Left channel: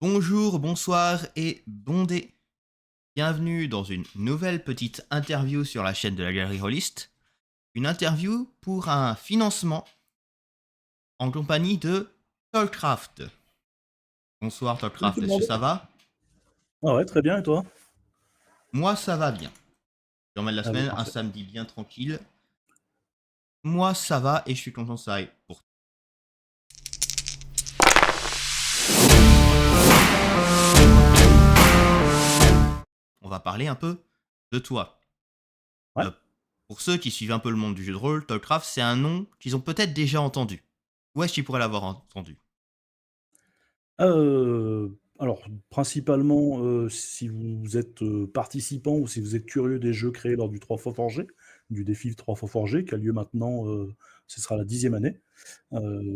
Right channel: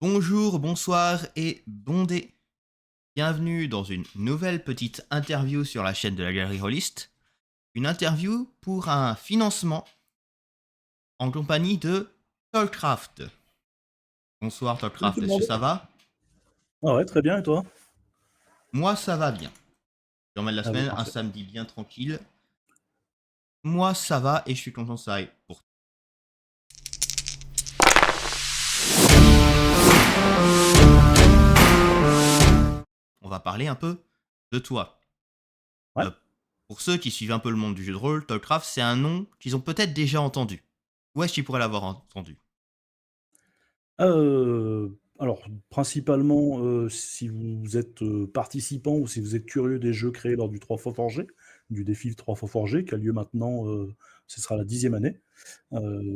Bonjour, bonsoir et bon dé. Bienvenue dans une nouvelle petite interview sur la chaîne de la Galerie Rollist. Une interview pour un financement en compagnie de Tollcraft. Bonsoir Salut tout Tollcraft, le est-ce que monde. ça va? Ah ouais, très bien, et toi? Moi ça va bien. Je remets de la Allez, semaine, un parfait. samedi bien tranquille. Moi ça va et je suis content que ça aille pour. On va parler un peu de toi. Ouais. Euh, pour ceux qui suivent un peu le monde du jeu de rôle, Tollcraft c'est un nom qu'ils ont peut-être déjà entendu. Où est-ce qu'ils pourraient l'avoir entendu? Alors, principalement, si vous êtes participant ou si vous êtes curieux des jeux créés lors du 3 fois forgé, du défi 3 fois forgé, qui a lieu maintenant, ce sera la 10e année.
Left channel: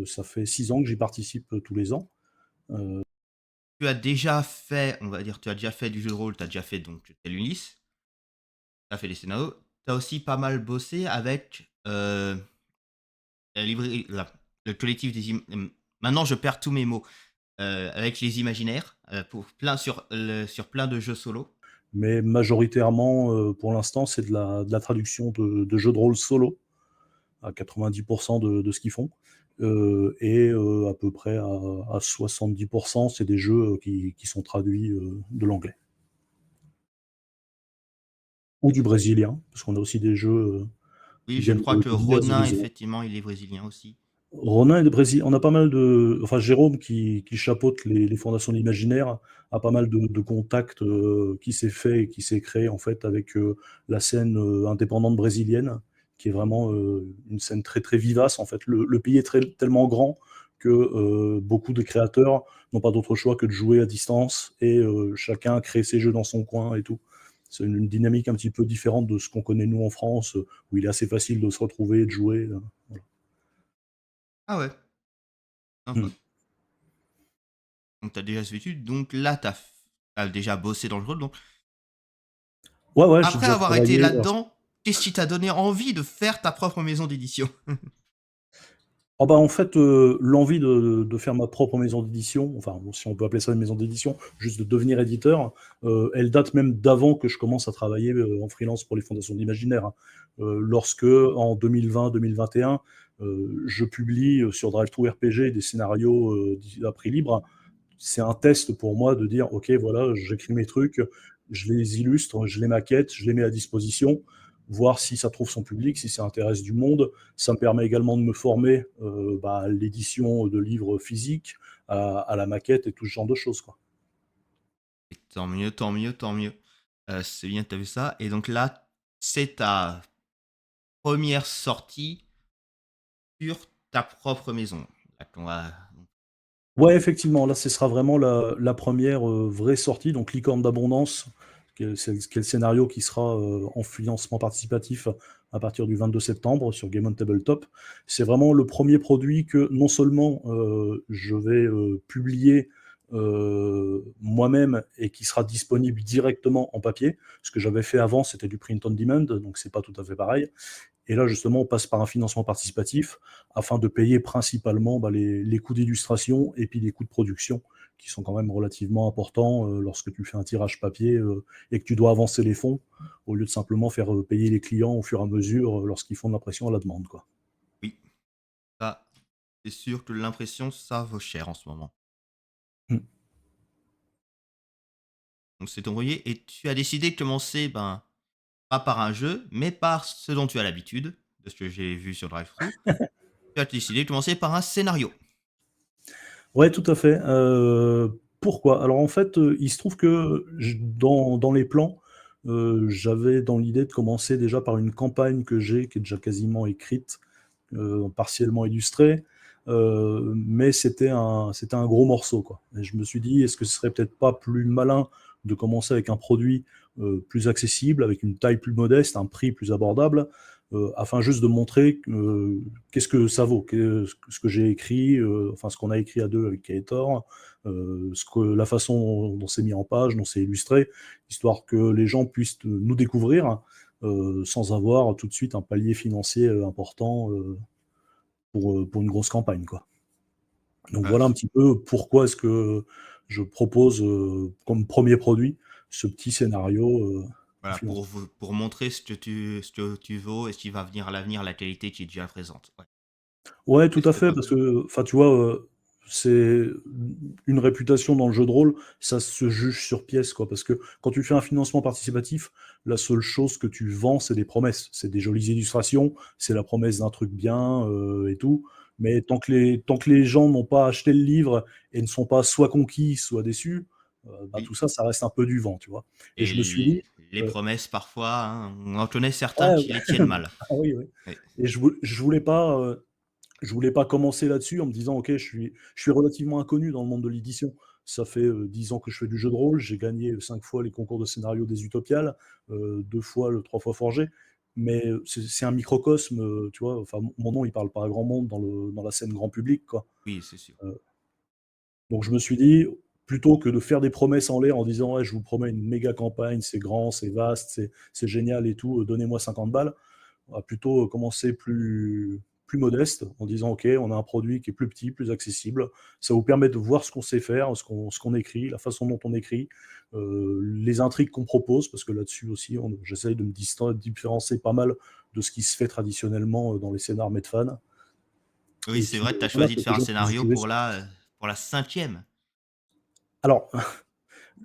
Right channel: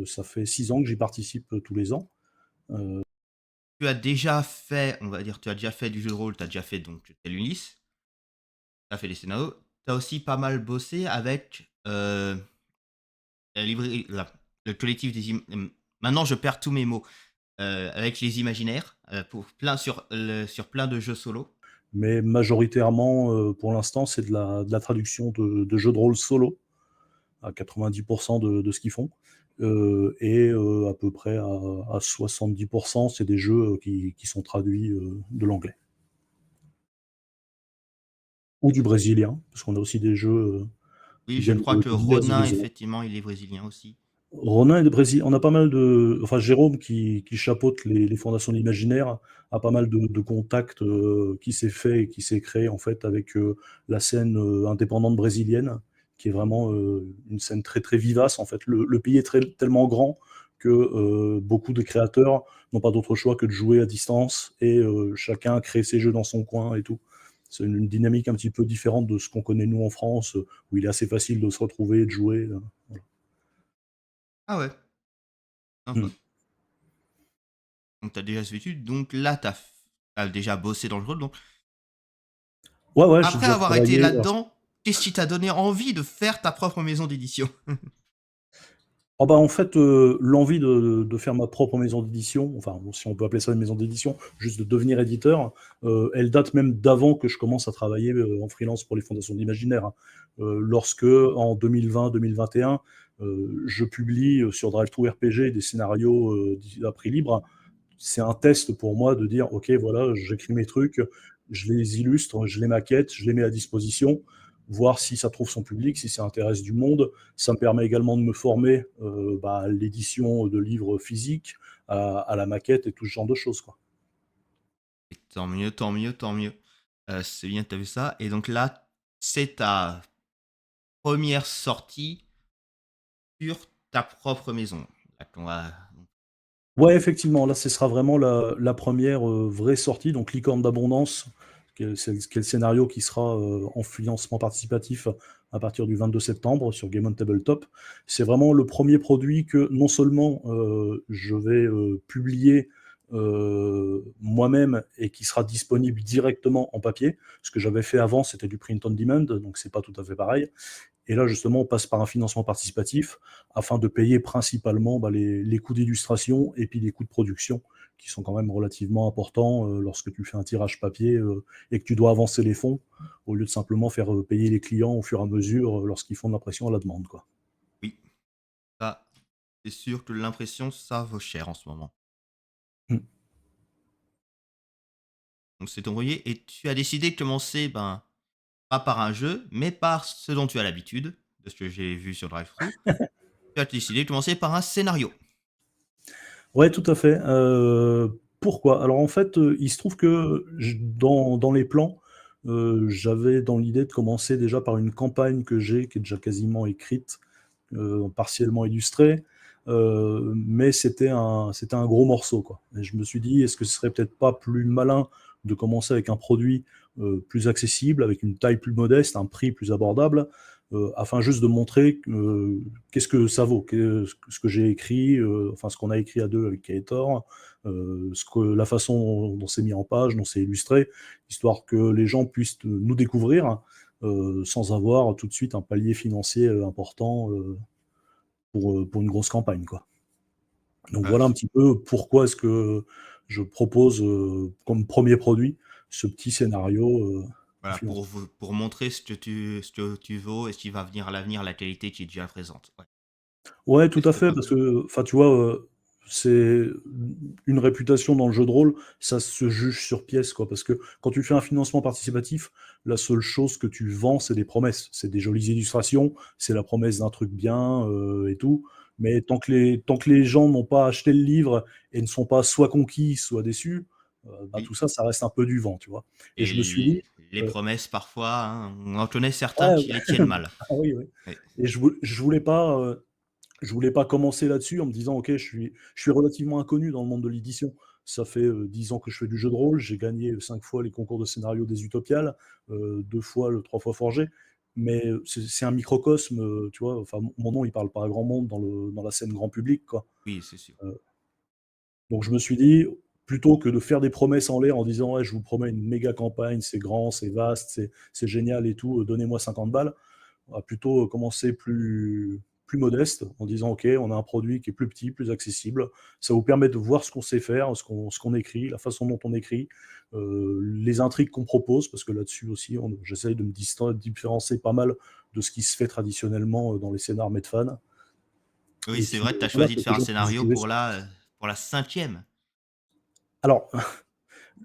Ça fait 6 ans que j'y participe tous les ans. Euh, Tu as déjà fait, on va dire, tu as déjà fait du jeu de rôle, tu as déjà fait donc Tel Ulysse, tu as fait des scénarios, tu as aussi pas mal bossé avec le collectif maintenant je perds tous mes mots. Avec les imaginaires, sur plein de jeux solo. mais majoritairement, pour l'instant, c'est de la traduction de jeux de rôle solo, à 90% de ce qu'ils font. À peu près à 70%, c'est des jeux qui sont traduits de l'anglais. Ou du brésilien, parce qu'on a aussi des jeux Oui, qui je viennent crois que de diverses Ronin, horizons. effectivement, il est brésilien aussi. Ronin est de Brésil. On a pas mal de. Enfin, Jérôme, qui chapeaute les fondations de l'imaginaire, a pas mal de contacts qui s'est fait et qui s'est créé en fait avec la scène indépendante brésilienne, qui est vraiment une scène très très vivace. En fait, le pays est tellement grand que beaucoup de créateurs n'ont pas d'autre choix que de jouer à distance et chacun crée ses jeux dans son coin et tout. C'est une dynamique un petit peu différente de ce qu'on connaît nous en France, où il est assez facile de se retrouver et de jouer. Voilà. Ah ouais, Hmm. sympa. Donc tu as déjà ce vécu, donc là tu as déjà bossé dans le rôle. Donc Ouais, ouais, j'ai après déjà avoir été travaillé. là-dedans, qu'est-ce qui t'a donné envie de faire ta propre maison d'édition? Oh bah, en fait, l'envie de faire ma propre maison d'édition, enfin, bon, si on peut appeler ça une maison d'édition, juste de devenir éditeur, elle date même d'avant que je commence à travailler en freelance pour les fondations d'imaginaire, hein. Lorsque, en 2020-2021, je publie sur DriveThruRPG des scénarios à prix libre, c'est un test pour moi de dire, ok, voilà, j'écris mes trucs, je les illustre, je les maquette, je les mets à disposition, voir si ça trouve son public, si ça intéresse du monde. Ça me permet également de me former à l'édition de livres physiques, à la maquette et tout ce genre de choses, quoi. Et tant mieux, tant mieux, tant mieux. C'est bien que tu as vu ça. Et donc là, c'est ta première sortie sur ta propre maison. Là qu'on va... Ouais, effectivement, là, ce sera vraiment la première vraie sortie, donc Licorne d'Abondance, qui est le scénario qui sera en financement participatif à partir du 22 septembre sur Game on Tabletop. C'est vraiment le premier produit que non seulement je vais publier moi-même et qui sera disponible directement en papier. Ce que j'avais fait avant, c'était du print on demand, donc c'est pas tout à fait pareil. Et là, justement, on passe par un financement participatif afin de payer principalement les coûts d'illustration et puis les coûts de production qui sont quand même relativement importants lorsque tu fais un tirage papier et que tu dois avancer les fonds au lieu de simplement faire payer les clients au fur et à mesure lorsqu'ils font de l'impression à la demande, quoi. Oui, ça, c'est sûr que l'impression, ça vaut cher en ce moment. Mm. Donc c'est ton envoyé et tu as décidé de commencer, ben, pas par un jeu, mais par ce dont tu as l'habitude, de ce que j'ai vu sur DriveThru. Tu as décidé de commencer par un scénario. Ouais, tout à fait. Pourquoi? Alors en fait, il se trouve que dans les plans, j'avais dans l'idée de commencer déjà par une campagne que j'ai, qui est déjà quasiment écrite, partiellement illustré, mais c'était un gros morceau, quoi. Et je me suis dit, est-ce que ce serait peut-être pas plus malin de commencer avec un produit plus accessible, avec une taille plus modeste, un prix plus abordable, afin juste de montrer qu'est-ce que ça vaut, ce que j'ai écrit, enfin ce qu'on a écrit à deux avec Kaetor, la façon dont c'est mis en page, dont c'est illustré, histoire que les gens puissent nous découvrir sans avoir tout de suite un palier financier important pour une grosse campagne, quoi. Donc Euh, voilà un petit peu pourquoi est-ce que je propose, comme premier produit ce petit scénario, en Voilà, finance. pour montrer ce que tu vaux et ce qui va venir à l'avenir, la qualité qui est déjà présente. Ouais, Ouais, tout ouais, à c'est fait, pas parce mal. que, enfin, tu vois, c'est une réputation dans le jeu de rôle, ça se juge sur pièce, quoi. Parce que quand tu fais un financement participatif, la seule chose que tu vends, c'est des promesses. C'est des jolies illustrations, c'est la promesse d'un truc bien, et tout. Mais tant que les gens n'ont pas acheté le livre et ne sont pas soit conquis, soit déçus, bah, Oui. tout ça, ça reste un peu du vent, tu vois? Et Et je me suis dit, les heu promesses, parfois, hein, on en connaît certains ouais, qui les tiennent mal. ah oui, oui. Oui. Et je voulais pas commencer là-dessus en me disant: «OK, je suis relativement inconnu dans le monde de l'édition». Ça fait, 10 ans que je fais du jeu de rôle, j'ai gagné, 5 fois les concours de scénario des Utopiales, 2 fois le 3 fois Forgé, mais c'est un microcosme, tu vois? Enfin, mon nom, il parle pas à grand monde dans la scène grand public, quoi. Oui, c'est sûr. Heu, donc je me suis dit, plutôt que de faire des promesses en l'air en disant: «Ouais, je vous promets une méga campagne, c'est grand, c'est vaste, c'est génial et tout, donnez-moi 50 balles». On va plutôt commencer plus modeste en disant: «OK, on a un produit qui est plus petit, plus accessible». Ça vous permet de voir ce qu'on sait faire, ce qu'on écrit, la façon dont on écrit, les intrigues qu'on propose, parce que là-dessus aussi, j'essaye de me différencier pas mal de ce qui se fait traditionnellement, dans les scénars Medfan. Oui, Et c'est puis, vrai que tu as voilà, choisi de quelque faire un chose que vous scénario pouvez pour la 5e. alors,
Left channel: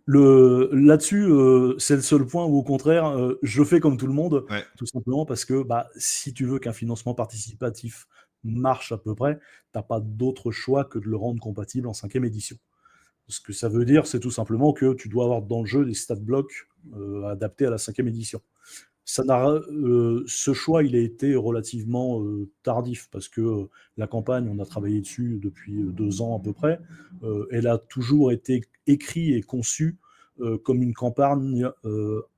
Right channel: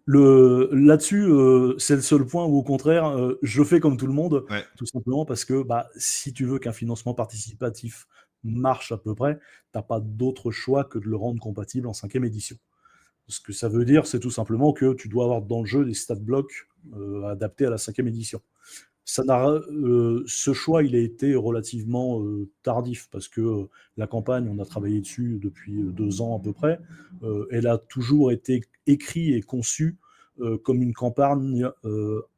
là-dessus, c'est le seul point où au contraire, je fais comme tout le monde, Ouais. tout simplement parce que, bah, si tu veux qu'un financement participatif marche à peu près, t'as pas d'autre choix que de le rendre compatible en 5e édition. Ce que ça veut dire, c'est tout simplement que tu dois avoir dans le jeu des stat blocks, adaptés à la 5e édition. Ce choix, il a été relativement, tardif parce que, la campagne, on a travaillé dessus depuis, 2 ans à peu près. Elle a toujours été écrite et conçue, comme une campagne,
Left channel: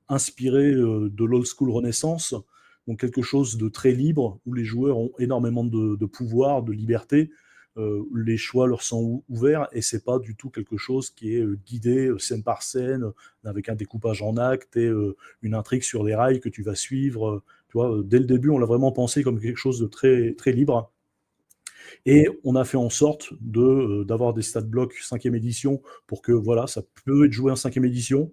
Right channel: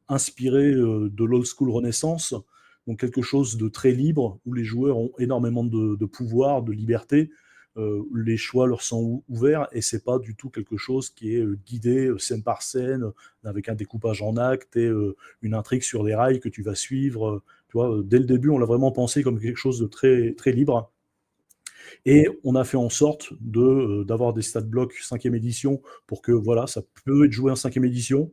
inspirée, de l'old school Renaissance, donc quelque chose de très libre, où les joueurs ont énormément de pouvoir, de liberté. Les choix leur sont ouverts et c'est pas du tout quelque chose qui est, guidé, scène par scène, avec un découpage en actes et une intrigue sur des rails que tu vas suivre. Tu vois, dès le début, on l'a vraiment pensé comme quelque chose de très, très libre. Et on a fait en sorte d'avoir des stat blocks 5e édition pour que voilà, ça peut être joué en 5e édition.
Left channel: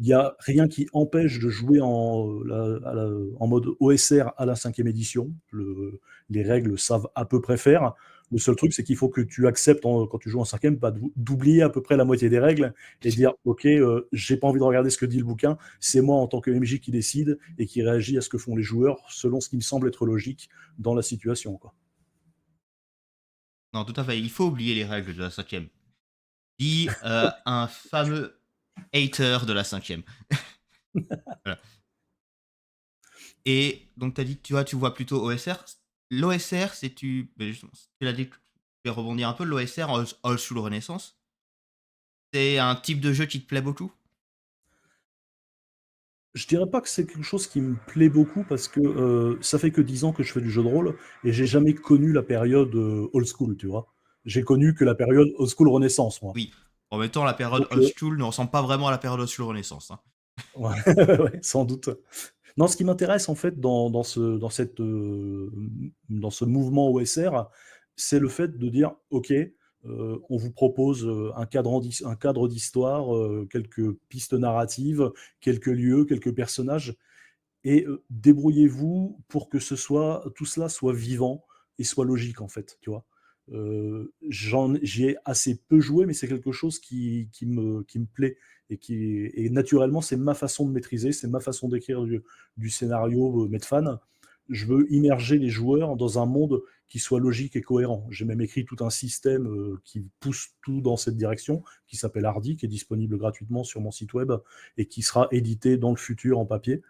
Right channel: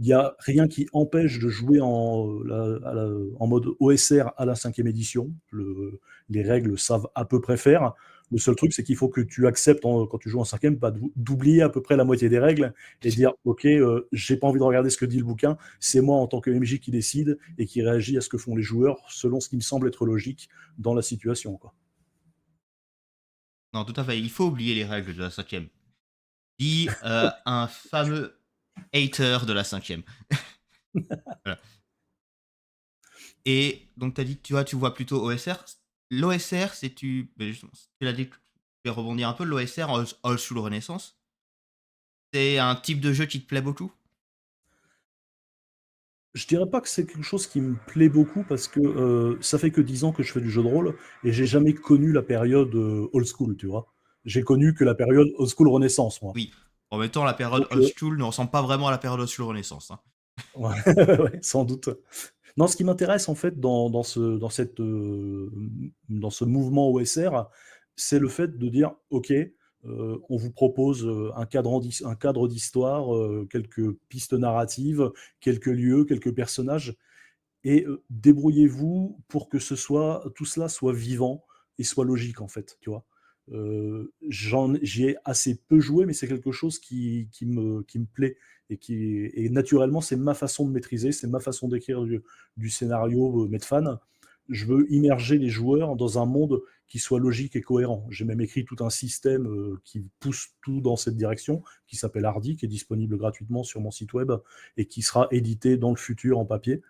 Il y a rien qui empêche de jouer en mode OSR à la 5e édition. Les règles savent à peu près faire. Le seul truc, c'est qu'il faut que tu acceptes, quand tu joues en 5e, bah, d'oublier à peu près la moitié des règles et dire: «OK, j'ai pas envie de regarder ce que dit le bouquin, c'est moi en tant que MJ qui décide et qui réagit à ce que font les joueurs selon ce qui me semble être logique dans la situation, quoi». Non, tout à fait. Il faut oublier les règles de la 5e. Dit un fameux hater de la 5e. Voilà. Et donc, tu as dit que tu vois plutôt OSR. L'OSR, c'est ben justement, tu l'as dit, je vais rebondir un peu. L'OSR, Old School Renaissance, c'est un type de jeu qui te plaît beaucoup? Je dirais pas que c'est quelque chose qui me plaît beaucoup parce que, ça fait que 10 ans que je fais du jeu de rôle et j'ai jamais connu la période, old school, tu vois? J'ai connu que la période old school Renaissance, moi. Oui. En même temps, la période Donc, Old School ne ressemble pas vraiment à la période Old School Renaissance, hein. ouais, ouais, sans doute. Non, ce qui m'intéresse en fait dans ce mouvement OSR, c'est le fait de dire: «OK, on vous propose, un cadre d'histoire, quelques pistes narratives, quelques lieux, quelques personnages. Et débrouillez-vous pour que tout cela soit vivant et soit logique, en fait, tu vois? J'y ai assez peu joué, mais c'est quelque chose qui me plaît et naturellement, c'est ma façon de maîtriser, c'est ma façon d'écrire du scénario, Medfan. Je veux immerger les joueurs dans un monde qui soit logique et cohérent. J'ai même écrit tout un système, qui pousse tout dans cette direction, qui s'appelle Hardy, qui est disponible gratuitement sur mon site web et qui sera édité dans le futur en papier.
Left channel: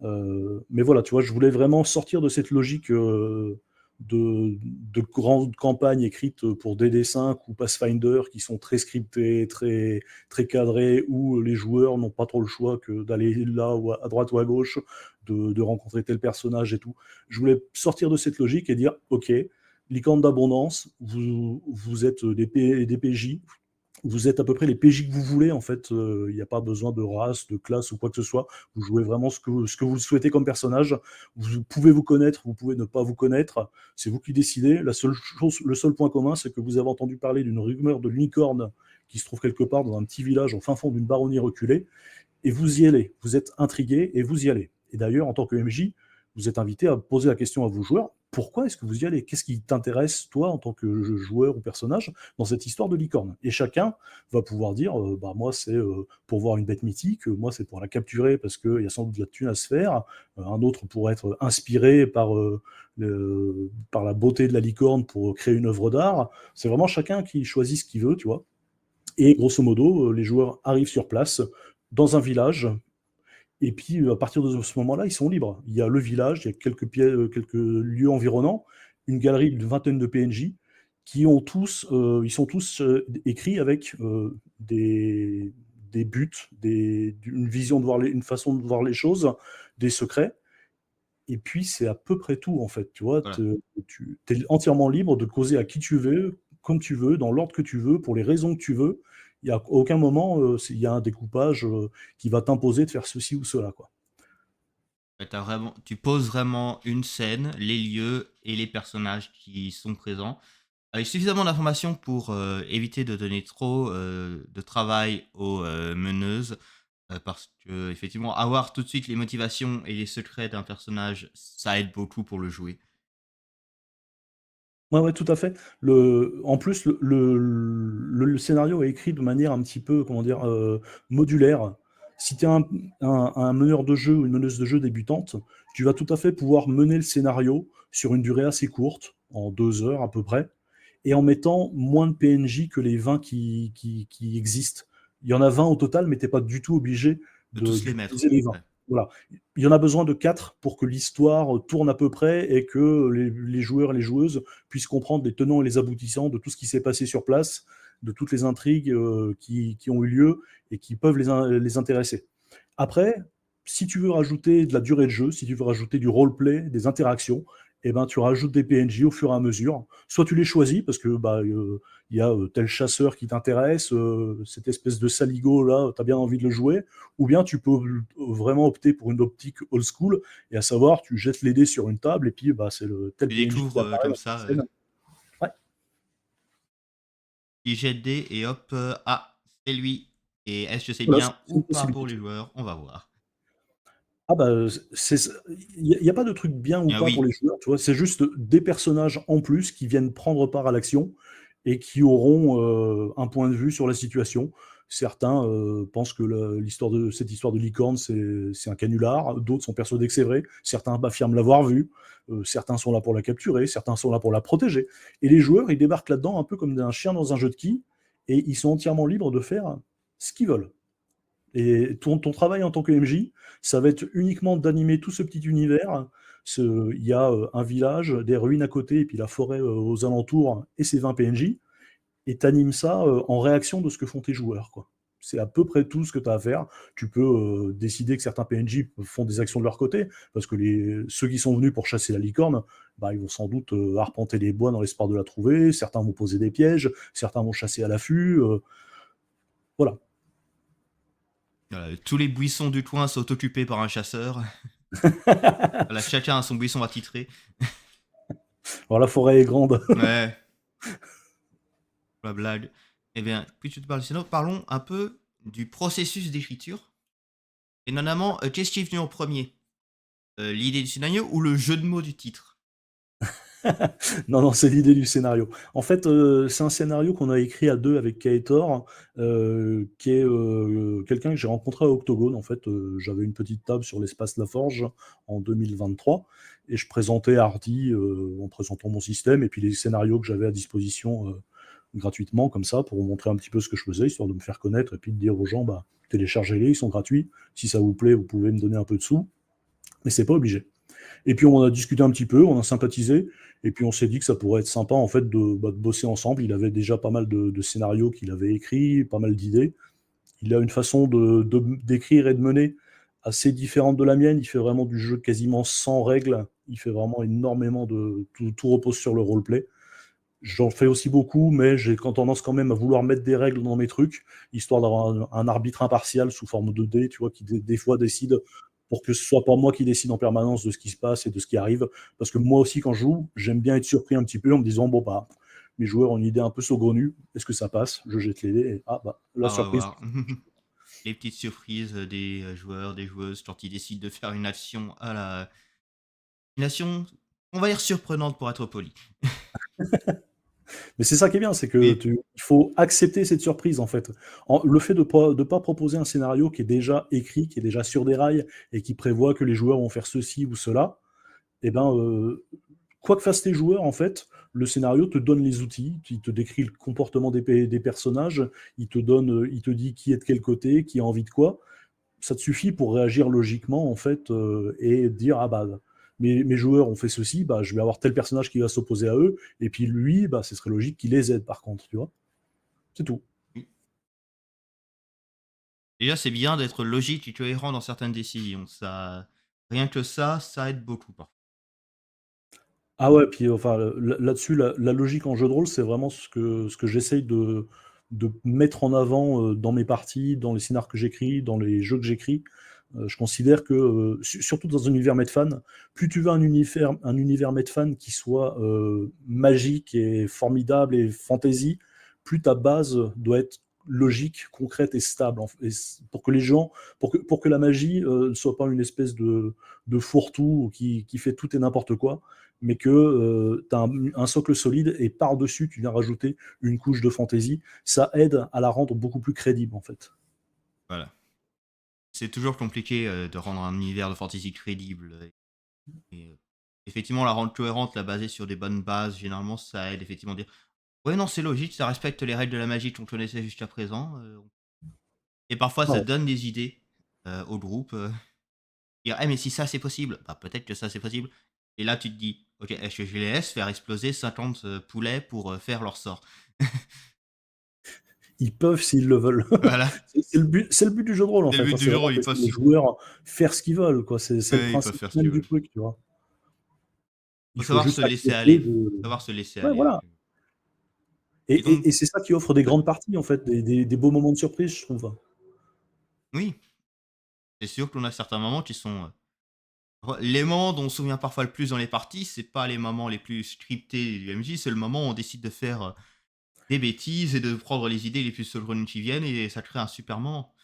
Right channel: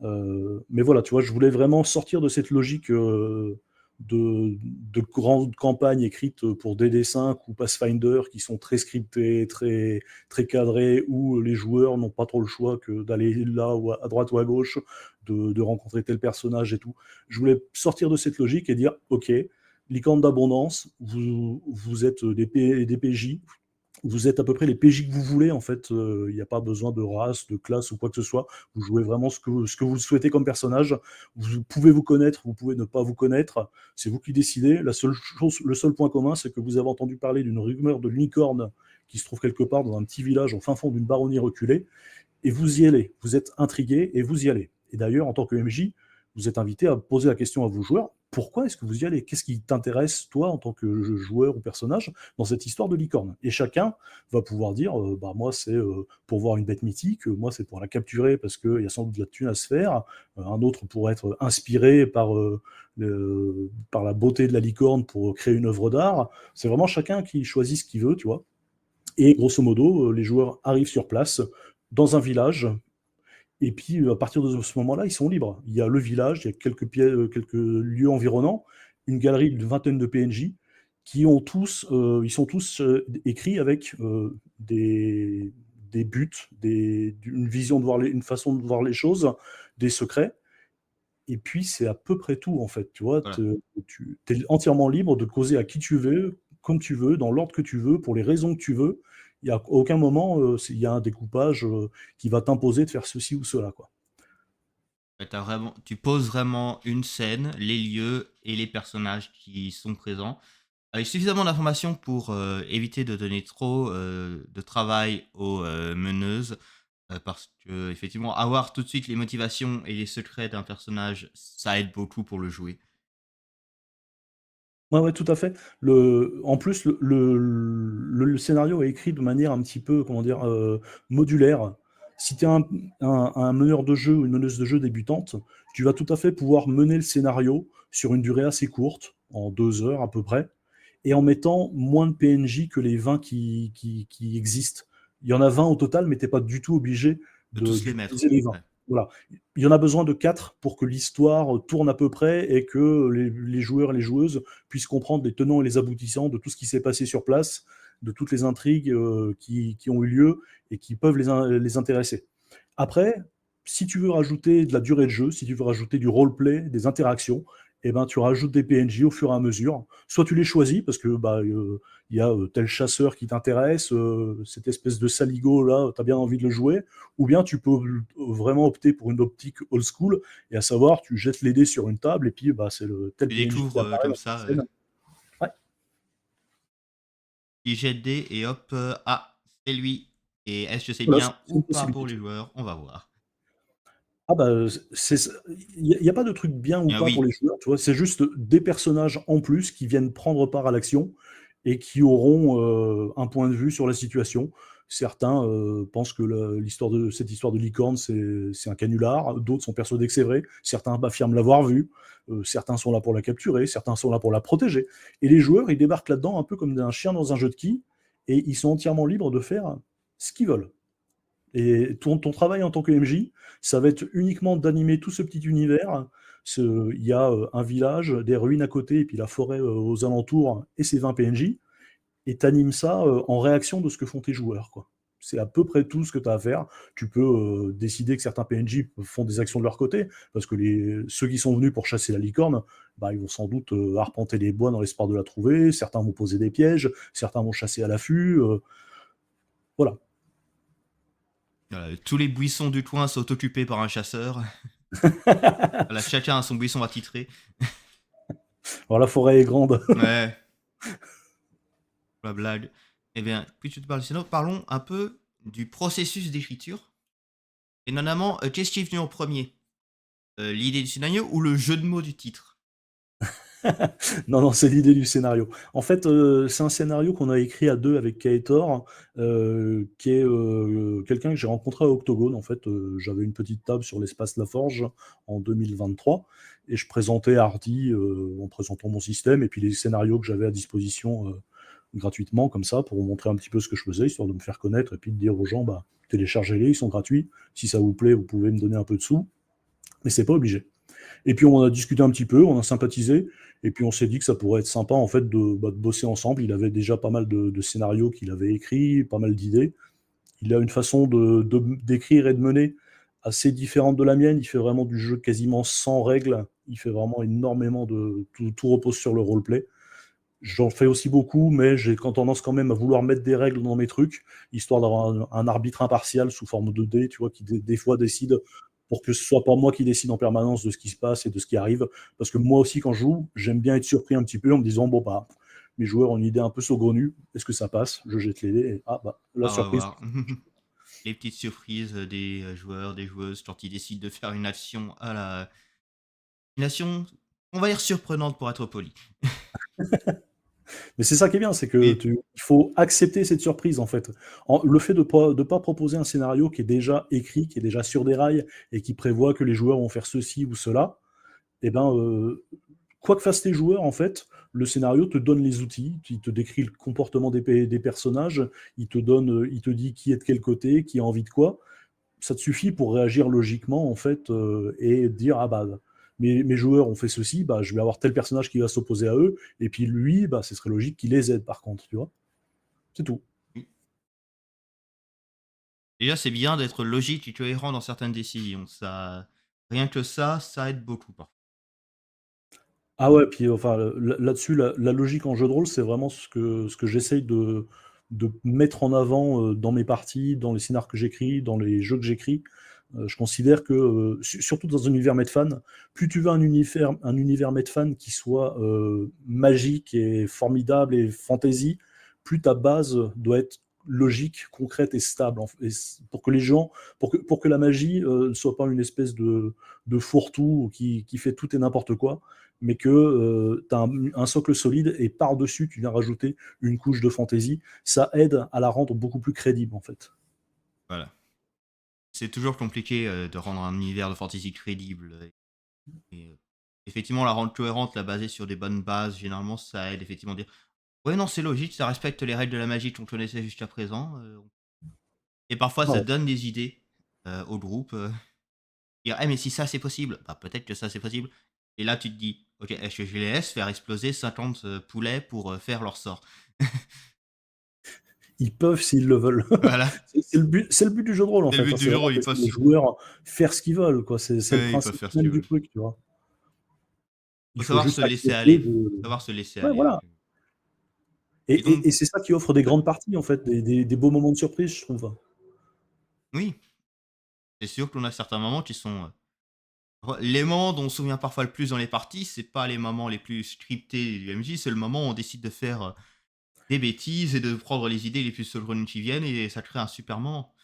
Mais voilà, tu vois, je voulais vraiment sortir de cette logique, de de grandes campagnes écrites pour DD5 ou Pathfinder qui sont très scriptées, très très cadrées, où les joueurs n'ont pas trop le choix que d'aller là ou à droite ou à gauche, de rencontrer tel personnage et tout. Je voulais sortir de cette logique et dire: «OK, licorne d'abondance, vous êtes des PJ, vous êtes à peu près les PJ que vous voulez en fait, il n'y a pas besoin de race, de classe ou quoi que ce soit. Vous jouez vraiment ce que vous souhaitez comme personnage. Vous pouvez vous connaître, vous pouvez ne pas vous connaître, c'est vous qui décidez. Le seul point commun, c'est que vous avez entendu parler d'une rumeur de licorne qui se trouve quelque part dans un petit village au fin fond d'une baronnie reculée, et vous y allez. Vous êtes intrigué et vous y allez. Et d'ailleurs, en tant que MJ, vous êtes invité à poser la question à vos joueurs, pourquoi est-ce que vous y allez? Qu'est-ce qui t'intéresse, toi, en tant que joueur ou personnage, dans cette histoire de licorne? Et chacun va pouvoir dire, bah, moi, c'est pour voir une bête mythique, moi, c'est pour la capturer parce qu'il y a sans doute de la thune à se faire. Un autre pourrait être inspiré par la beauté de la licorne pour créer une œuvre d'art. C'est vraiment chacun qui choisit ce qu'il veut, tu vois. Et grosso modo, les joueurs arrivent sur place, dans un village, et puis à partir de ce moment-là, ils sont libres. Il y a le village, il y a quelques lieux environnants, une galerie d'une vingtaine de PNJ qui ont tous, ils sont tous écrits avec des buts, une vision de voir une façon de voir les choses, des secrets. Et puis c'est à peu près tout en fait. Tu vois, Voilà. tu es entièrement libre de causer à qui tu veux, comme tu veux, dans l'ordre que tu veux, pour les raisons que tu veux. Il n'y a aucun moment, il y a un découpage qui va t'imposer de faire ceci ou cela, quoi. Ouais, tu poses vraiment une scène, les lieux et les personnages qui sont présents, avec suffisamment d'informations pour éviter de donner trop de travail aux meneuses, parce que effectivement, avoir tout de suite les motivations et les secrets d'un personnage, ça aide beaucoup pour le jouer. Ouais, ouais, tout à fait. En plus, le scénario est écrit de manière un petit peu, comment dire, modulaire. Si tu es un meneur de jeu ou une meneuse de jeu débutante, tu vas tout à fait pouvoir mener le scénario sur une durée assez courte, en 2 heures à peu près, et en mettant moins de PNJ que les 20 qui existent. Il y en a 20 au total, mais tu n'es pas du tout obligé De tous les d'utiliser mettre. les 20. Ouais. Voilà. Il y en a besoin de 4 pour que l'histoire tourne à peu près et que les joueurs et les joueuses puissent comprendre les tenants et les aboutissants de tout ce qui s'est passé sur place, de toutes les intrigues qui ont eu lieu et qui peuvent les intéresser. Après, si tu veux rajouter de la durée de jeu, si tu veux rajouter du roleplay, des interactions, eh ben, tu rajoutes des PNJ au fur et à mesure. Soit tu les choisis parce que bah, y a tel chasseur qui t'intéresse, cette espèce de saligo là, tu as bien envie de le jouer, ou bien tu peux vraiment opter pour une optique old school, et à savoir, tu jettes les dés sur une table et puis bah, c'est le tel Tu PNJ qui découvres apparaît comme dans cette ça, scène. Ouais. il jette des et hop, ah, c'est lui. Et est-ce que c'est Voilà, bien c'est ou une pas pour les possibilité. joueurs? On va voir. Ah bah, il y a pas de truc bien ou Ah pas pour oui, les joueurs, tu vois? C'est juste des personnages en plus qui viennent prendre part à l'action et qui auront, un point de vue sur la situation. Certains, pensent que cette histoire de licorne, c'est un canular, d'autres sont persuadés que c'est vrai, certains affirment l'avoir vue, certains sont là pour la capturer, certains sont là pour la protéger, et les joueurs, ils débarquent là-dedans un peu comme un chien dans un jeu de quilles, et ils sont entièrement libres de faire ce qu'ils veulent. Et ton travail en tant que MJ, ça va être uniquement d'animer tout ce petit univers. Il y a un village, des ruines à côté, et puis la forêt aux alentours, et ses 20 PNJ, et tu animes ça en réaction de ce que font tes joueurs, quoi. C'est à peu près tout ce que tu as à faire. Tu peux décider que certains PNJ font des actions de leur côté, parce que ceux qui sont venus pour chasser la licorne, bah, ils vont sans doute arpenter les bois dans l'espoir de la trouver, certains vont poser des pièges, certains vont chasser à l'affût. Voilà. tous les buissons du coin sont occupés par un chasseur. Voilà, chacun a son buisson attitré. Alors la forêt est grande. Ouais, la blague. Eh bien, puisque tu parles du scénario, parlons un peu du processus d'écriture. Et notamment, qu'est-ce qui est venu en premier? L'idée du scénario ou le jeu de mots du titre? Non, non, c'est l'idée du scénario. En fait, c'est un scénario qu'on a écrit à 2 avec Kaetor, qui est, quelqu'un que j'ai rencontré à Octogone. En fait, j'avais une petite table sur l'espace Laforge en 2023, et je présentais Hardy, en présentant mon système et puis les scénarios que j'avais à disposition, gratuitement comme ça, pour vous montrer un petit peu ce que je faisais, histoire de me faire connaître et puis de dire aux gens: «Bah, téléchargez-les, ils sont gratuits. Si ça vous plaît, vous pouvez me donner un peu de sous, mais c'est pas obligé». Et puis on a discuté un petit peu, on a sympathisé, et puis on s'est dit que ça pourrait être sympa en fait de bosser ensemble. Il avait déjà pas mal de scénarios qu'il avait écrits, pas mal d'idées. Il a une façon d'écrire et de mener assez différente de la mienne. Il fait vraiment du jeu quasiment sans règles. Il fait vraiment énormément tout repose sur le roleplay. J'en fais aussi beaucoup, mais j'ai tendance quand même à vouloir mettre des règles dans mes trucs, histoire d'avoir un arbitre impartial sous forme de dés, tu vois, qui des fois décide pour que ce soit pas moi qui décide en permanence de ce qui se passe et de ce qui arrive. Parce que moi aussi, quand je joue, j'aime bien être surpris un petit peu en me disant, bon, bah, mes joueurs ont une idée un peu saugrenue. Est-ce que ça passe? Je jette les dés et ah bah, la Ah, on va surprise. voir. Les petites surprises des joueurs, des joueuses quand ils décident de faire une action, on va dire surprenante pour être poli. Mais c'est ça qui est bien, c'est que Oui, il faut accepter cette surprise en fait. Le fait de pas proposer un scénario qui est déjà écrit, qui est déjà sur des rails et qui prévoit que les joueurs vont faire ceci ou cela, et ben, quoi que fassent tes joueurs en fait, le scénario te donne les outils, il te décrit le comportement des personnages, il te dit qui est de quel côté, qui a envie de quoi. Ça te suffit pour réagir logiquement en fait et dire ah bah mes joueurs ont fait ceci, bah je vais avoir tel personnage qui va s'opposer à eux et puis lui bah ce serait logique qu'il les aide par contre, tu vois. C'est tout. oui. Déjà, c'est bien d'être logique et cohérent dans certaines décisions. Ça, rien que ça aide beaucoup parfois. Ah ouais, puis enfin là-dessus la logique en jeu de rôle, c'est vraiment ce que j'essaye de mettre en avant dans mes parties, dans les scénarios que j'écris, dans les jeux que j'écris. Je considère que, surtout dans un univers Medfan, plus tu veux un univers Medfan qui soit magique et formidable et fantasy, plus ta base doit être logique, concrète et stable. Pour que les gens, pour que la magie ne soit pas une espèce de fourre-tout qui fait tout et n'importe quoi, mais que tu as un socle solide et par-dessus, tu viens rajouter une couche de fantaisie. Ça aide à la rendre beaucoup plus crédible, en fait. Voilà. C'est toujours compliqué de rendre un univers de fantasy crédible. Effectivement, la rendre cohérente, la baser sur des bonnes bases, généralement, ça aide effectivement à dire ouais, non, c'est logique, ça respecte les règles de la magie qu'on connaissait jusqu'à présent. Et parfois, ça Ouais. donne des idées au groupe. Dire, eh, mais si ça c'est possible, bah peut-être que ça c'est possible. Et là, tu te dis, ok, est-ce que je les laisse faire exploser 50 poulets pour faire leur sort? Ils peuvent s'ils le veulent. Voilà, C'est le but du jeu de rôle, en c'est le fait, but hein. du C'est jour, vraiment de ils laisser peuvent, les joueurs faire ce qu'ils veulent, quoi. C'est le ouais, ils peuvent principe faire ce même qu'ils du veulent. truc, tu vois. Faut Il faut savoir se juste laisser accepter aller. de. Savoir se laisser Ouais, aller. voilà. Et donc, Et c'est ça qui offre des ouais, grandes parties, en fait, des beaux moments de surprise, je trouve. oui, c'est sûr qu'on a certains moments qui sont les moments dont on se souvient parfois le plus dans les parties, c'est pas les moments les plus scriptés du MJ, c'est le moment où on décide de faire des bêtises et de prendre les idées les plus saugrenues qui viennent et ça crée un super moment.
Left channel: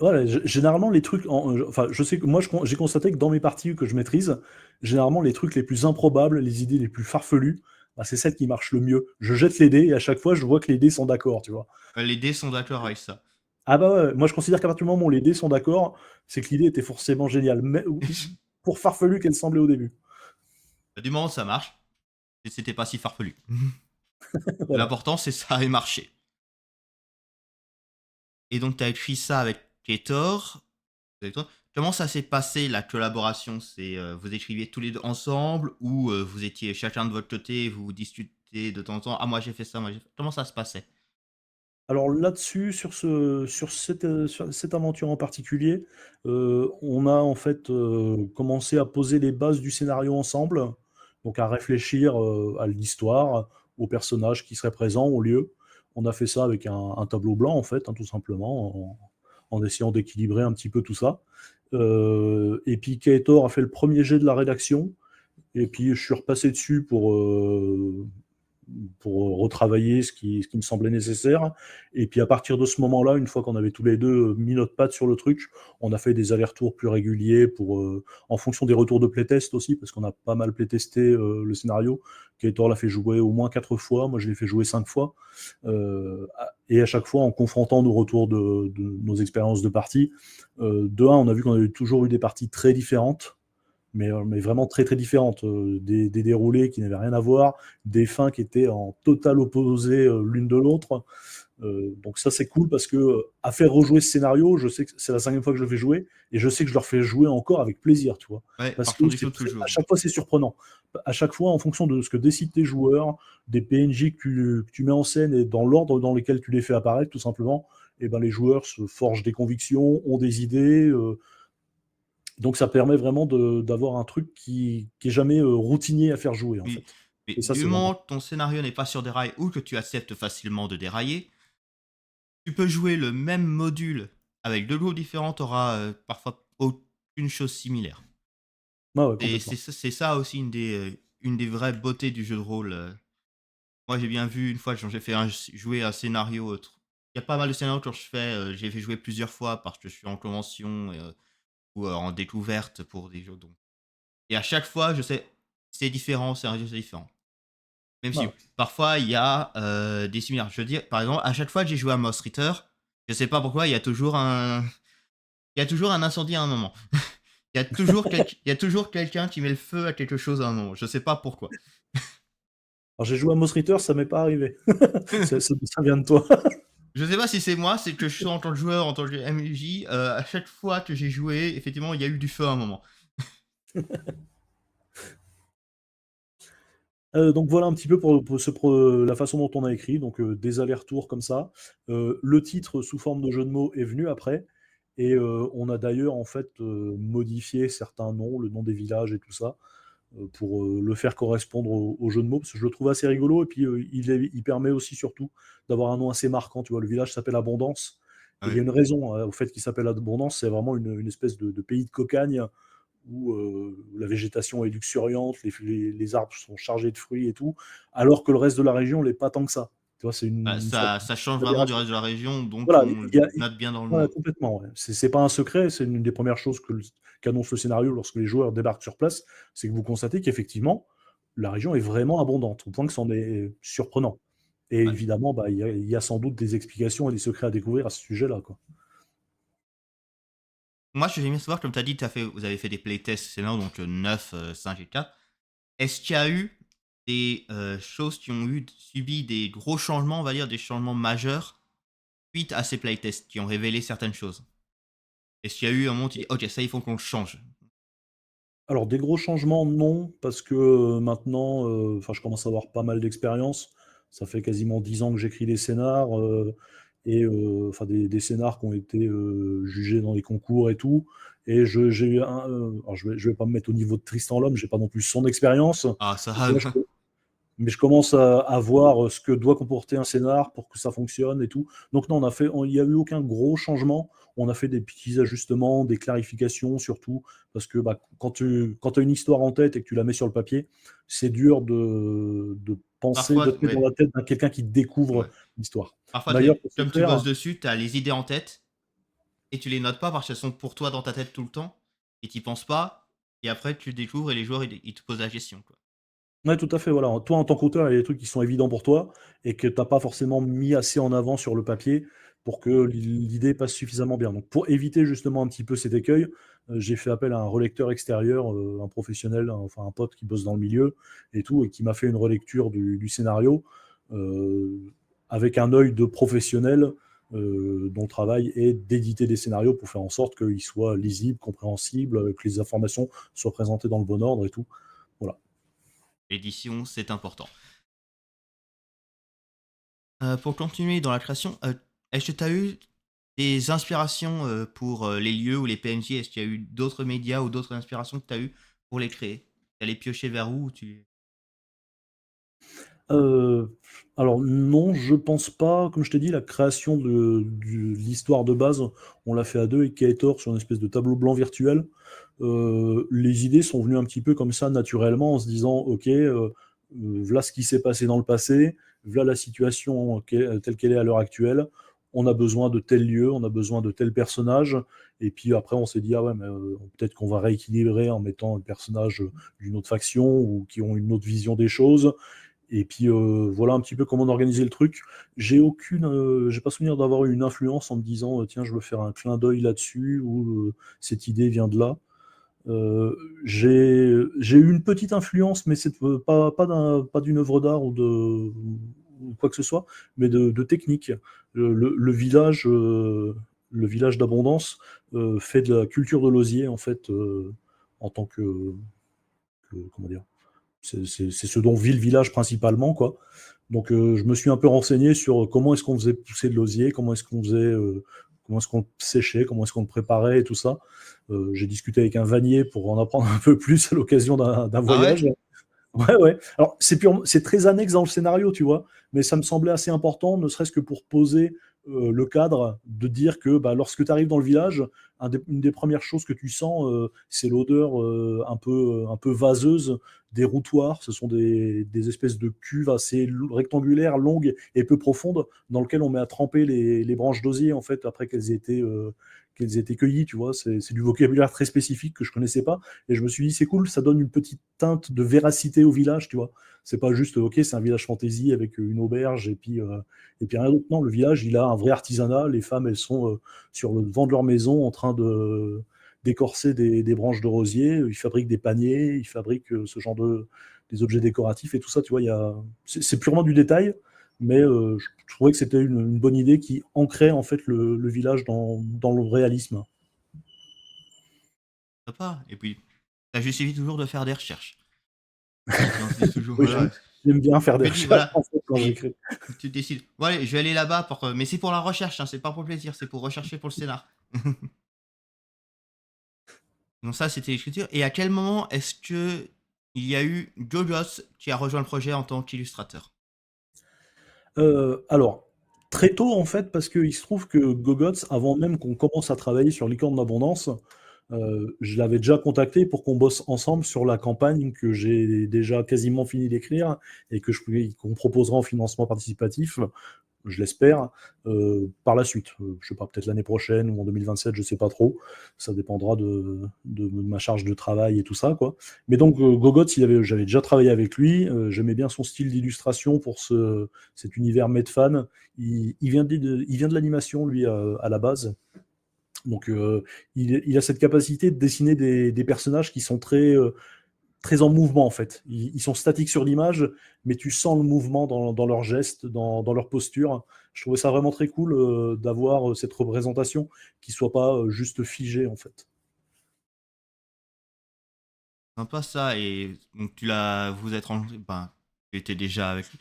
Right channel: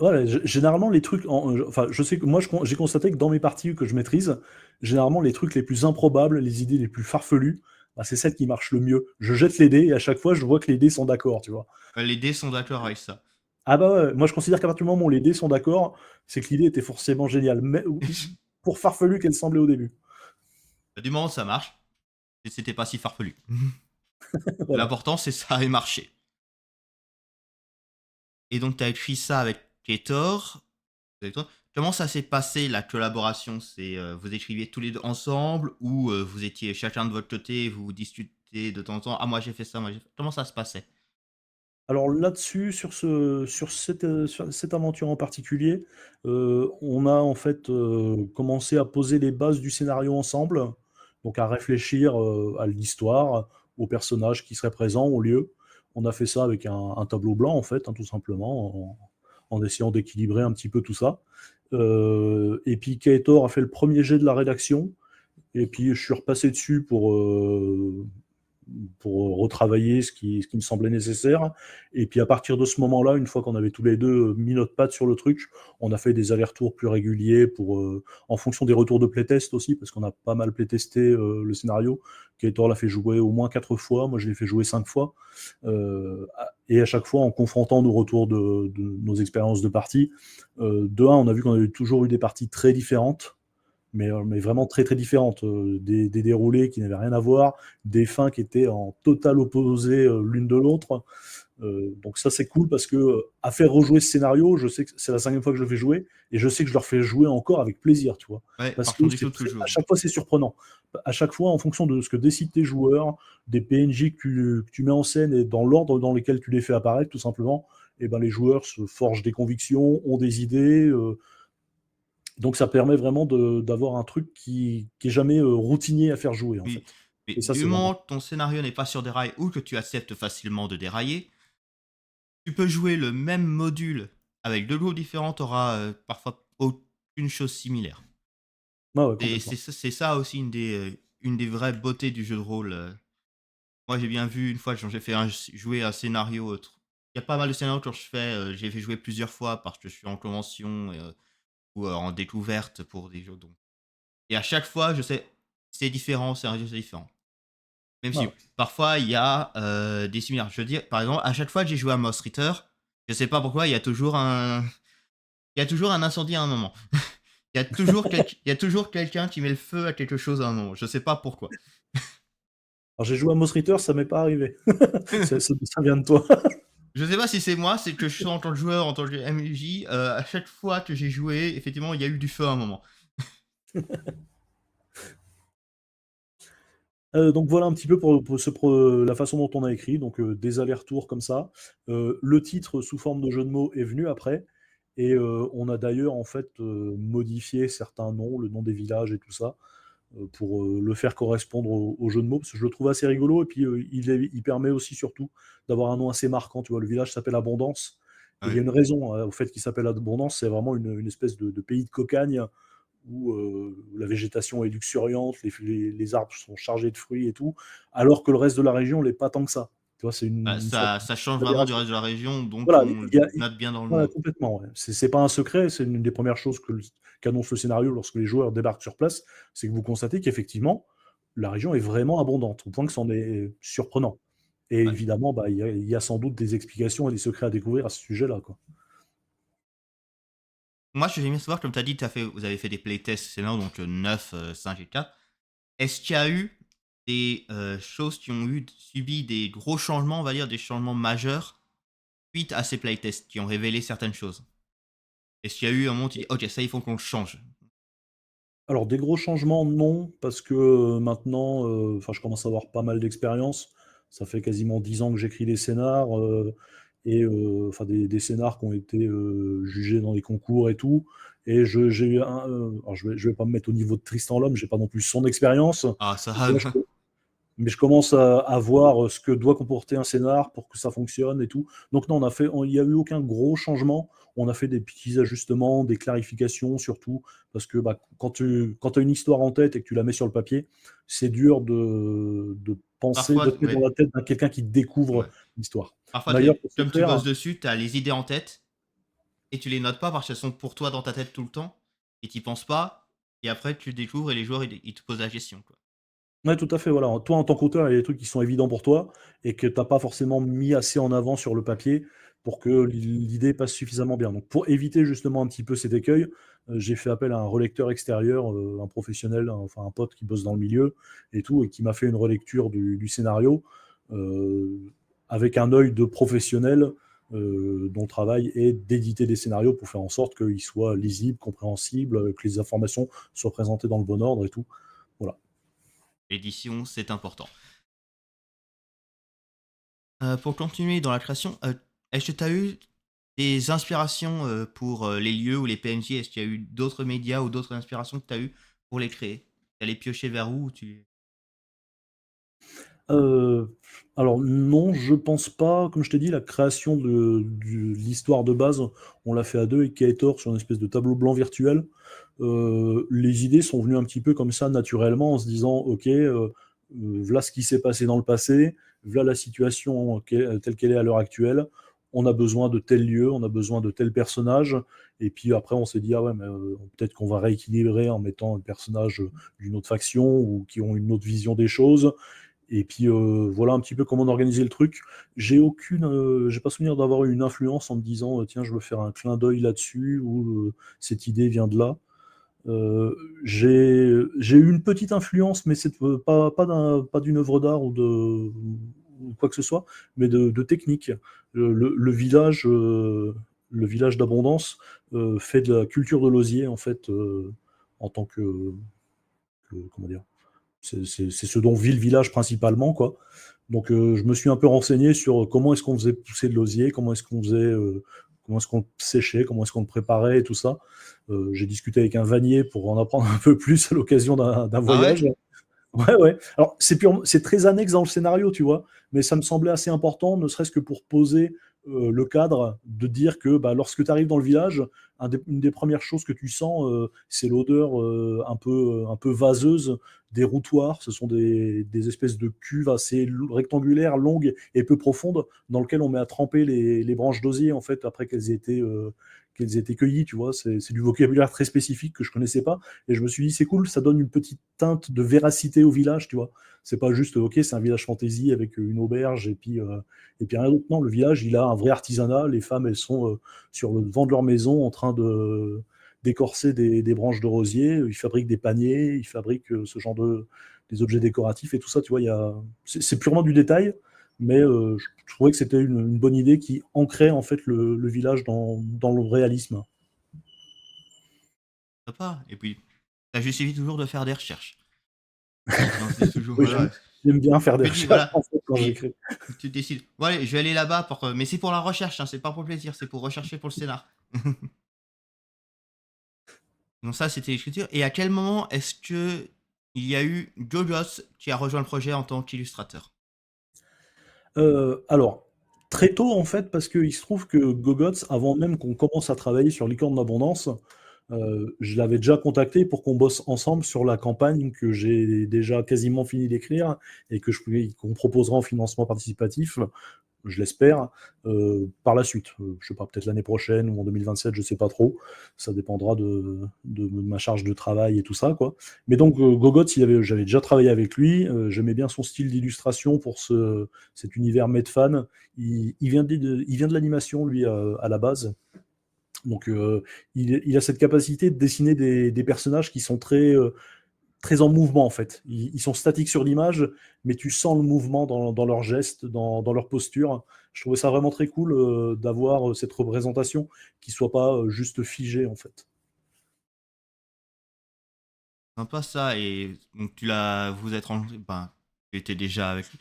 Ouais, généralement, les trucs, enfin, je sais que moi, j'ai constaté que dans mes parties que je maîtrise, généralement, les trucs les plus improbables, les idées les plus farfelues, bah, c'est celles qui marchent le mieux. Je jette les dés et à chaque fois, je vois que les dés sont d'accord, tu vois. Les dés sont d'accord avec ça. Ah bah ouais, moi je considère qu'à partir du moment où les dés sont d'accord, c'est que l'idée était forcément géniale, mais pour farfelu qu'elle semblait au début. Du moment où ça marche, c'était pas si farfelu. Voilà. L'important, c'est ça ait marché. Et donc, tu as écrit ça avec Ketor. Avec toi. Comment ça s'est passé la collaboration? C'est vous écriviez tous les deux ensemble ou vous étiez chacun de votre côté, vous vous discutez de temps en temps. Ah moi j'ai fait ça, moi j'ai fait. Comment ça se passait? Alors là-dessus, sur cette aventure en particulier, on a en fait commencé à poser les bases du scénario ensemble, donc à réfléchir à l'histoire, aux personnages qui seraient présents au lieu. On a fait ça avec un tableau blanc en fait, hein, tout simplement, en essayant d'équilibrer un petit peu tout ça. Et puis Kaetor a fait le premier jet de la rédaction, et puis je suis repassé dessus pour retravailler ce qui me semblait nécessaire. Et puis à partir de ce moment-là, une fois qu'on avait tous les deux mis notre patte sur le truc, on a fait des allers-retours plus réguliers en fonction des retours de playtest aussi, parce qu'on a pas mal playtesté le scénario. Kator l'a fait jouer au moins 4 fois, moi je l'ai fait jouer 5 fois. Et à chaque fois en confrontant nos retours de nos expériences de partie, de un, on a vu qu'on avait toujours eu des parties très différentes, mais vraiment très très différentes, des déroulés qui n'avaient rien à voir, des fins qui étaient en total opposé l'une de l'autre. Donc ça c'est cool parce que à faire rejouer ce scénario, je sais que c'est la 5e fois que je le fais jouer, et je sais que je leur fais jouer encore avec plaisir, tu vois. Ouais, Parce que partons du tout à toujours. chaque fois c'est surprenant. À chaque fois, en fonction de ce que décident tes joueurs, des PNJ que tu mets en scène et dans l'ordre dans lequel tu les fais apparaître, tout simplement, et ben les joueurs se forgent des convictions, ont des idées, donc ça permet vraiment d'avoir un truc qui est jamais routinier à faire jouer en Oui. fait. Mais Et ça du c'est vraiment moment que ton scénario n'est pas sur des rails ou que tu acceptes facilement de dérailler, tu peux jouer le même module avec 2 groupes différents, tu auras parfois aucune chose similaire. ouais, ouais, Et complètement. c'est ça aussi une des vraies beautés du jeu de rôle. Moi, j'ai bien vu une fois, j'ai fait jouer un scénario. Il y a pas mal de scénarios quand j'ai fait jouer plusieurs fois parce que je suis en convention ou en découverte pour des jeux. Donc, et à chaque fois, je sais, c'est différent, c'est un jeu, c'est différent. Même si Ouais. parfois il y a des similaires. Je veux dire, par exemple, à chaque fois que j'ai joué à Moss Ritter, je sais pas pourquoi, il y a toujours un incendie à un moment. Il y a toujours quelqu'un qui met le feu à quelque chose à un moment. Je sais pas pourquoi. Alors, j'ai joué à Moss Ritter, ça m'est pas arrivé. Ça vient de toi. Je sais pas si c'est moi, c'est que je suis en tant que joueur, en tant que MJ, à chaque fois que j'ai joué, effectivement, il y a eu du feu à un moment. Donc voilà un petit peu la façon dont on a écrit, donc des allers-retours comme ça. Le titre sous forme de jeu de mots est venu après, et on a d'ailleurs en fait modifié certains noms, le nom des villages et tout ça, pour le faire correspondre au jeu de mots, parce que je le trouve assez rigolo, et puis il permet aussi surtout d'avoir un nom assez marquant. Tu vois, le village s'appelle Abondance. Il y a Ouais. une raison au fait qu'il s'appelle Abondance, c'est vraiment une espèce de pays de cocagne où la végétation est luxuriante, les arbres sont chargés de fruits et tout, alors que le reste de la région l'est pas tant que ça. Tu vois, c'est Bah, une sorte ça change vraiment du d'aberration. reste de la région, donc Voilà, on le note bien dans le ouais, nom. complètement. Ouais. C'est pas un secret, c'est une des premières choses qu'annonce le scénario lorsque les joueurs débarquent sur place, c'est que vous constatez qu'effectivement, la région est vraiment abondante, au point que c'en est surprenant. Et Ouais. évidemment, bah, il y a sans doute des explications et des secrets à découvrir à ce sujet-là, quoi. Moi, je vais bien savoir, comme tu as dit, vous avez fait des playtests, c'est là, donc 9, 5 et 4. Est-ce qu'il y a eu des choses qui ont subi des gros changements, on va dire, des changements majeurs, suite à ces playtests, qui ont révélé certaines choses? Est-ce qu'il y a eu un moment où tu dis, ok, ça, il faut qu'on le change? Alors, des gros changements, non, parce que maintenant, enfin, je commence à avoir pas mal d'expérience. Ça fait quasiment 10 ans que j'écris des scénars, et enfin des scénars qui ont été jugés dans les concours et tout. Et j'ai eu alors je vais pas me mettre au niveau de Tristan Lhomme, j'ai pas non plus son expérience. Ah, ça Tu vois, va. mais je commence à voir ce que doit comporter un scénar pour que ça fonctionne et tout. Donc non, il n'y a eu aucun gros changement. On a fait des petits ajustements, des clarifications surtout, parce que bah, quand tu as une histoire en tête et que tu la mets sur le papier, c'est dur de penser, Parfois, de te mettre dans ouais, la tête d'un quelqu'un qui découvre ouais. l'histoire. Parfois, D'ailleurs, pour ce comme tu faire, bosses dessus, tu as les idées en tête et tu les notes pas parce qu'elles sont pour toi dans ta tête tout le temps et tu penses pas. Et après, tu découvres et les joueurs, ils te posent la question, quoi. ouais, tout à fait. Voilà. Toi, en tant qu'auteur, il y a des trucs qui sont évidents pour toi et que tu n'as pas forcément mis assez en avant sur le papier pour que l'idée passe suffisamment bien. Donc, pour éviter justement un petit peu cet écueil, j'ai fait appel à un relecteur extérieur, un professionnel, enfin un pote qui bosse dans le milieu et tout, et qui m'a fait une relecture du scénario euh, avec un œil de professionnel dont le travail est d'éditer des scénarios pour faire en sorte qu'ils soient lisibles, compréhensibles, que les informations soient présentées dans le bon ordre et tout. Voilà. L'édition, c'est important. Pour continuer dans la création, est-ce que tu as eu des inspirations pour les lieux ou les PNJ? Est-ce qu'il y a eu d'autres médias ou d'autres inspirations que tu as eues pour les créer? Tu allais piocher vers où tu... Heu, alors non, je pense pas. Comme je t'ai dit, la création de l'histoire de base, on l'a fait à 2 avec Kaetor sur une espèce de tableau blanc virtuel. Les idées sont venues un petit peu comme ça naturellement en se disant: «OK, v'là ce qui s'est passé dans le passé, v'là la situation telle qu'elle est à l'heure actuelle. On a besoin de tel lieu, on a besoin de tel personnage», et puis après on s'est dit: «Ah ouais, mais peut-être qu'on va rééquilibrer en mettant un personnage, d'une autre faction ou qui ont une autre vision des choses». Et puis voilà un petit peu comment on organisait le truc. J'ai pas souvenir d'avoir eu une influence en me disant tiens, je veux faire un clin d'œil là-dessus ou cette idée vient de là. J'ai eu une petite influence, mais c'est pas d'une œuvre d'art ou quoi que ce soit, mais de technique. Le village d'Abondance fait de la culture de l'osier en fait en tant comment dire, c'est ce dont vit le village principalement, quoi. Donc je me suis un peu renseigné sur comment est-ce qu'on faisait pousser de l'osier, comment est-ce qu'on le séchait, comment est-ce qu'on le préparait et tout ça. J'ai discuté avec un vannier pour en apprendre un peu plus à l'occasion d'un Ah ouais? voyage. Ouais, ouais. Alors, c'est très annexe dans le scénario, tu vois, mais ça me semblait assez important, ne serait-ce que pour poser le cadre, de dire que bah, lorsque tu arrives dans le village, une des premières choses que tu sens, c'est l'odeur un peu vaseuse des routoirs, ce sont des espèces de cuves assez rectangulaires, longues et peu profondes, dans lesquelles on met à tremper les branches d'osier, en fait, après qu'elles aient été cueillies, tu vois. C'est du vocabulaire très spécifique que je connaissais pas. Et je me suis dit, c'est cool, ça donne une petite teinte de véracité au village, tu vois. C'est pas juste, ok, c'est un village fantasy avec une auberge et puis rien d'autre. Non, le village, il a un vrai artisanat. Les femmes, elles sont sur le devant de leur maison en train de d'écorcer des branches de rosier. Ils fabriquent des paniers, ils fabriquent ce genre des objets décoratifs et tout ça, tu vois. C'est purement du détail, mais je trouvais que c'était une bonne idée qui ancrait en fait le village dans le réalisme. Sympa. Et puis, ça justifie toujours de faire des recherches. Et on se dit toujours, Ouais, voilà. j'aime bien faire des Je me dis, recherches voilà. en fait, quand Et j'écris. tu décides, bon, allez, je vais aller là-bas pour. Mais c'est pour la recherche, hein, c'est pas pour le plaisir, c'est pour rechercher pour le scénar. Donc, ça, c'était l'écriture. Et à quel moment est-ce que il y a eu Jojos qui a rejoint le projet en tant qu'illustrateur? Alors, très tôt en fait, parce qu'il se trouve que Gogots, avant même qu'on commence à travailler sur Licorne d'Abondance, je l'avais déjà contacté pour qu'on bosse ensemble sur la campagne que j'ai déjà quasiment fini d'écrire et qu'on proposera en financement participatif, je l'espère, par la suite. Je sais pas, peut-être l'année prochaine ou en 2027, je sais pas trop. Ça dépendra de ma charge de travail et tout ça, quoi. Mais donc, Gogots, j'avais déjà travaillé avec lui. J'aimais bien son style d'illustration pour cet univers Medfan. Il vient de l'animation, lui, à la base. Donc, il a cette capacité de dessiner des personnages qui sont très en mouvement en fait. Ils sont statiques sur l'image, mais tu sens le mouvement dans leurs gestes, dans leur posture. Je trouvais ça vraiment très cool d'avoir cette représentation qui soit pas juste figée en fait. Sympa ça. Et donc, vous êtes rencontrés, ben, tu étais déjà avec lui.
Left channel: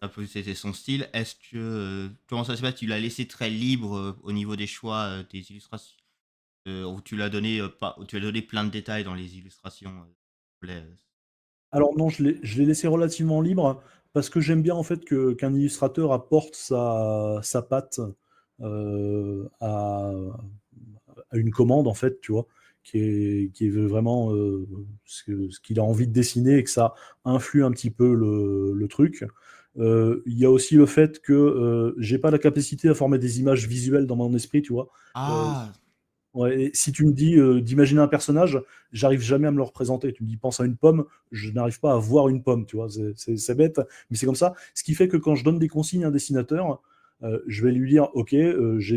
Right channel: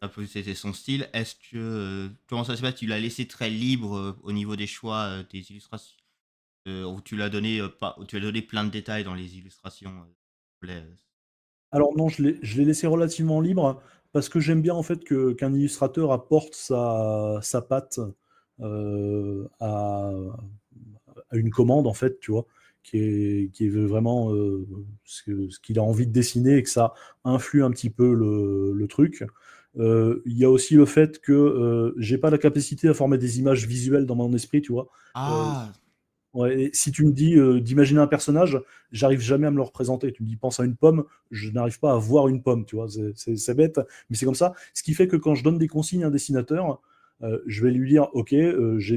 Un peu, c'était son style. Est-ce que, comment ça se passe? Tu l'as laissé très libre au niveau des choix des illustrations? Ou tu l'as donné, pas, ou tu as donné plein de détails dans les illustrations Alors non, je l'ai laissé relativement libre parce que j'aime bien en fait qu'un illustrateur apporte sa patte euh, à, à une commande en fait, tu vois, qui est vraiment ce qu'il a envie de dessiner et que ça influe un petit peu le truc. Il y a aussi le fait que j'ai pas la capacité à former des images visuelles dans mon esprit, tu vois. Euh, Ah! Ouais, et si tu me dis d'imaginer un personnage, j'arrive jamais à me le représenter. Tu me dis pense à une pomme, je n'arrive pas à voir une pomme, tu vois. C'est bête, mais c'est comme ça. Ce qui fait que quand je donne des consignes à un dessinateur, je vais lui dire, ok, je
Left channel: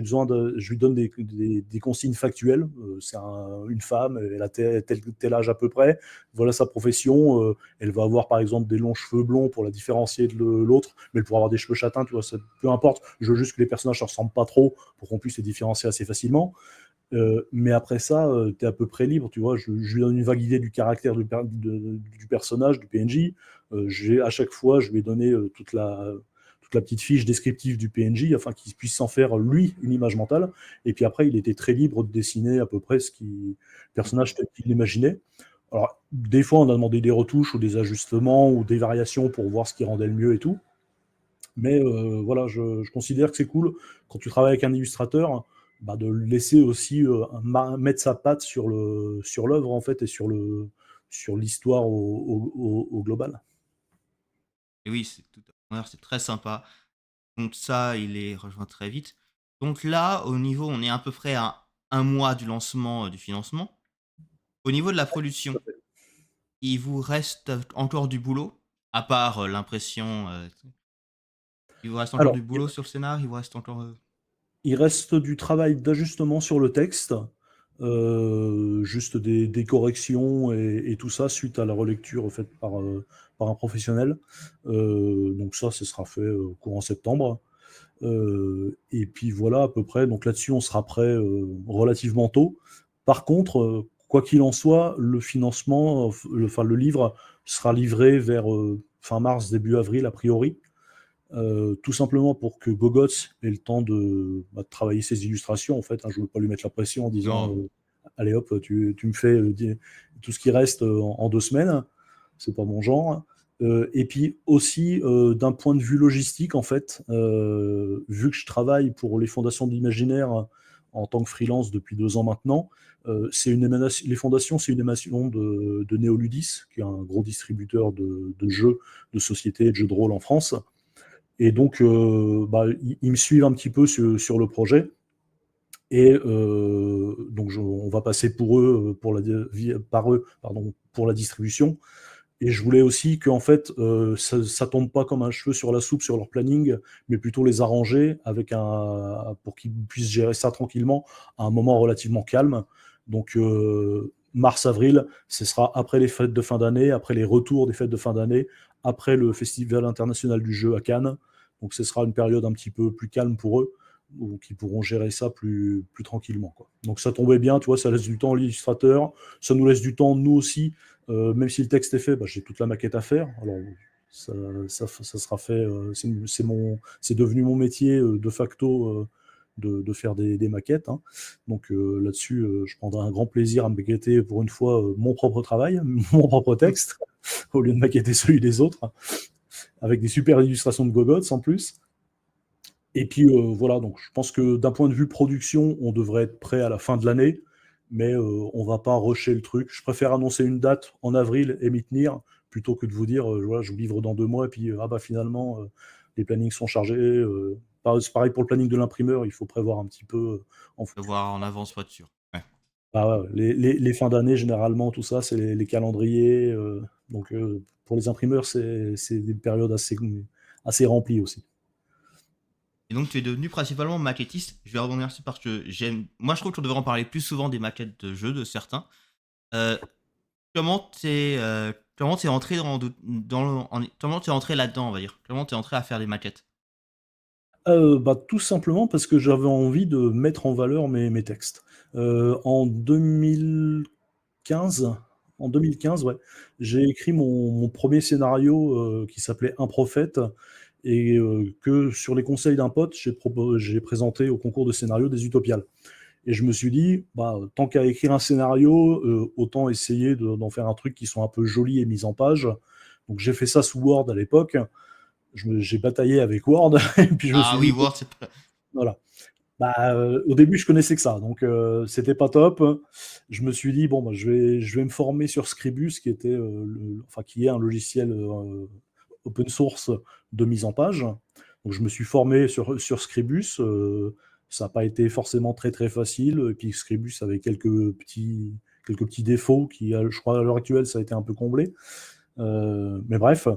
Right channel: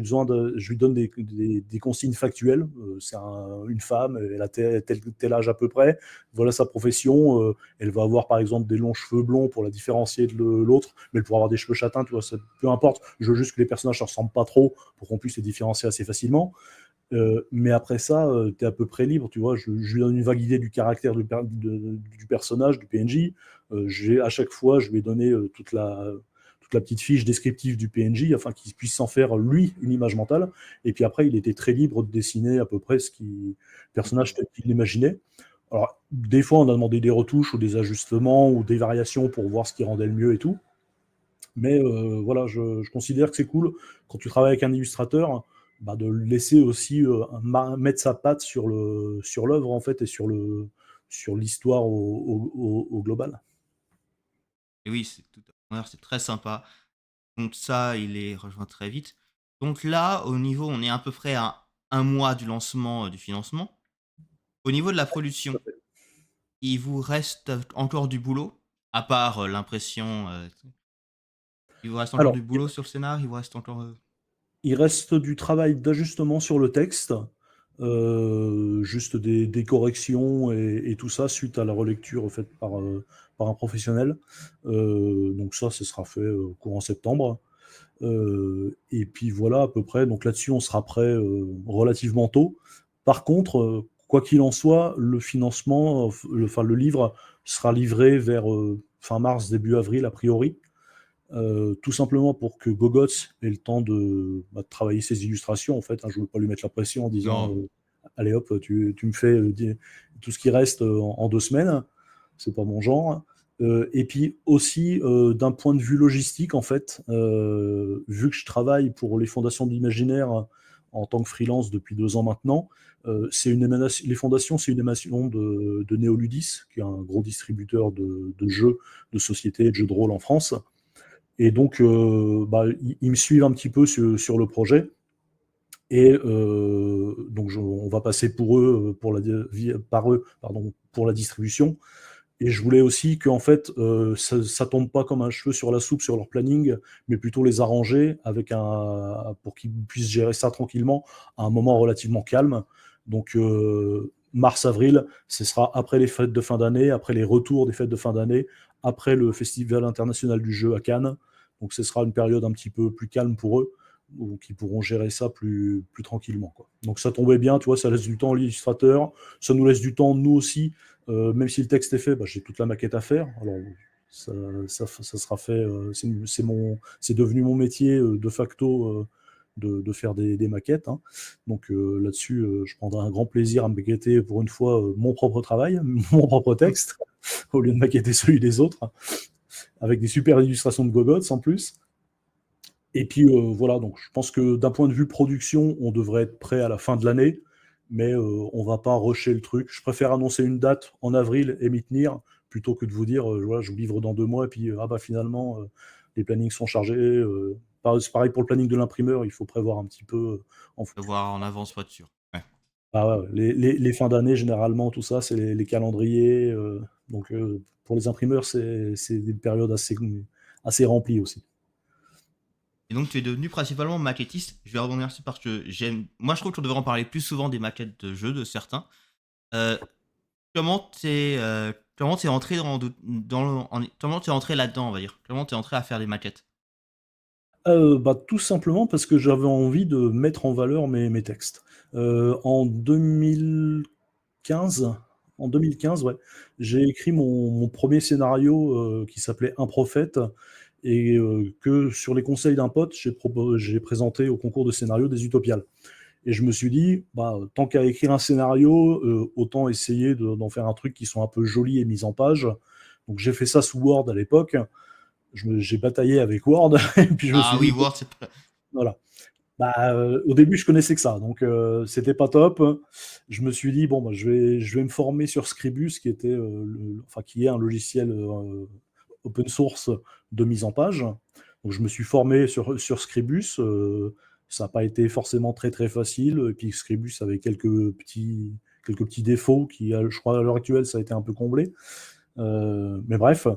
lui donne des consignes factuelles. Une femme, elle a tel âge à peu près. Voilà sa profession. Elle va avoir par exemple des longs cheveux blonds pour la différencier de l'autre, mais elle pourra avoir des cheveux châtains, tu vois. Peu importe. Je veux juste que les personnages ne se ressemblent pas trop pour qu'on puisse les différencier assez facilement. Mais après ça, tu es à peu près libre, tu vois. Je lui donne une vague idée du caractère du personnage, du PNJ. À chaque fois, je vais donner toute la petite fiche descriptive du PNJ afin qu'il puisse s'en faire, lui, une image mentale. Et puis après, il était très libre de dessiner à peu près le personnage Mhm. tel qu'il l'imaginait. Alors, des fois, on a demandé des retouches ou des ajustements ou des variations pour voir ce qui rendait le mieux et tout. Mais voilà, je considère que c'est cool quand tu travailles avec un illustrateur, bah, de le laisser aussi mettre sa patte sur l'œuvre en fait et sur l'histoire au global. Et oui, c'est très sympa. Donc ça, il est rejoint très vite. Donc là, au niveau, on est à peu près à un mois du lancement du financement. Au niveau de la production, il vous reste encore du boulot, à part l'impression. Il vous reste encore Alors, du boulot sur le scénar, il vous reste encore. il reste du travail d'ajustement sur le texte, juste des corrections et tout ça suite à la relecture faite par un professionnel. Donc ça, ce sera fait courant septembre. Et puis voilà à peu près. Donc là-dessus, on sera prêt relativement tôt. Par contre, quoi qu'il en soit, le financement, enfin le livre sera livré vers fin mars, début avril a priori. Tout simplement pour que Gogots ait le temps de travailler ses illustrations. En fait, hein, je ne veux pas lui mettre la pression en disant Non. allez hop, tu me fais tout ce qui reste en 2 semaines. C'est pas mon genre. Et puis aussi, d'un point de vue logistique, en fait, vu que je travaille pour les fondations de l'imaginaire en tant que freelance depuis 2 ans maintenant. C'est une émanation Les Fondations, c'est une émanation de Néoludis, qui est un gros distributeur de jeux, de sociétés et de jeux de rôle en France. Et donc, ils me suivent un petit peu sur le projet. Et donc, on va passer par eux, pardon, pour la distribution. Et je voulais aussi qu'en fait, ça tombe pas comme un cheveu sur la soupe sur leur planning, mais plutôt les arranger pour qu'ils puissent gérer ça tranquillement à un moment relativement calme. Donc, mars-avril, ce sera après les fêtes de fin d'année, après les retours des fêtes de fin d'année, après le Festival international du jeu à Cannes. Donc, ce sera une période un petit peu plus calme pour eux, où ils pourront gérer ça plus tranquillement, quoi. Donc, ça tombait bien, tu vois, ça laisse du temps à l'illustrateur, ça nous laisse du temps, nous aussi, même si le texte est fait, j'ai toute la maquette à faire. Alors, ça sera fait. C'est devenu mon métier de facto, de faire des maquettes, hein. Donc là-dessus, je prendrai un grand plaisir à maqueter pour une fois mon propre travail, mon propre Mmh. texte, au lieu de maqueter celui des autres, avec des super illustrations de gogots en plus. Et puis voilà, donc je pense que d'un point de vue production, on devrait être prêt à la fin de l'année, mais on va pas rusher le truc. Je préfère annoncer une date en avril et m'y tenir, plutôt que de vous dire, voilà, je vous livre dans 2 mois, et puis finalement, les plannings sont chargés. C'est pareil pour le planning de l'imprimeur, il faut prévoir un petit peu en De fonction. voir en avance pour être sûr. Ouais. Ah ouais, ouais, les fins d'année, généralement, tout ça, c'est les calendriers. Donc pour les imprimeurs, c'est des périodes assez remplies aussi. Et donc, tu es devenu principalement maquettiste. Je vais rebondir dessus parce que moi, je trouve qu'on devrait en parler plus souvent des maquettes de jeux de certains. Heu, comment t'es entré comment t'es entré là-dedans, on va dire? Comment t'es entré à faire des maquettes? Tout simplement parce que j'avais envie de mettre en valeur mes textes. En 2015, ouais, j'ai écrit mon 1er scénario, qui s'appelait Un prophète, et que sur les conseils d'un pote, j'ai présenté au concours de scénario des Utopiales. Et je me suis dit: tant qu'à écrire un scénario, autant essayer d'en faire un truc qui soit un peu joli et mis en page. Donc j'ai fait ça sous Word à l'époque. J'ai bataillé avec Word et puis je me Ah suis oui, dit: Word, c'est pas voilà. Au début, je connaissais que ça, donc c'était pas top. Je me suis dit: «Bon, je vais me former sur Scribus», qui est un logiciel, open source de mise en page. Donc je me suis formé sur Scribus, ça n'a pas été forcément très, très facile, et puis Scribus avait quelques petits défauts qui, je crois, à l'heure actuelle, ça a été un peu comblé. Mais bref,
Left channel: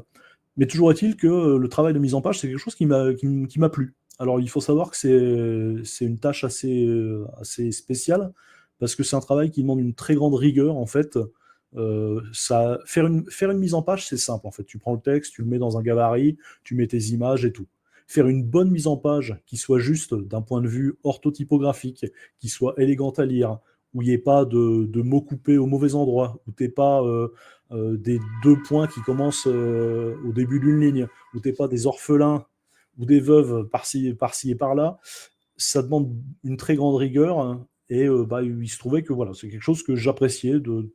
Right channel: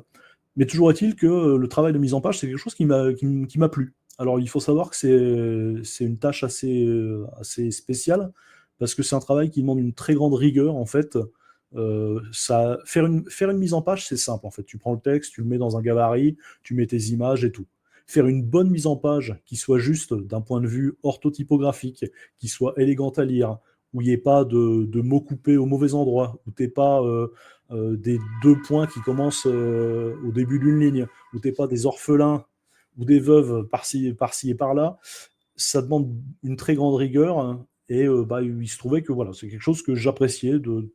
mais toujours est-il que le travail de mise en page, c'est quelque chose qui m'a plu. Alors, il faut savoir que c'est une tâche assez spéciale, parce que c'est un travail qui demande une très grande rigueur, en fait. Faire une mise en page, c'est simple, en fait. Tu prends le texte, tu le mets dans un gabarit, tu mets tes images et tout. Faire une bonne mise en page qui soit juste d'un point de vue orthotypographique, qui soit élégante à lire, où il n'y ait pas de mots coupés au mauvais endroit, où tu n'aies pas des 2 points qui commencent au début d'une ligne, où tu n'aies pas des orphelins ou des veuves par-ci et par-là, ça demande une très grande rigueur, hein. Et il se trouvait que voilà, c'est quelque chose que j'appréciais de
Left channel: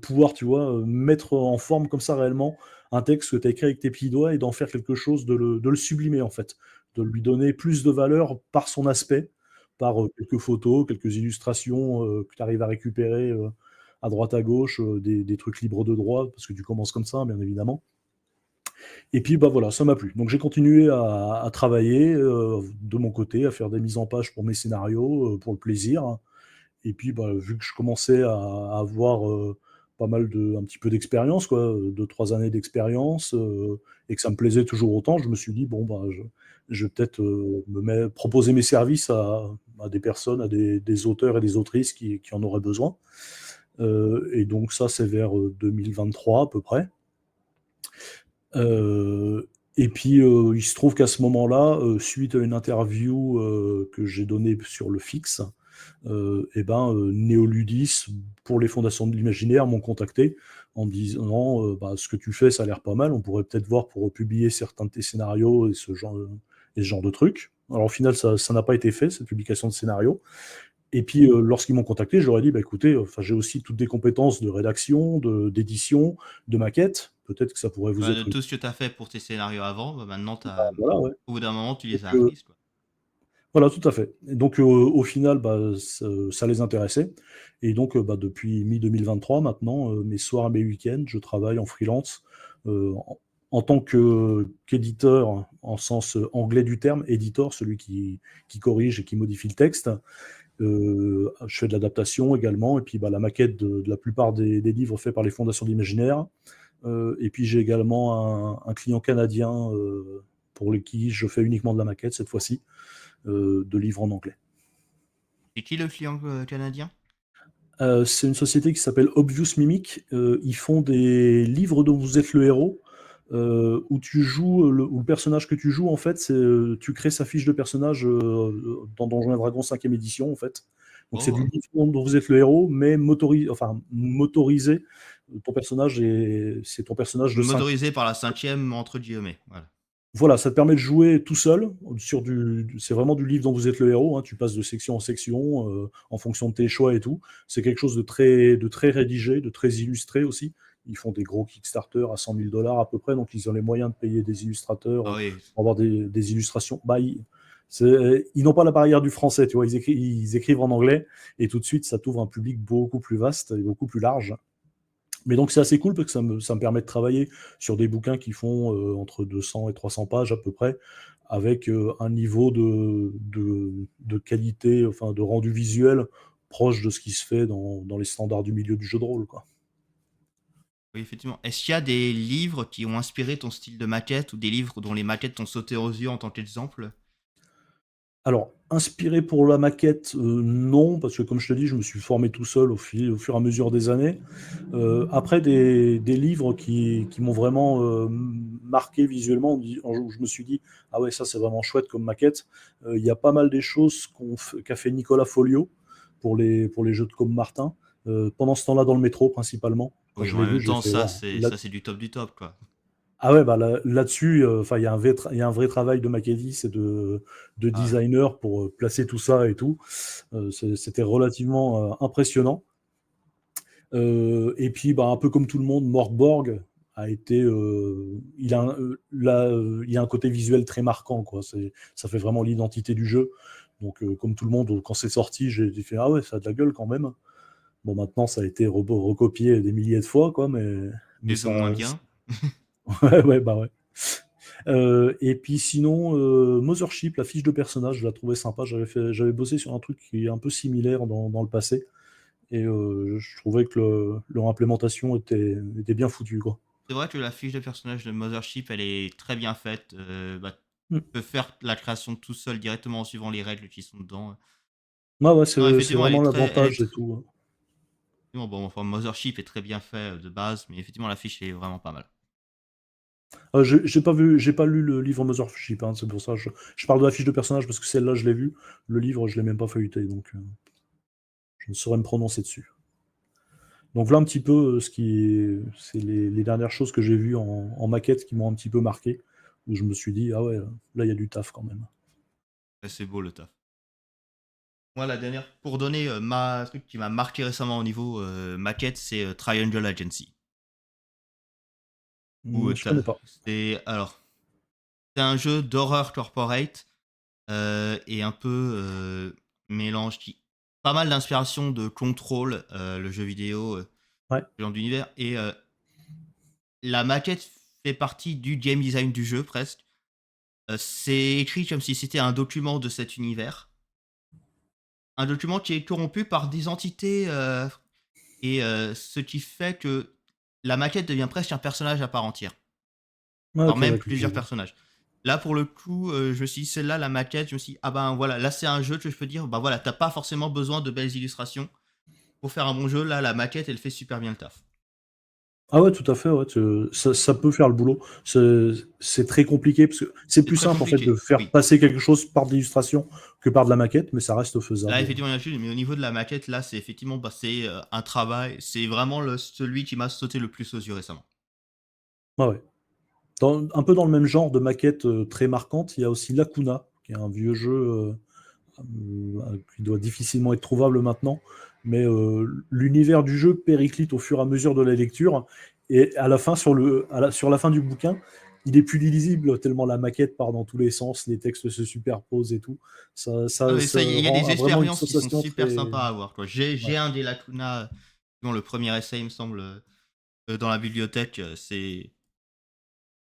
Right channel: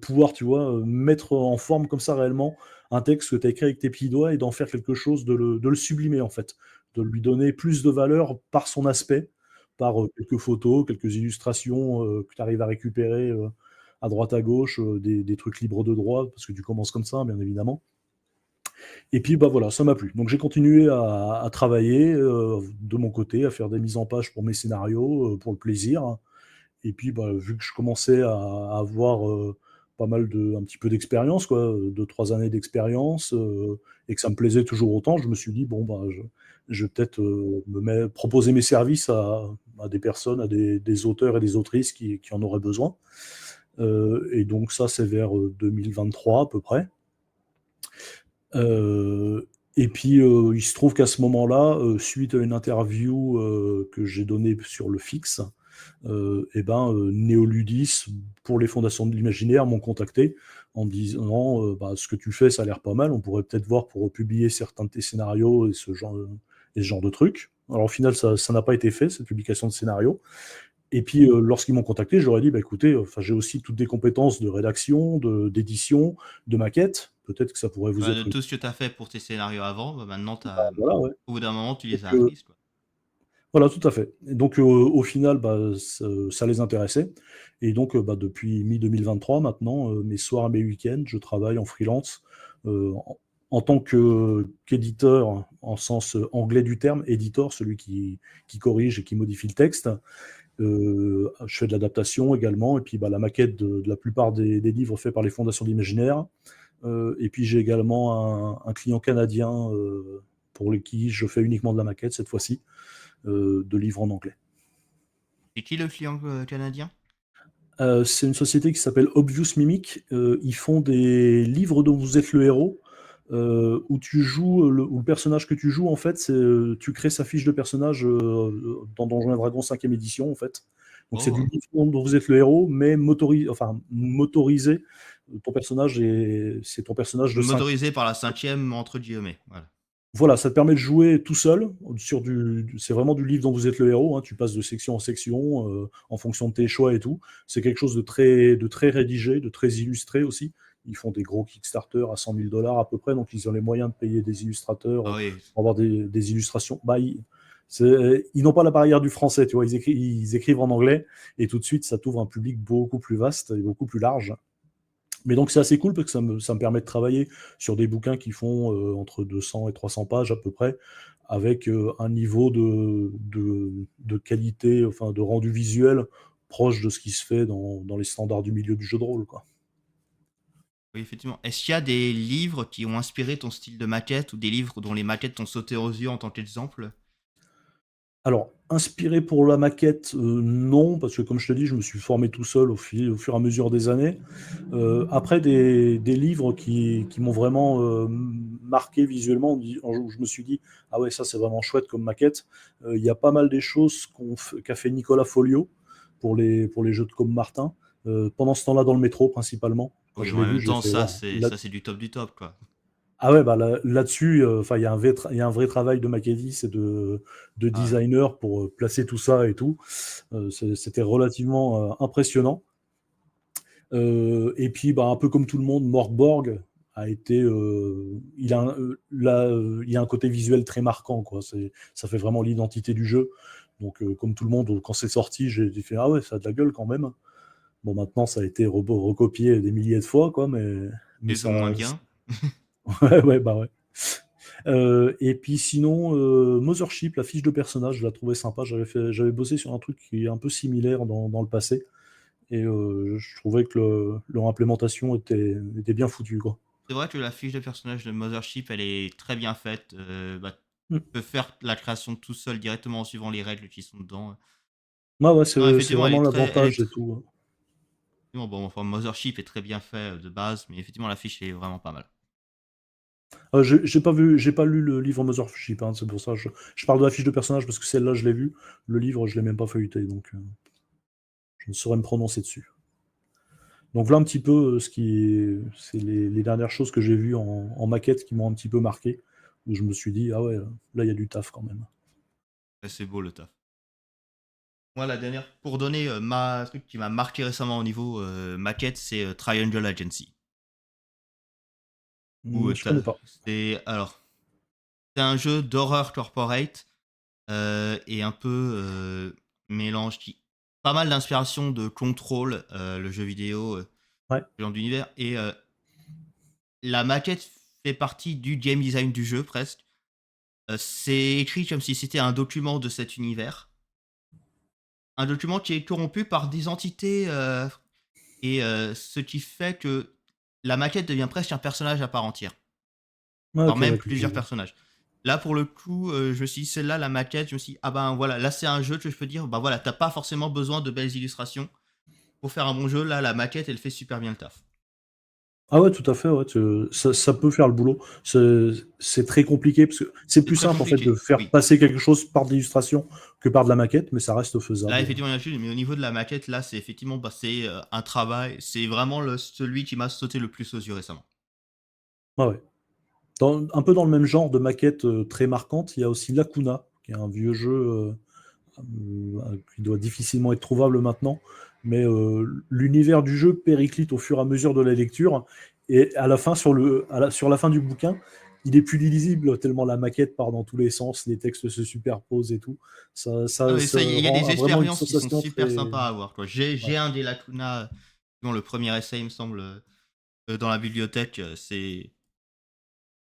pouvoir, tu vois, mettre en forme comme ça réellement un texte que tu as écrit avec tes petits doigts, et d'en faire quelque chose, de le sublimer en fait, de lui donner plus de valeur par son aspect, par quelques photos, quelques illustrations que tu arrives à récupérer à droite à gauche, des trucs libres de droit, parce que tu commences comme ça, bien évidemment. Et puis voilà, ça m'a plu. Donc j'ai continué à travailler de mon côté, à faire des mises en page pour mes scénarios, pour le plaisir. Et puis, vu que je commençais à avoir pas mal un petit peu d'expérience, quoi, 2-3 années d'expérience, et que ça me plaisait toujours autant, je me suis dit: «Bon, je vais peut-être proposer mes services à des personnes, à des auteurs et des autrices qui en auraient besoin». Et donc ça, c'est vers 2023 à peu près. Et puis, il se trouve qu'à ce moment-là, suite à une interview que j'ai donnée sur le Fix, Néoludis, pour les fondations de l'imaginaire, m'ont contacté en me disant ce que tu fais, ça a l'air pas mal, on pourrait peut-être voir pour publier certains de tes scénarios et ce genre de trucs. Alors au final, ça n'a pas été fait, cette publication de scénarios. Et puis lorsqu'ils m'ont contacté, je leur ai dit: écoutez, j'ai aussi toutes des compétences de rédaction, d'édition, de maquette, peut-être que ça pourrait vous de être tout ce que tu as fait pour tes scénarios avant, maintenant t'as voilà, ouais. au bout d'un moment, tu Donc, les as apprises, quoi. Voilà, tout à fait. Et donc, au final, bah, ça les intéressait et donc, bah, depuis mi-2023 maintenant, mes soirs et mes week-ends, je travaille en freelance, en tant qu'éditeur, en sens anglais du terme, éditor, celui qui corrige et qui modifie le texte. Je fais de l'adaptation également et puis, bah, la maquette de la plupart des livres faits par les fondations d'Imaginaire. Et puis j'ai également un client canadien, pour qui je fais uniquement de la maquette cette fois-ci, de livres en anglais. C'est qui le client canadien? C'est une société qui s'appelle Obvious Mimic. Ils font des livres dont vous êtes le héros, où tu joues, où le personnage que tu joues, en fait, tu crées sa fiche de personnage dans Donjons et Dragons 5e édition, en fait. Donc c'est du Oh, livre dont vous êtes le héros, mais enfin, motorisé. C'est ton personnage de 5. motorisé par la cinquième, entre guillemets. Voilà. Voilà, ça te permet de jouer tout seul. C'est vraiment du livre dont vous êtes le héros, hein. Tu passes de section en section en fonction de tes choix et tout. C'est quelque chose de très rédigé, de très illustré aussi. Ils font des gros Kickstarter à 100 000 dollars à peu près, donc ils ont les moyens de payer des illustrateurs Ah oui, pour avoir des illustrations. Bah, ils n'ont pas la barrière du français, tu vois. Ils écrivent en anglais et tout de suite, ça t'ouvre un public beaucoup plus vaste et beaucoup plus large. Mais donc c'est assez cool parce que ça me permet de travailler sur des bouquins qui font entre 200 et 300 pages à peu près, avec un niveau de qualité, enfin de rendu visuel proche de ce qui se fait dans les standards du milieu du jeu de rôle, quoi. oui, effectivement. Est-ce qu'il y a des livres qui ont inspiré ton style de maquette ou des livres dont les maquettes t'ont sauté aux yeux en tant qu'exemple? Alors, inspiré pour la maquette, non, parce que comme je te dis, je me suis formé tout seul au fur et à mesure des années. Après, des livres qui m'ont vraiment marqué visuellement, où je me suis dit, ah ouais, ça c'est vraiment chouette comme maquette. Il y a pas mal des choses qu'a fait Nicolas Folio pour les jeux de Com Martin, pendant ce temps-là dans le métro principalement. Quand Oui, je mais en l'ai vu, même j'ai temps, fait, waouh. ça c'est du top du top, quoi. Ah ouais, bah là-dessus, enfin, il y a un vrai travail de maquettiste et de Ah ouais. designer pour placer tout ça et tout. C'était relativement impressionnant. Et puis, bah, un peu comme tout le monde, Morgborg a été, il y a un côté visuel très marquant, quoi. Ça fait vraiment l'identité du jeu. Donc, comme tout le monde, quand c'est sorti, j'ai fait ah ouais, ça a de la gueule quand même. Bon, maintenant, ça a été recopié des milliers de fois, quoi, mais Plus ou moins bien. ouais, ouais, bah ouais. Et puis sinon, Mothership, la fiche de personnage, je la trouvais sympa. J'avais bossé sur un truc qui est un peu similaire dans le passé. Et je trouvais que leur implémentation était bien foutue, quoi. C'est vrai que la fiche de personnage de Mothership, elle est très bien faite. Bah, tu Mm. peux faire la création tout seul directement en suivant les règles qui sont dedans. Ouais, ouais, Non, c'est effectivement, vraiment elle est l'avantage et très... tout. Bon, enfin, Mothership est très bien fait de base, mais effectivement, la fiche est vraiment pas mal. J'ai pas lu le livre Mothership, hein, c'est pour ça. Je parle de la fiche de personnage parce que celle-là, je l'ai vue. Le livre, je l'ai même pas feuilleté, donc je ne saurais me prononcer dessus. Donc voilà un petit peu c'est les dernières choses que j'ai vues en maquette qui m'ont un petit peu marqué, où je me suis dit, ah ouais, là, il y a du taf quand même. Ouais, c'est beau le taf. Moi, la dernière, pour donner ma truc qui m'a marqué récemment au niveau maquette, c'est Triangle Agency. Où Je connais pas. c'est un jeu d'horreur corporate et un peu mélange qui pas mal d'inspiration de Control, le jeu vidéo, Ouais, ce genre d'univers. Et la maquette fait partie du game design du jeu presque. C'est écrit comme si c'était un document de cet univers. Un document qui est corrompu par des entités et ce qui fait que la maquette devient presque un personnage à part entière. ouais, Voire ok, même ouais, plusieurs personnages. Là, pour le coup, je me suis dit, celle-là, la maquette, je me suis dit, ah ben voilà, là c'est un jeu que je peux dire, bah voilà, t'as pas forcément besoin de belles illustrations pour faire un bon jeu. Là, la maquette, elle fait super bien le taf. ah ouais, tout à fait, ouais, ça peut faire le boulot. C'est très compliqué parce que c'est C'est plus très simple en fait de compliqué, faire oui. passer quelque chose par de l'illustration que par de la maquette, mais ça reste Là, faisable. effectivement, il y a un jeu, mais au niveau de la maquette, là, c'est effectivement, bah, c'est un travail. C'est vraiment celui qui m'a sauté le plus aux yeux récemment. Ouais, ouais. Un peu dans le même genre de maquette très marquante, il y a aussi Lacuna, qui est un vieux jeu qui doit difficilement être trouvable maintenant, mais l'univers du jeu périclite au fur et à mesure de la lecture, et à la fin, sur la fin du bouquin, il est plus lisible tellement la maquette part dans tous les sens, les textes se superposent et tout. Ah, mais Ça ça, il y a rend des vraiment une expériences qui sont sensation super très. sympas à avoir, quoi. Ouais, J'ai un des Lacuna, dont le premier essai, il me semble, dans la bibliothèque. C'est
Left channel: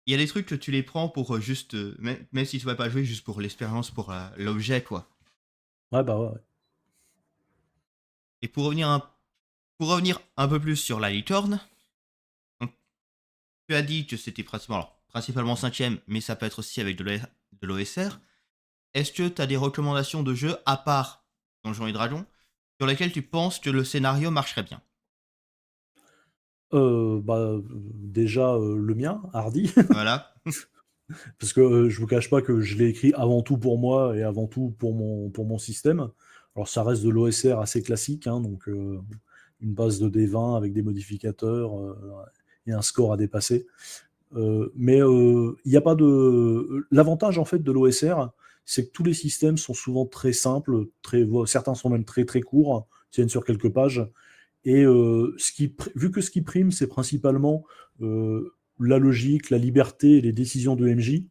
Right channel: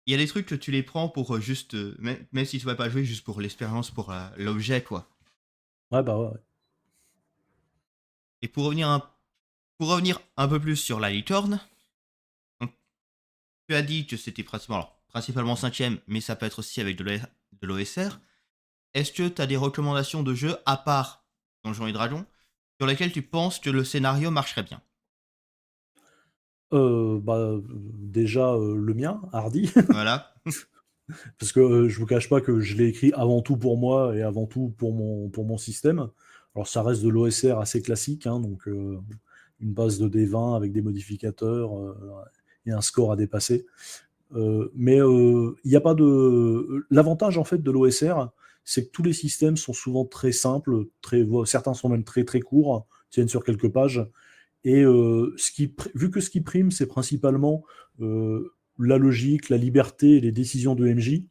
Il y a des trucs que tu les prends pour juste, même si tu vas pas jouer, juste pour l'expérience, pour l'objet, quoi. ouais, bah ouais. Et pour revenir un peu plus sur la licorne, donc, tu as dit que c'était principalement cinquième, mais ça peut être aussi avec de l'OSR. Est-ce que tu as des recommandations de jeux à part Donjons et Dragons sur lesquels tu penses que le scénario marcherait bien? Bah, déjà, le mien, Hardy, Voilà. parce que, je vous cache pas que je l'ai écrit avant tout pour moi et avant tout pour mon système. Alors ça reste de l'OSR assez classique, hein, donc une base de D20 avec des modificateurs, et un score à dépasser. Mais il y a pas de l'avantage en fait de l'OSR, c'est que tous les systèmes sont souvent très simples, certains sont même très, très courts, tiennent sur quelques pages et vu que ce qui prime, c'est principalement, la logique, la liberté et les décisions de MJ,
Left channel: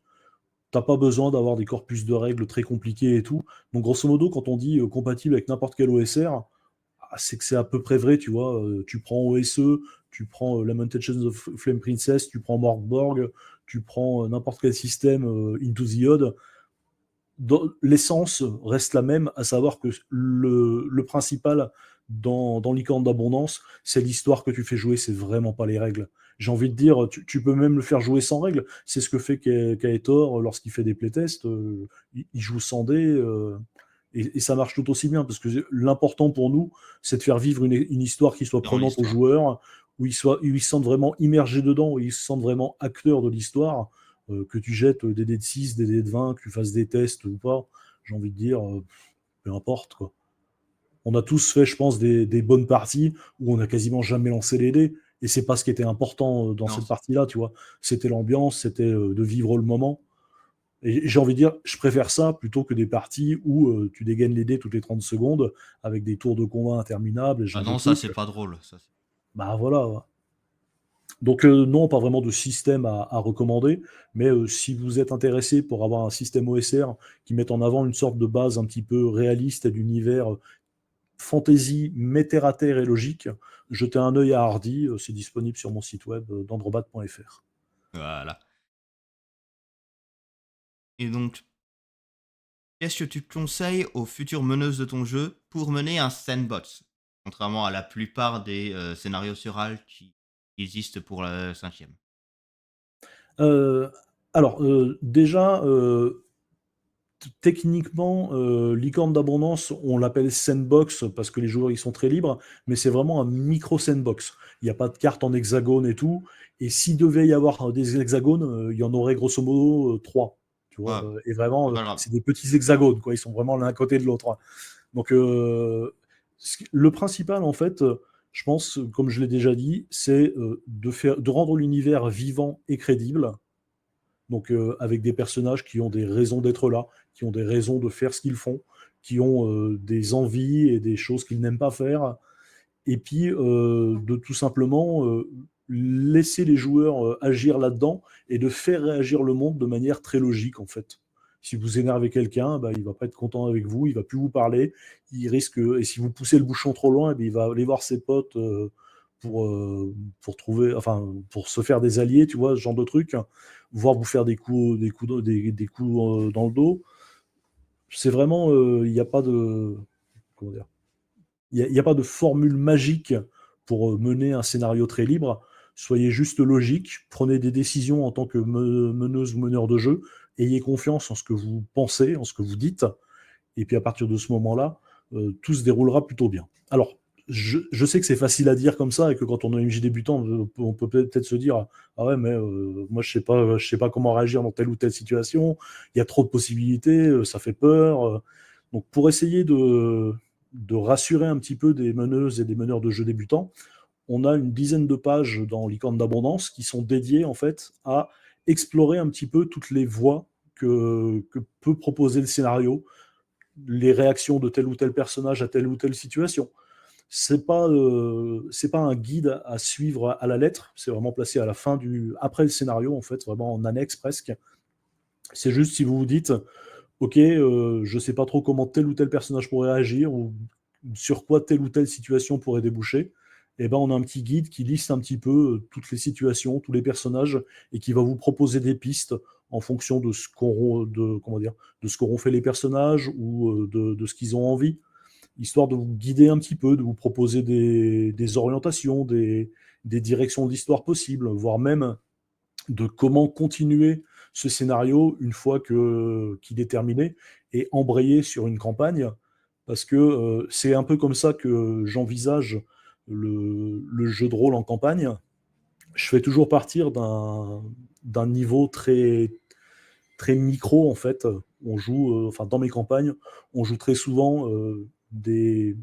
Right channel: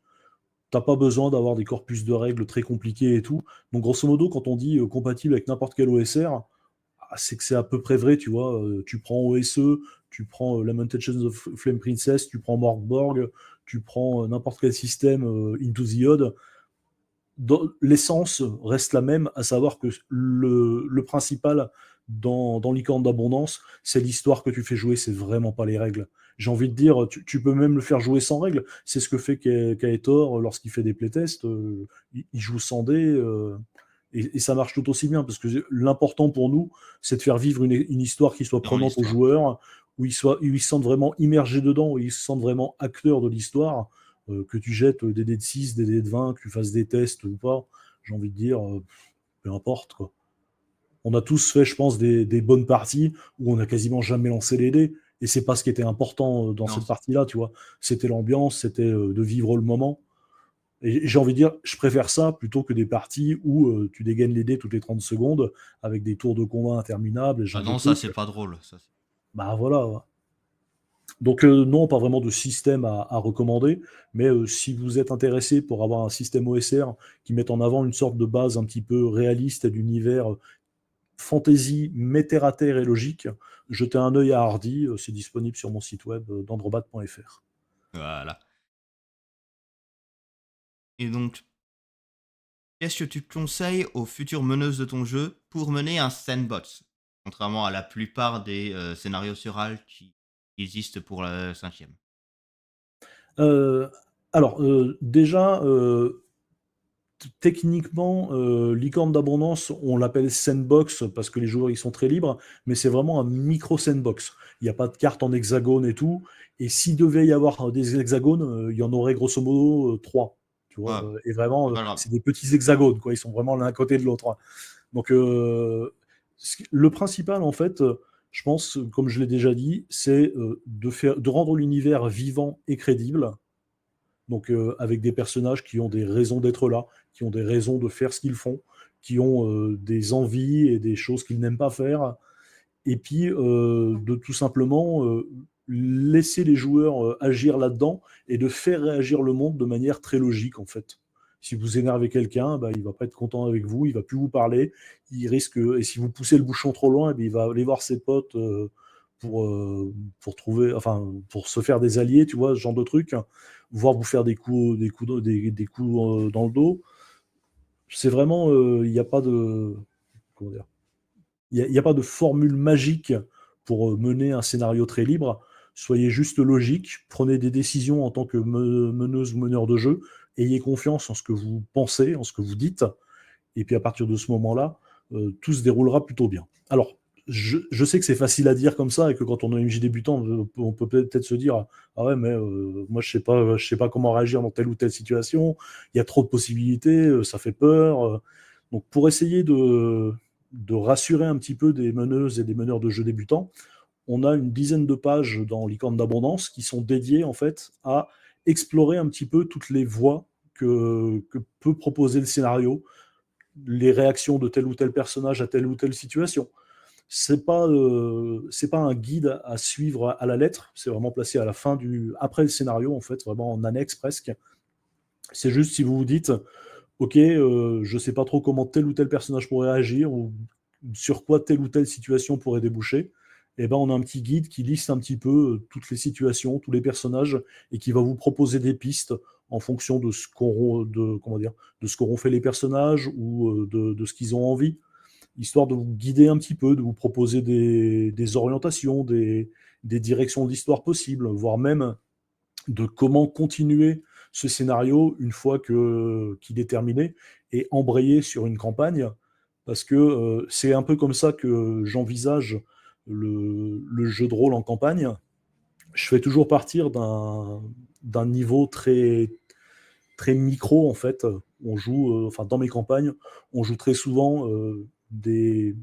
t'as pas besoin d'avoir des corpus de règles très compliqués et tout. Donc grosso modo, quand on dit, compatible avec n'importe quel OSR, c'est que c'est à peu près vrai, tu vois. Tu prends OSE, tu prends Lamentations of Flame Princess, tu prends Morgborg, tu prends n'importe quel système Into the Odd. L'essence reste la même, à savoir que le principal dans Licorne d'Abondance, c'est l'histoire que tu fais jouer, c'est vraiment pas les règles. J'ai envie de dire, tu peux même le faire jouer sans règles. C'est ce que fait Kaetor lorsqu'il fait des playtests. Il joue sans dés. Et ça marche tout aussi bien, parce que l'important pour nous, c'est de faire vivre une histoire qui soit Dans prenante aux l'histoire. joueurs, où ils se sentent vraiment immergés dedans, où ils se sentent vraiment acteurs de l'histoire. Que tu jettes des dés de 6, des dés de 20, que tu fasses des tests ou pas, j'ai envie de dire, peu importe, quoi. On a tous fait, je pense, des bonnes parties où on n'a quasiment jamais lancé les dés, et c'est pas ce qui était important dans Non, cette partie-là, tu vois. C'était l'ambiance, c'était de vivre le moment. Et j'ai envie de dire, je préfère ça plutôt que des parties où tu dégaines les dés toutes les 30 secondes avec des tours de combat interminables, et ce ah genre de non, ça trucs. c'est pas drôle. Ça, Bah voilà. Donc non, pas vraiment de système à recommander, mais si vous êtes intéressé pour avoir un système OSR qui mette en avant une sorte de base un petit peu réaliste et d'univers fantasy, mais terre à terre et logique, jetez un œil à Hardy, c'est disponible sur mon site web dandrobat.fr. voilà. Et donc, qu'est-ce que tu conseilles aux futures meneuses de ton jeu pour mener un sandbox? Contrairement à la plupart des scénarios sur HAL qui existent pour la cinquième. Euh, déjà, techniquement, Licorne d'Abondance, on l'appelle sandbox parce que les joueurs ils sont très libres, mais c'est vraiment un micro sandbox. Il n'y a pas de carte en hexagone et tout. Et s'il devait y avoir des hexagones, il y en aurait grosso modo trois. Tu vois, Ouais, et vraiment, c'est pas grave. c'est des petits hexagones, quoi. Ils sont vraiment l'un à côté de l'autre, hein. Donc, le principal, en fait, je pense, comme je l'ai déjà dit, c'est de rendre l'univers vivant et crédible, donc avec des personnages qui ont des raisons d'être là, qui ont des raisons de faire ce qu'ils font, qui ont des envies et des choses qu'ils n'aiment pas faire, et puis de tout simplement laisser les joueurs agir là-dedans et de faire réagir le monde de manière très logique en fait. Si vous énervez quelqu'un, bah, il va pas être content avec vous, il va plus vous parler, il risque, et si vous poussez le bouchon trop loin, eh bien, il va aller voir ses potes pour, euh, pour trouver, enfin, pour se faire des alliés, tu vois, ce genre de truc, voire vous faire des coups dans le dos. C'est vraiment, il n'y a pas de, comment dire, il y a pas de formule magique pour mener un scénario très libre. Soyez juste logique, prenez des décisions en tant que meneuse ou meneur de jeu, ayez confiance en ce que vous pensez, en ce que vous dites, et puis à partir de ce moment-là, tout se déroulera plutôt bien. Alors, je sais que c'est facile à dire comme ça, et que quand on est MJ débutant, on peut peut-être se dire ah ouais, mais moi je sais pas comment réagir dans telle ou telle situation, il y a trop de possibilités, ça fait peur. Donc pour essayer de rassurer un petit peu des meneuses et des meneurs de jeux débutants, on a une dizaine de pages dans Licorne d'Abondance qui sont dédiées en fait à explorer un petit peu toutes les voies que peut proposer le scénario, les réactions de tel ou tel personnage à telle ou telle situation. c'est pas un guide à suivre à la lettre, c'est vraiment placé à la fin après le scénario, en fait, vraiment en annexe presque. C'est juste si vous vous dites, ok, je sais pas trop comment tel ou tel personnage pourrait agir ou sur quoi telle ou telle situation pourrait déboucher. Et ben, on a un petit guide qui liste un petit peu toutes les situations, tous les personnages et qui va vous proposer des pistes en fonction de comment dire, de ce qu'auront fait les personnages ou de ce qu'ils ont envie, histoire de vous guider un petit peu, de vous proposer des orientations, des directions d'histoire possibles, voire même de comment continuer ce scénario une fois qu'il est terminé et embrayer sur une campagne, parce que c'est un peu comme ça que j'envisage le jeu de rôle en campagne. Je fais toujours partir d'un niveau très micro, en fait. On joue, enfin, dans mes campagnes, on joue très souvent des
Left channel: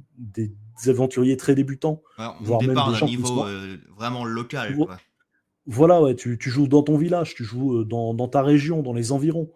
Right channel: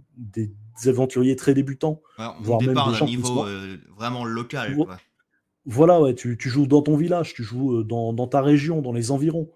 aventuriers très débutants, Ouais, on voire même départ des d'un gens qui niveau sont. vraiment local, quoi. Voilà, ouais, tu joues dans ton village, tu joues dans ta région, dans les environs.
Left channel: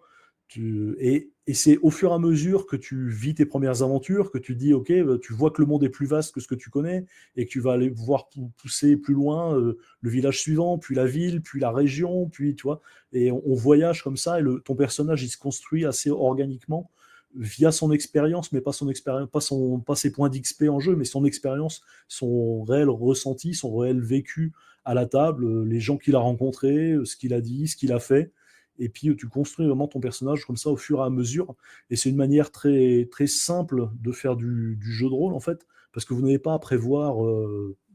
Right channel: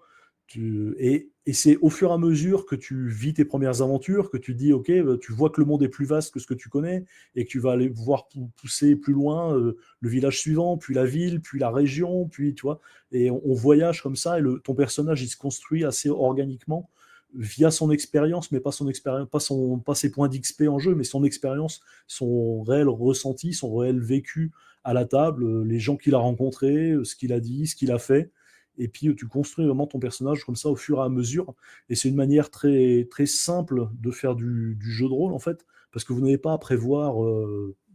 Et c'est au fur et à mesure que tu vis tes premières aventures que tu dis, OK, bah, tu vois que le monde est plus vaste que ce que tu connais et que tu vas aller voir pousser plus loin le village suivant, puis la ville, puis la région, puis tu vois. Et on voyage comme ça et ton personnage, il se construit assez organiquement via son expérience, mais pas son expérience, pas ses points d'XP en jeu, mais son expérience, son réel ressenti, son réel vécu à la table, les gens qu'il a rencontrés, ce qu'il a dit, ce qu'il a fait. Et puis tu construis vraiment ton personnage comme ça au fur et à mesure. Et c'est une manière très, très simple de faire du jeu de rôle, en fait, parce que vous n'avez pas à prévoir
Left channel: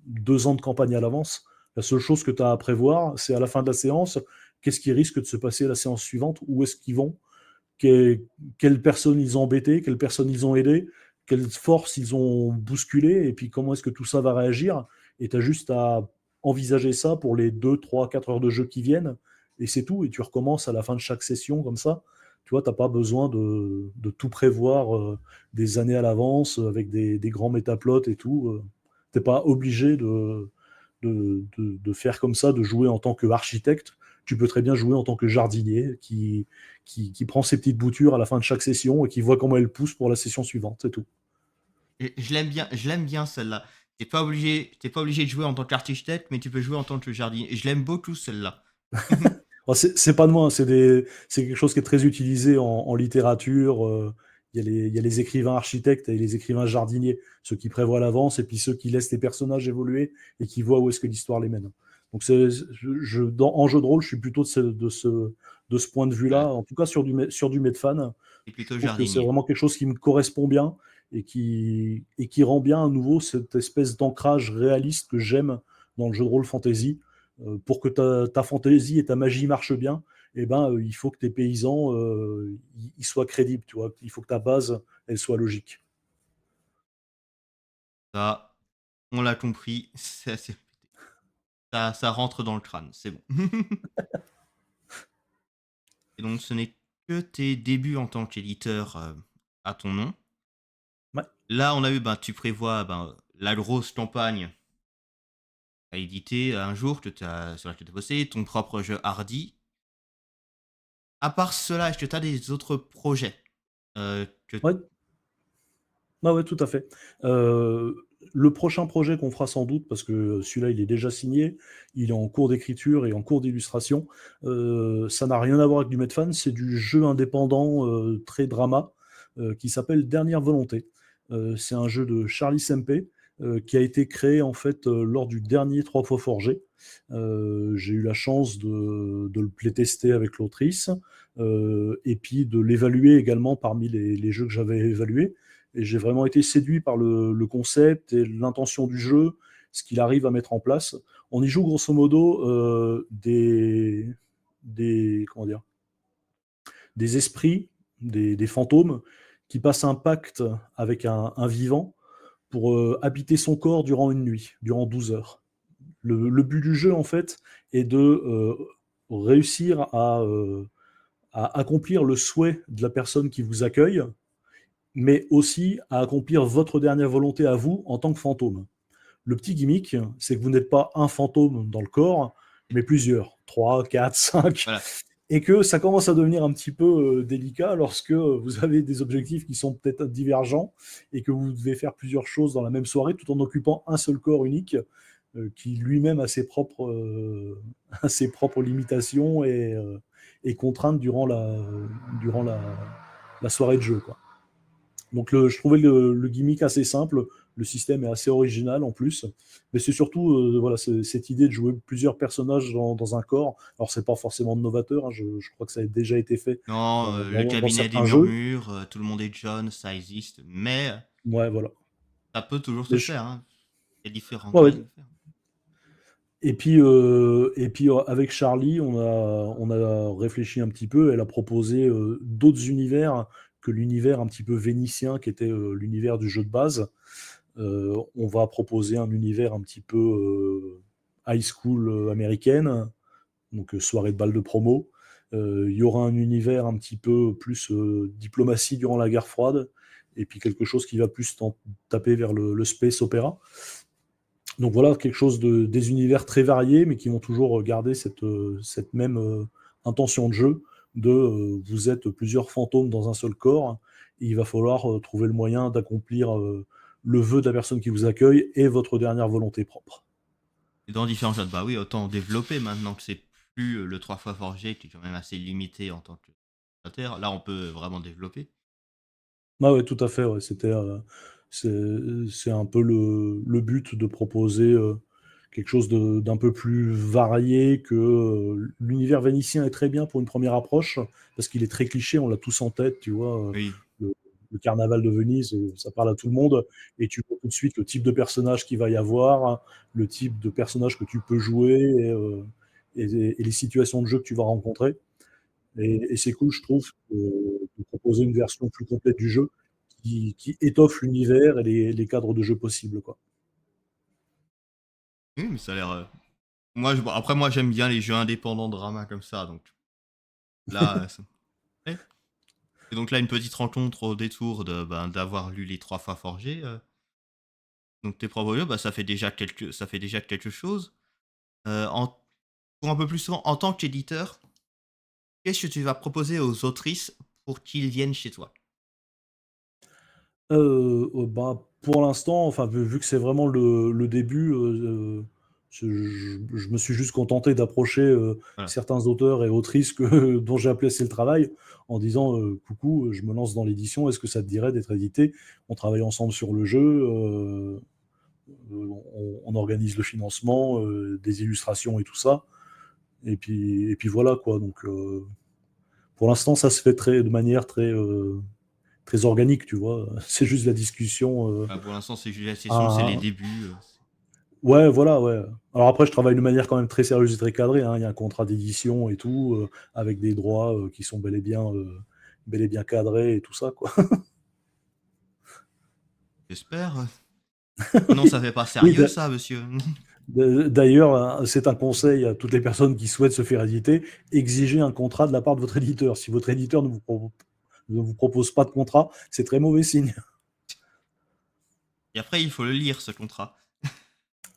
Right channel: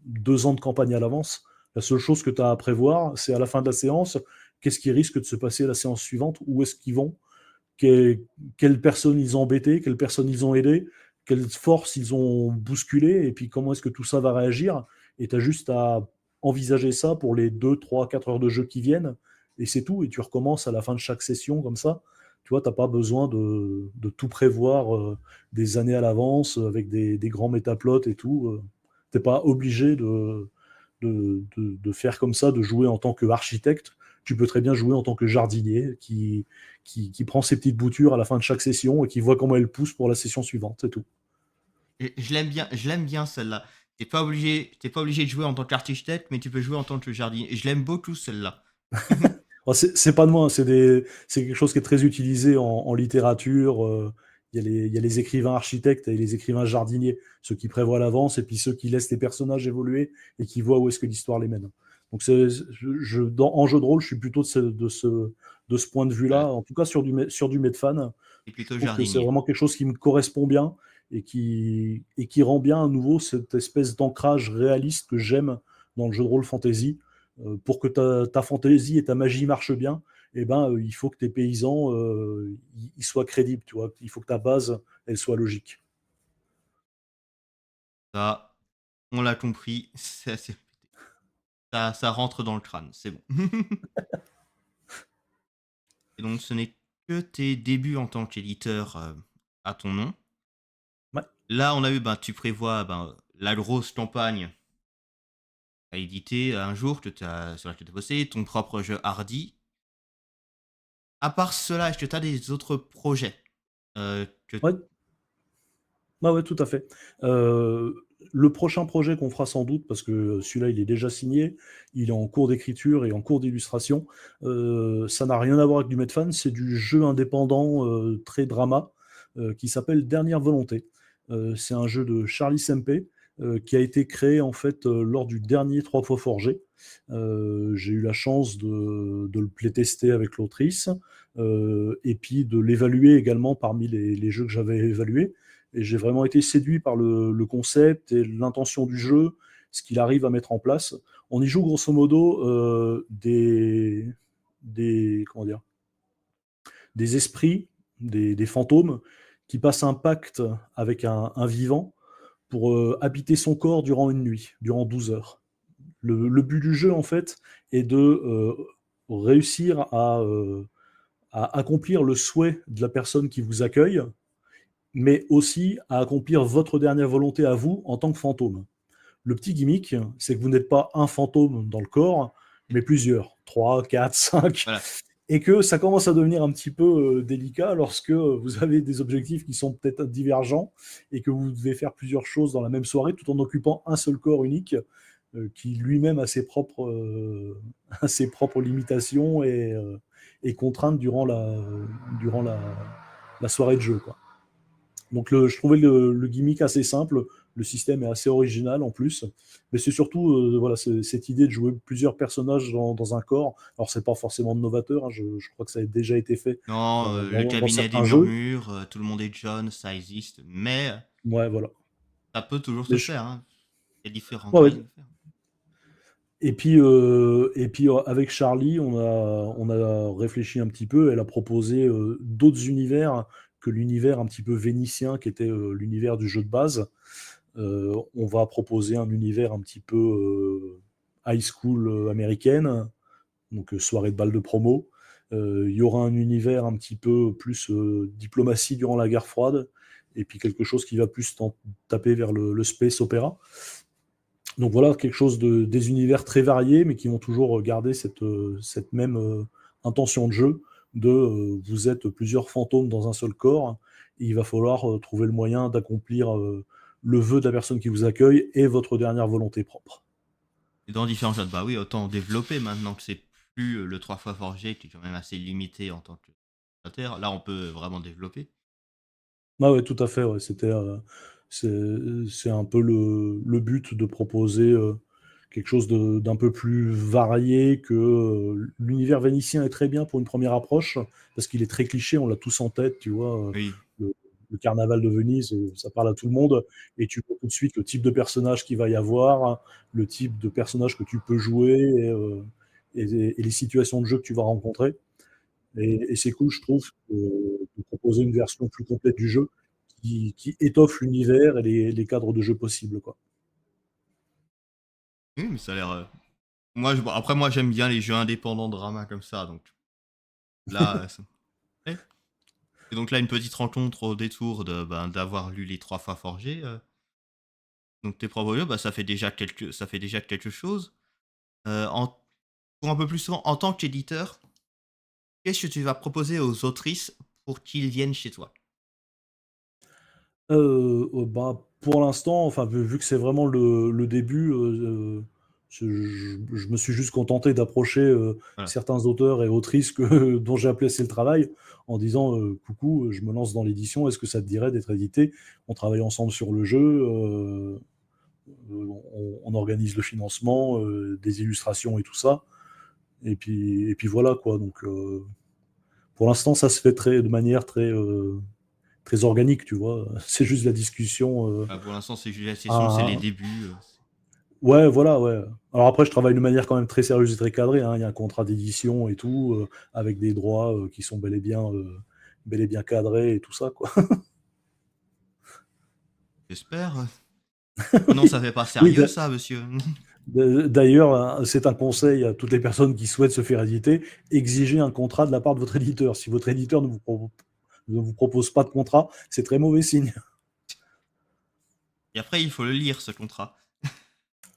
2 ans de campagne à l'avance. La seule chose que tu as à prévoir, c'est à la fin de la séance, qu'est-ce qui risque de se passer la séance suivante, où est-ce qu'ils vont, quelles personnes ils ont embêté, quelles personnes ils ont aidé, quelles forces ils ont bousculé, et puis comment est-ce que tout ça va réagir. Et tu as juste à envisager ça pour les 2, 3, 4 heures de jeu qui viennent, et c'est tout. Et tu recommences à la fin de chaque session comme ça. Tu vois, tu n'as pas besoin de tout prévoir des années à l'avance avec des grands métaplots et tout. Tu n'es pas obligé de faire comme ça, de jouer en tant qu'architecte. Tu peux très bien jouer en tant que jardinier qui prend ses petites boutures à la fin de chaque session et qui voit comment elles poussent pour la session suivante, c'est tout. Et je l'aime bien celle-là. T'es pas obligé de jouer en tant qu'architecte, mais tu peux jouer en tant que jardinier. Et je l'aime beaucoup celle-là. Alors, c'est pas de moi, c'est quelque chose qui est très utilisé en littérature. Il y a les écrivains architectes et les écrivains jardiniers, ceux qui prévoient à l'avance et puis ceux qui laissent les personnages évoluer et qui voient où est-ce que l'histoire les mène. Donc en jeu de rôle, je suis plutôt de ce point de Voilà. vue-là, en tout cas sur du Medfan. T'es Je plutôt trouve que c'est jardinier. vraiment quelque chose qui me correspond bien et qui rend bien à nouveau cette espèce d'ancrage réaliste que j'aime dans le jeu de rôle fantasy. Pour que ta fantaisie et ta magie marchent bien, eh ben, il faut que tes paysans ils soient crédibles, tu vois. Il faut que ta base, elle soit logique. Ça, on l'a compris. Ça rentre dans le crâne. C'est bon. Et donc, ce n'est que tes débuts en tant qu'éditeur à ton nom. Ouais. Là, on a eu, ben, tu prévois ben, la grosse campagne à éditer un jour sur laquelle tu as bossé, ton propre jeu Hardy. À part cela, est-ce que tu as des autres projets que... Ouais, ouais, ouais, tout à fait. Euh, le prochain projet qu'on fera sans doute, parce que celui-là, il est déjà signé, il est en cours d'écriture et en cours d'illustration, ça n'a rien à voir avec du Medfan, c'est du jeu indépendant très drama qui s'appelle Dernière Volonté. C'est un jeu de Charlie Sempe qui a été créé en fait lors du dernier Trois fois Forgé. J'ai eu la chance de le playtester avec l'autrice et puis de l'évaluer également parmi les jeux que j'avais évalués. Et j'ai vraiment été séduit par le concept et l'intention du jeu, ce qu'il arrive à mettre en place. On y joue grosso modo comment dire, des esprits, des fantômes qui passent un pacte avec un vivant pour habiter son corps durant une nuit, durant 12 heures. Le but du jeu, en fait, est de réussir à accomplir le souhait de la personne qui vous accueille, mais aussi à accomplir votre dernière volonté à vous en tant que fantôme. Le petit gimmick, c'est que vous n'êtes pas un fantôme dans le corps, mais plusieurs, 3, 4, 5. Voilà. et que ça commence à devenir un petit peu délicat lorsque vous avez des objectifs qui sont peut-être divergents et que vous devez faire plusieurs choses dans la même soirée tout en occupant un seul corps unique qui lui-même a ses a ses propres limitations et contraintes durant la soirée de jeu, quoi. Donc je trouvais le gimmick assez simple, le système est assez original en plus, mais c'est surtout voilà, cette idée de jouer plusieurs personnages dans un corps. Alors c'est pas forcément novateur, hein, je crois que ça a déjà été fait Non, le dans cabinet des certains jeux. murmures, tout le monde est John, ça existe, mais Ouais, voilà. ça peut toujours Mais se faire, hein. Il y a différents ouais, moyens de le faire. avec Charlie, on a réfléchi un petit peu. Elle a proposé d'autres univers que l'univers un petit peu vénitien qui était l'univers du jeu de base. On va proposer un univers un petit peu high school américaine, donc soirée de bal de promo. Il y aura un univers un petit peu plus diplomatie durant la guerre froide, et puis quelque chose qui va plus taper vers le space opéra. Donc voilà, quelque chose des univers très variés, mais qui vont toujours garder cette même intention de jeu de vous êtes plusieurs fantômes dans un seul corps, et il va falloir trouver le moyen d'accomplir le vœu de la personne qui vous accueille et votre dernière volonté propre. Et dans différents jeux, bah oui, autant développer maintenant que c'est plus le 3 fois forgé, qui est quand même assez limité en tant que créateur. Là, on peut vraiment développer. Ah oui, tout à fait, ouais, c'est c'est un peu le but de proposer quelque chose d'un peu plus varié que l'univers vénitien est très bien pour une première approche, parce qu'il est très cliché, on l'a tous en tête, tu vois. Oui. Le, le carnaval de Venise, ça parle à tout le monde, et tu vois tout de suite le type de personnage qu'il va y avoir, le type de personnage que tu peux jouer, et les situations de jeu que tu vas rencontrer. Et c'est cool, je trouve, de proposer une version plus complète du jeu qui étoffe l'univers et les cadres de jeu possibles, quoi. Oui, mais ça a l'air. Moi, bon, après, moi, j'aime bien les jeux indépendants drama comme ça, donc là, ouais. Et donc là, une petite rencontre au détour d'avoir lu les 3 fois forgés. Donc tes propres jeux, bah, ça fait déjà quelque chose. En Pour un peu plus souvent, en tant qu'éditeur, qu'est-ce que tu vas proposer aux autrices pour qu'ils viennent chez toi? Bah, pour l'instant, enfin, vu que c'est vraiment le début, je me suis juste contenté d'approcher Voilà. certains auteurs et autrices dont j'ai apprécié le travail en disant coucou, je me lance dans l'édition, est-ce que ça te dirait d'être édité? On travaille ensemble sur le jeu, on organise le financement, des illustrations et tout ça. Et puis voilà quoi. Donc pour l'instant, ça se fait de manière très organique, tu vois. C'est juste la discussion. Bah, pour l'instant, c'est juste la session, c'est les À- débuts. Ouais, voilà, ouais. Alors après, je travaille de manière quand même très sérieuse et très cadrée, hein. Il y a un contrat d'édition et tout, avec des droits qui sont bel et bien cadrés et tout ça, quoi. J'espère. Sinon, ça fait pas Oui, sérieux, ça, monsieur. d'ailleurs, hein, c'est un conseil à toutes les personnes qui souhaitent se faire éditer, exigez un contrat de la part de votre éditeur. Si votre éditeur ne vous propose pas de contrat, c'est très mauvais signe. Et après, il faut le lire, ce contrat.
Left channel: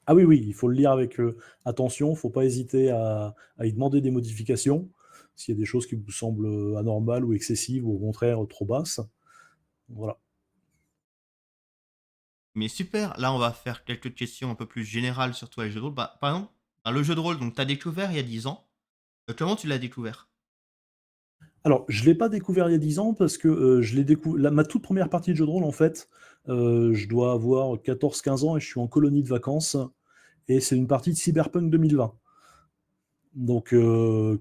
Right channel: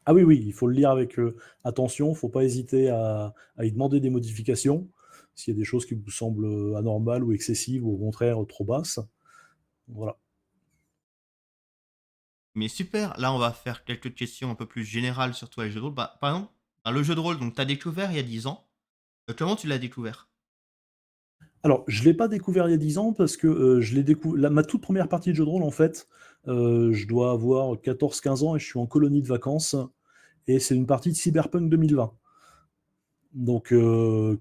Ah oui, oui, il faut le lire avec attention, il ne faut pas hésiter à y demander des modifications s'il y a des choses qui vous semblent anormales ou excessives ou au contraire trop basses. Voilà. Mais super, là, on va faire quelques questions un peu plus générales sur toi et les jeux de rôle. Bah, par exemple, bah, le jeu de rôle, donc, t'as découvert il y a 10 ans. Comment tu l'as découvert? Alors, je ne l'ai pas découvert il y a 10 ans parce que je l'ai découvert. Ma toute première partie de jeu de rôle, en fait, je dois avoir 14-15 ans et je suis en colonie de vacances. Et c'est une partie de Cyberpunk 2020. Donc,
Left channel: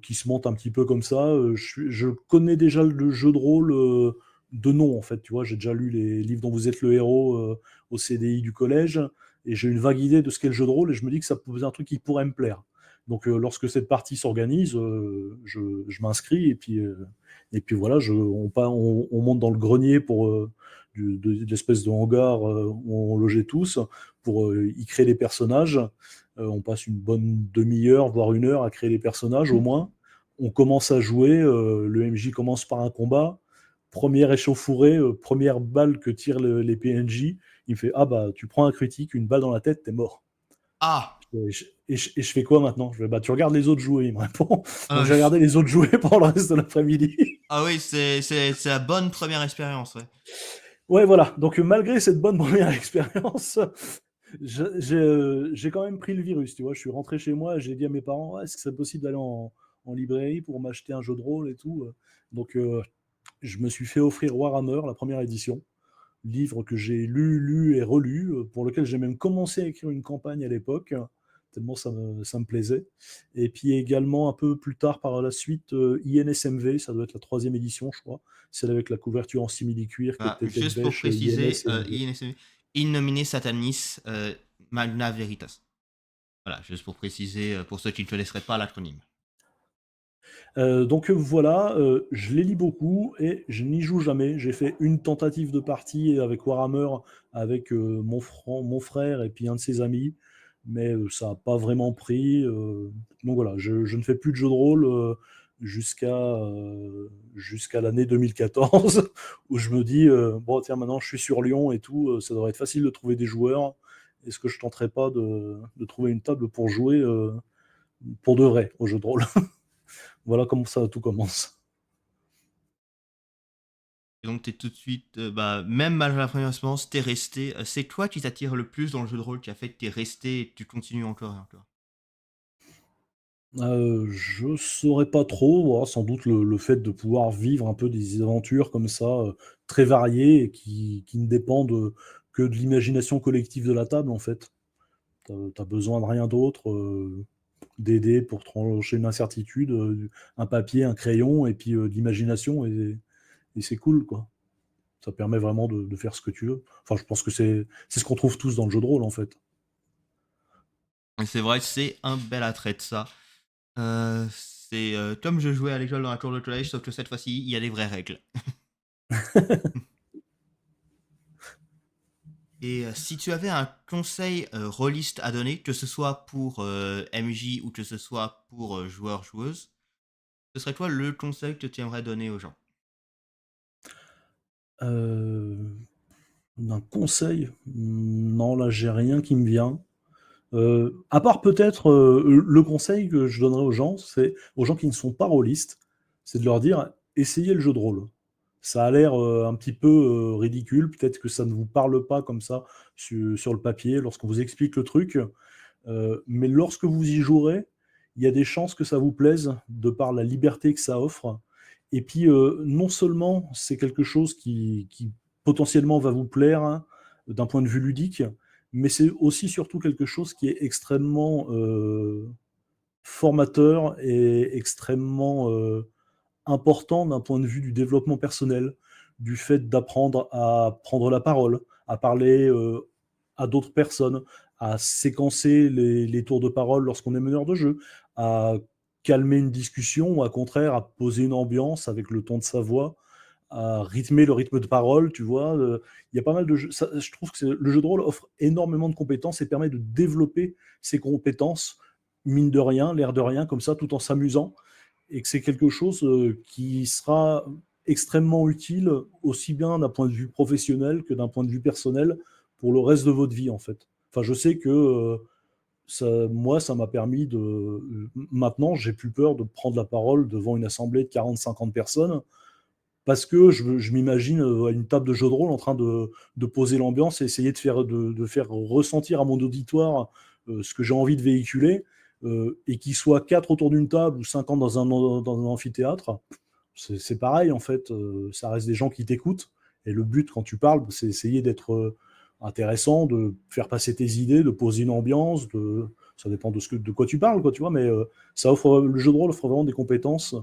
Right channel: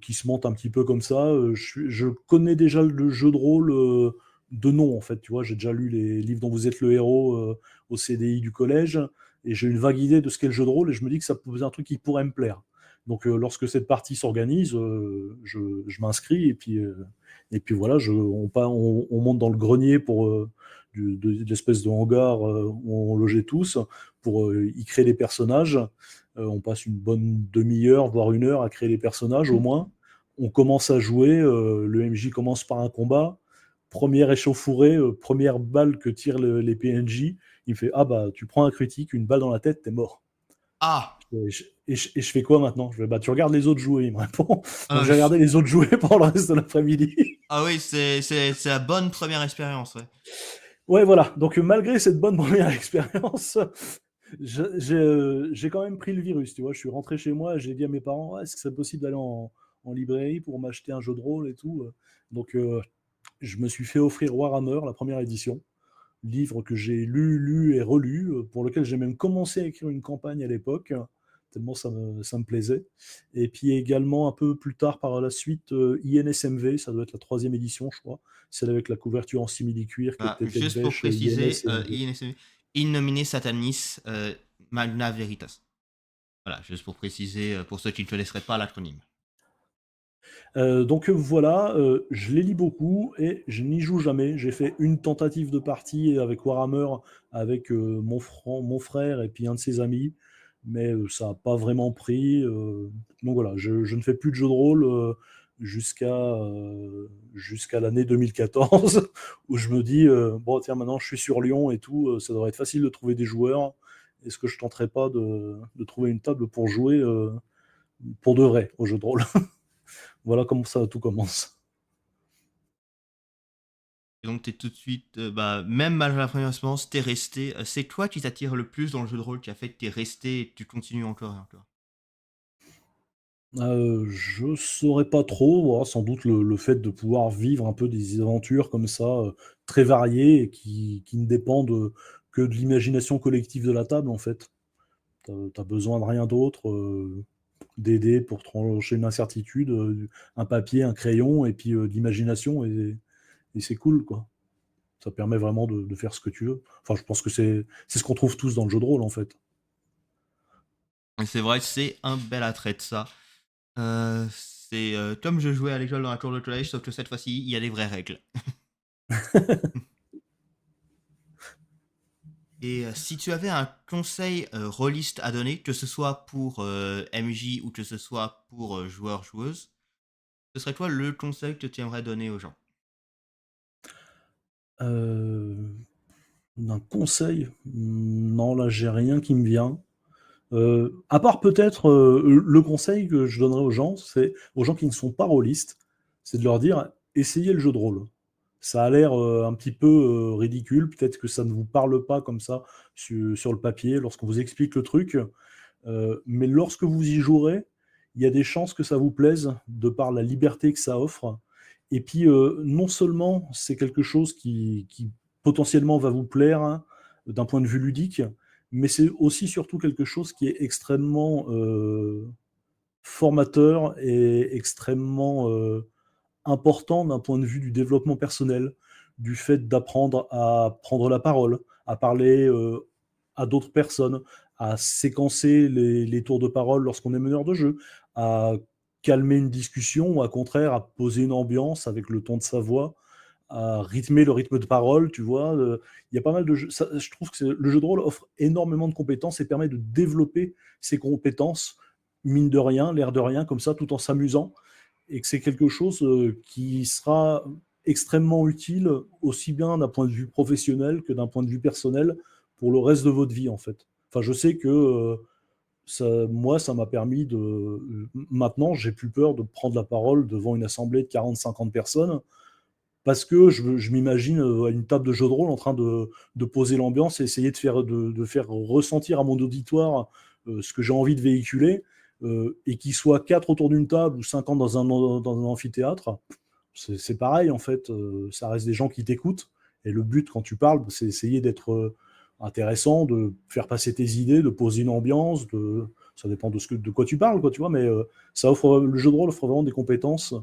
qui se monte un petit peu comme ça. Je connais déjà le jeu de rôle de nom, en fait. Tu vois, j'ai déjà lu les livres dont vous êtes le héros au CDI du collège. Et j'ai une vague idée de ce qu'est le jeu de rôle. Et je me dis que ça peut être un truc qui pourrait me plaire. Donc, lorsque cette partie s'organise, je m'inscris. Et puis voilà, on monte dans le grenier pour de l'espèce de hangar où on logeait tous pour y créer des personnages. On passe une bonne demi-heure, voire 1 heure à créer les personnages au moins. On commence à jouer, le MJ commence par un combat. Première échauffourée, première balle que tirent les PNJ. Il fait ah bah tu prends un critique, une balle dans la tête, t'es mort. Ah! Et je fais quoi maintenant? Je fais: «Bah, tu regardes les autres jouer», il me répond. Donc Ah, j'ai regardé les autres jouer pendant le reste de l'après-midi. ah oui, c'est la bonne première expérience, ouais. Ouais, voilà, donc malgré cette bonne première expérience, j'ai quand même pris le virus, tu vois? Je suis rentré chez moi, j'ai dit à mes parents: «Ouais, est-ce que c'est possible d'aller en librairie pour m'acheter un jeu de rôle et tout?» Donc je me suis fait offrir Warhammer, la première édition, livre que j'ai lu et relu, pour lequel j'ai même commencé à écrire une campagne à l'époque, tellement ça me plaisait. Et puis également un peu plus tard par la suite, INSMV, ça doit être la troisième édition je crois, celle avec la couverture en simili-cuir qui Bah, est tête juste pour bêche, préciser, INS et MV. In nomine Satanis, Magna Veritas. Voilà, juste pour préciser, pour ceux qui ne connaisseraient pas l'acronyme. Donc voilà, je les lis beaucoup et je n'y joue jamais. J'ai fait une tentative de partie avec Warhammer avec, mon frère et puis un de ses amis, mais ça a pas vraiment pris, donc voilà, je ne fais plus de jeux de rôle, jusqu'à l'année 2014 où je me dis, «Bon tiens maintenant je suis sur Lyon et tout, ça devrait être facile de trouver des joueurs. Est-ce que je tenterais pas de trouver une table pour jouer, pour de vrai aux jeux de rôle?» Voilà comment ça tout commence. Et donc t'es tout de suite, bah, même malgré la première expérience, tu resté. C'est quoi qui t'attire le plus dans le jeu de rôle qui a fait que tu resté et que tu continues encore et encore? Je saurais pas trop, voilà, sans doute le fait de pouvoir vivre un peu des aventures comme ça, très variées et qui ne dépendent, que de l'imagination collective de la table, en fait. Tu besoin de rien d'autre, des dés pour trancher une incertitude, un papier, un crayon et puis, de l'imagination et c'est cool, quoi. Ça permet vraiment de faire ce que tu veux. Enfin, je pense que c'est ce qu'on trouve tous dans le jeu de rôle, en fait. Et c'est vrai, c'est un bel attrait de ça. C'est, comme je jouais à l'école dans la cour de collège, sauf que cette fois-ci, il y a des vraies règles. Et si tu avais un conseil, rôliste à donner, que ce soit pour, MJ ou que ce soit pour, joueurs-joueuses, ce serait quoi le conseil que tu aimerais donner aux gens? Heu, un conseil? Non, là, j'ai rien qui me vient. À part peut-être, le conseil que je donnerais aux gens, c'est aux gens qui ne sont pas rôlistes, c'est de leur dire: «Essayez le jeu de rôle». Ça a l'air, un petit peu, ridicule, peut-être que ça ne vous parle pas comme ça sur le papier lorsqu'on vous explique le truc, mais lorsque vous y jouerez, il y a des chances que ça vous plaise de par la liberté que ça offre et puis, non seulement c'est quelque chose qui potentiellement va vous plaire, hein, d'un point de vue ludique, mais c'est aussi surtout quelque chose qui est extrêmement, formateur et extrêmement, important d'un point de vue du développement personnel, du fait d'apprendre à prendre la parole, à parler, à d'autres personnes, à séquencer les tours de parole lorsqu'on est meneur de jeu, à calmer une discussion ou à contraire à poser une ambiance avec le ton de sa voix, à rythmer le rythme de parole, tu vois? Il y a pas mal de jeux ça je trouve que le jeu de rôle offre énormément de compétences et permet de développer ses compétences, mine de rien, l'air de rien, comme ça, tout en s'amusant et que c'est quelque chose, qui sera extrêmement utile, aussi bien d'un point de vue professionnel que d'un point de vue personnel, pour le reste de votre vie, en fait. Enfin, je sais que, ça m'a permis maintenant, j'ai plus peur de prendre la parole devant une assemblée de 40-50 personnes parce que je m'imagine, à une table de jeu de rôle en train de poser l'ambiance et essayer de faire ressentir à mon auditoire, ce que j'ai envie de véhiculer, et qu'ils soient 4 autour d'une table ou 50 dans un amphithéâtre, c'est pareil en fait, ça reste des gens qui t'écoutent et le but quand tu parles, c'est essayer d'être, intéressant, de faire passer tes idées, de poser une ambiance, ça dépend de quoi tu parles quoi, tu vois? Mais, le jeu de rôle offre vraiment des compétences,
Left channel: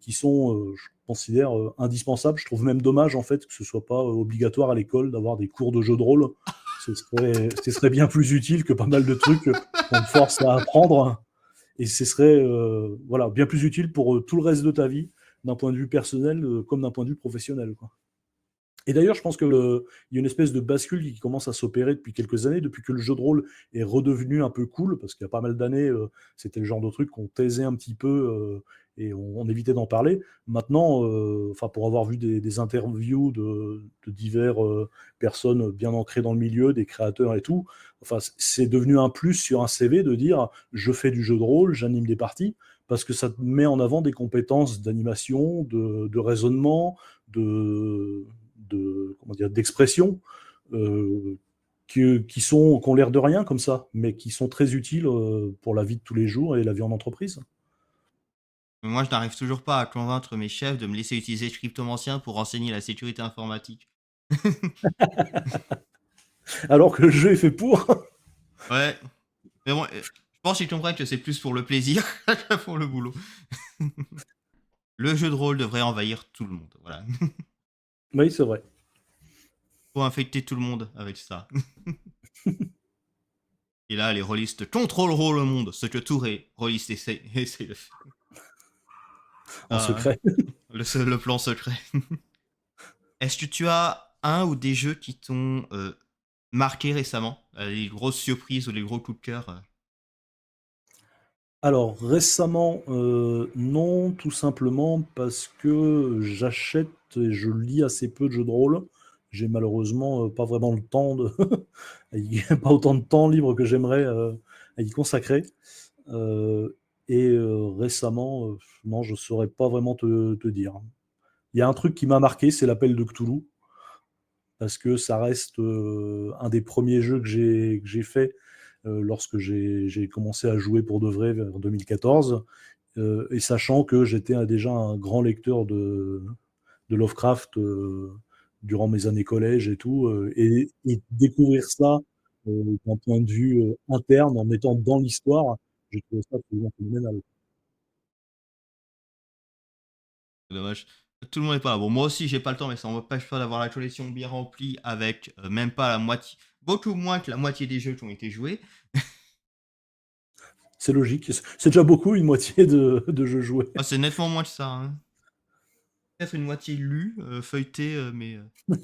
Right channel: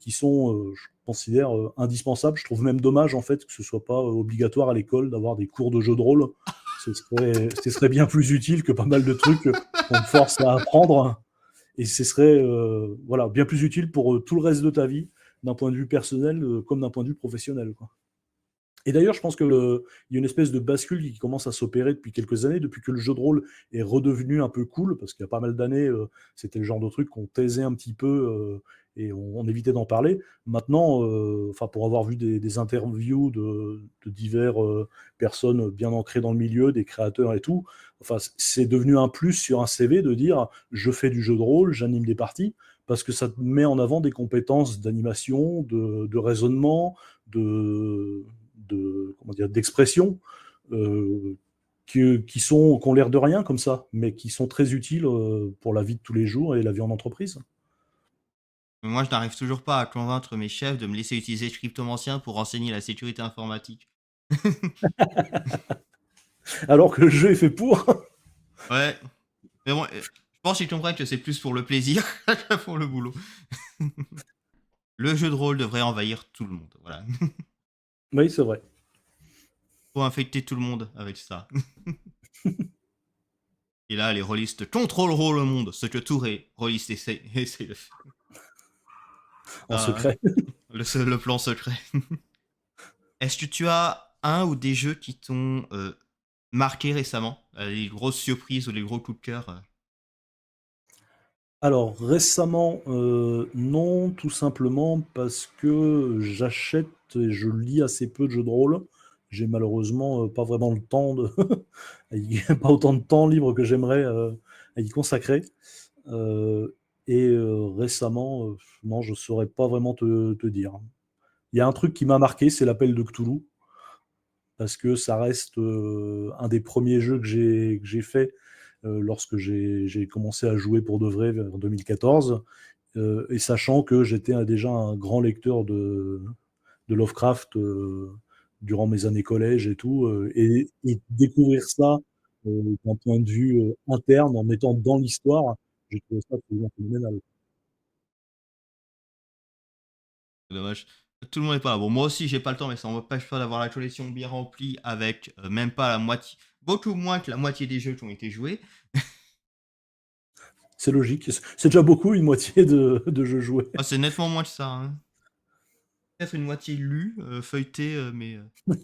qui sont, je considère, indispensables. Je trouve même dommage en fait que ce soit pas, obligatoire à l'école d'avoir des cours de jeu de rôle. Ce serait bien plus utile que pas mal de trucs, qu'on te force à apprendre et ce serait, voilà, bien plus utile pour, tout le reste de ta vie, d'un point de vue personnel, comme d'un point de vue professionnel, quoi. Et d'ailleurs, je pense que il y a une espèce de bascule qui commence à s'opérer depuis quelques années, depuis que le jeu de rôle est redevenu un peu cool, parce qu'il y a pas mal d'années, c'était le genre de truc qu'on taisait un petit peu, et on évitait d'en parler. Maintenant, enfin, pour avoir vu des interviews de divers, personnes bien ancrées dans le milieu, des créateurs et tout, enfin, c'est devenu un plus sur un CV de dire: «Je fais du jeu de rôle, j'anime des parties», parce que ça te met en avant des compétences d'animation, de raisonnement, de comment dire, d'expression, euh, qui ont l'air de rien comme ça, mais qui sont très utiles pour la vie de tous les jours et la vie en entreprise. Mais moi, je n'arrive toujours pas à convaincre mes chefs de me laisser utiliser Cryptomancien pour renseigner la sécurité informatique. Alors que le jeu est fait pour. Ouais, mais bon, je pense qu'ils comprennent que c'est plus pour le plaisir que pour le boulot. Le jeu de rôle devrait envahir tout le monde, voilà. Oui, c'est vrai. Faut infecter tout le monde avec ça. Et là, les rôlistes contrôleront le monde, ce que tous les rôlistes essaient de faire. En Ah, secret. le plan secret. Est-ce que tu as un ou des jeux qui t'ont marqué récemment? Les grosses surprises ou les gros coups de cœur? Alors récemment, non, tout simplement parce que j'achète et je lis assez peu de jeux de rôle. J'ai malheureusement pas vraiment le temps de pas autant de temps libre que j'aimerais à y consacrer. Heu récemment, non, je saurais pas vraiment te dire. Il y a un truc qui m'a marqué, c'est l'appel de Cthulhu, parce que ça reste, un des premiers jeux que j'ai fait, lorsque j'ai commencé à jouer pour de vrai vers 2014, et sachant que j'étais, déjà un grand lecteur de Lovecraft, durant mes années collège et tout, et découvrir ça, d'un point de vue, interne, en étant dans l'histoire, j'ai trouvé ça absolument phénoménal. C'est dommage. Tout le monde n'est pas là. Bon, moi aussi, j'ai pas le temps, mais ça m'empêche pas d'avoir la collection bien remplie avec même pas la moitié, beaucoup moins que la moitié des jeux qui ont été joués. C'est logique, c'est déjà beaucoup, une moitié de jeux joués. Ah, c'est nettement moins que ça, hein. Peut-être une moitié lue, feuilletée, mais ouais,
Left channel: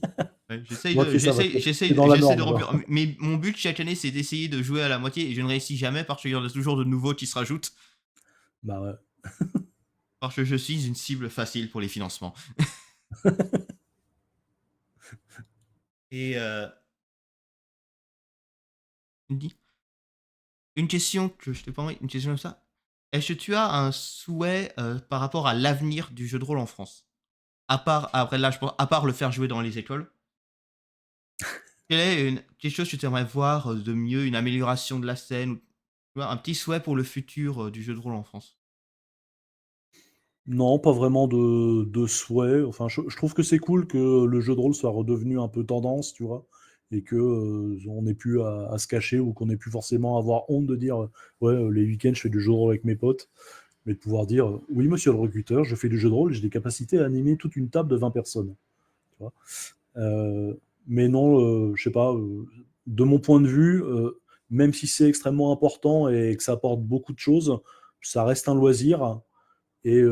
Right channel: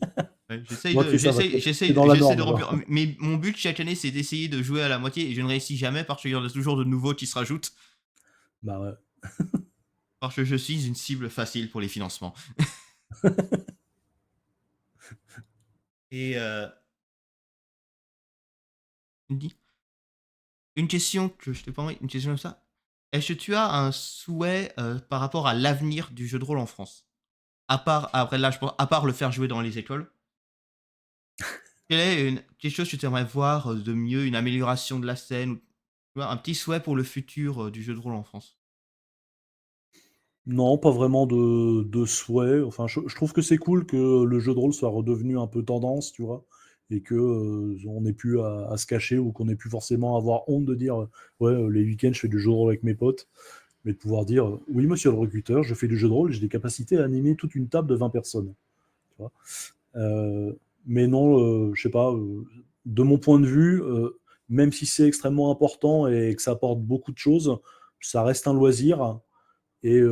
Ouais, c'est ça, ouais, c'est dans la j'essaie de norme, quoi. remplir. Mais mon but chaque année, c'est d'essayer de jouer à la moitié et je ne réussis jamais parce qu'il y en a toujours de nouveaux qui se rajoutent. Bah, ouais. Parce que je suis une cible facile pour les financements. Et une question que je t'ai pas envoyée, une question comme ça. Est-ce que tu as un souhait par rapport à l'avenir du jeu de rôle en France? À part, après là, je pense, à part le faire jouer dans les écoles, quelle est quelque chose que tu aimerais voir de mieux, une amélioration de la scène, ou tu vois, un petit souhait pour le futur du jeu de rôle en France? Non, pas vraiment de souhait. Enfin, je trouve que c'est cool que le jeu de rôle soit redevenu un peu tendance, tu vois? Et que, on n'ait plus à se cacher ou qu'on ait plus forcément avoir honte de dire, «Ouais, les week-ends, je fais du jeu de rôle avec mes potes», mais de pouvoir dire, «Oui, monsieur le recruteur, je fais du jeu de rôle, j'ai des capacités à animer toute une table de 20 personnes», tu vois? Mais non, je sais pas, de mon point de vue, même si c'est extrêmement important et que ça apporte beaucoup de choses, ça reste un loisir et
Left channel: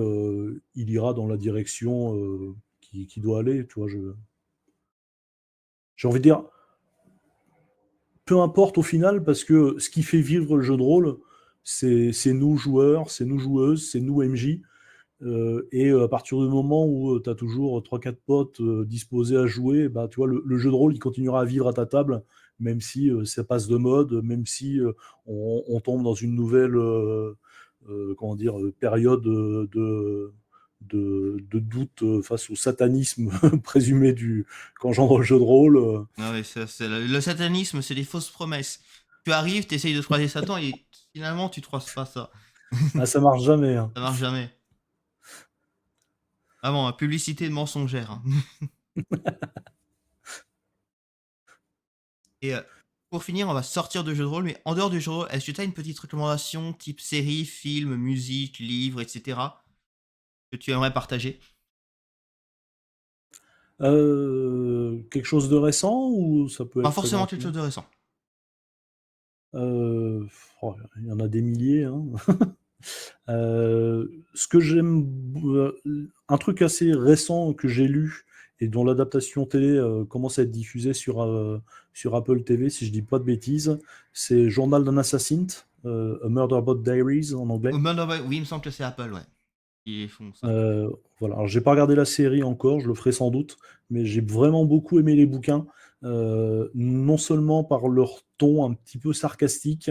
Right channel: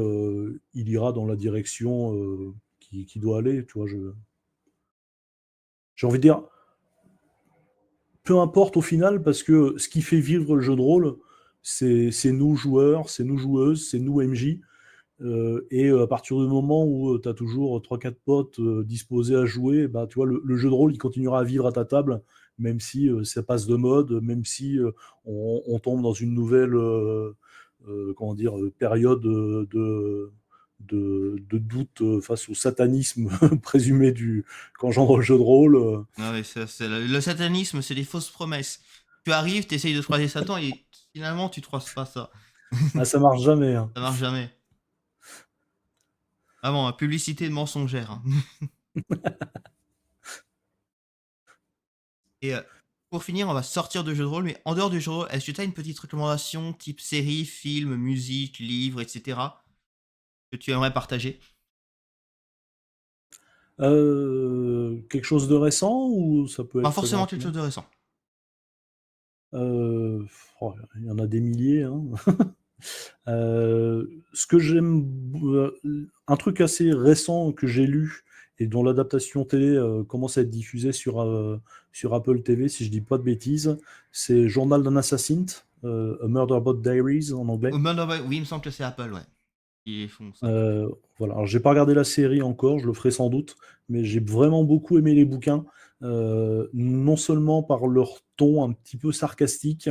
il ira dans la direction, qui doit aller, tu vois? J'ai envie de dire, peu importe au final, parce que ce qui fait vivre le jeu de rôle, c'est nous joueurs, c'est nous joueuses, c'est nous MJ. Et à partir du moment où, tu as toujours trois quatre potes, disposés à jouer, bah, tu vois, le jeu de rôle, il continuera à vivre à ta table, même si, ça passe de mode, même si, on tombe dans une nouvelle, comment dire? Période, de doute, face au satanisme présumé qu'engendre le jeu de rôle, Ah oui, ça, c'est le satanisme, c'est des fausses promesses. Tu arrives, tu essayes de croiser Satan et finalement, tu ne croises pas ça. ah, ça marche jamais, hein. Ça marche jamais. Vraiment, publicité mensongère, hein. Et pour finir, on va sortir de jeu de rôle, mais en dehors du jeu de rôle, est-ce que tu as une petite recommandation type série, film, musique, livre, etc., que tu aimerais partager? Quelque chose de récent ou ça peut Pas être forcément quelque éventuellement. chose de récent. Oh, il y en a des milliers, hein. Ce que j'aime, un truc assez récent que j'ai lu et dont l'adaptation télé commence à être diffusée sur Apple TV, si je dis pas de bêtises. C'est Journal d'un assassin, A Murder About Diaries en anglais. Oui, il me semble que c'est Apple, ouais, qui font ça. Voilà. Alors, j'ai pas regardé la série encore, je le ferai sans doute, mais j'ai vraiment beaucoup aimé les bouquins, non seulement par leur ton un petit peu sarcastique,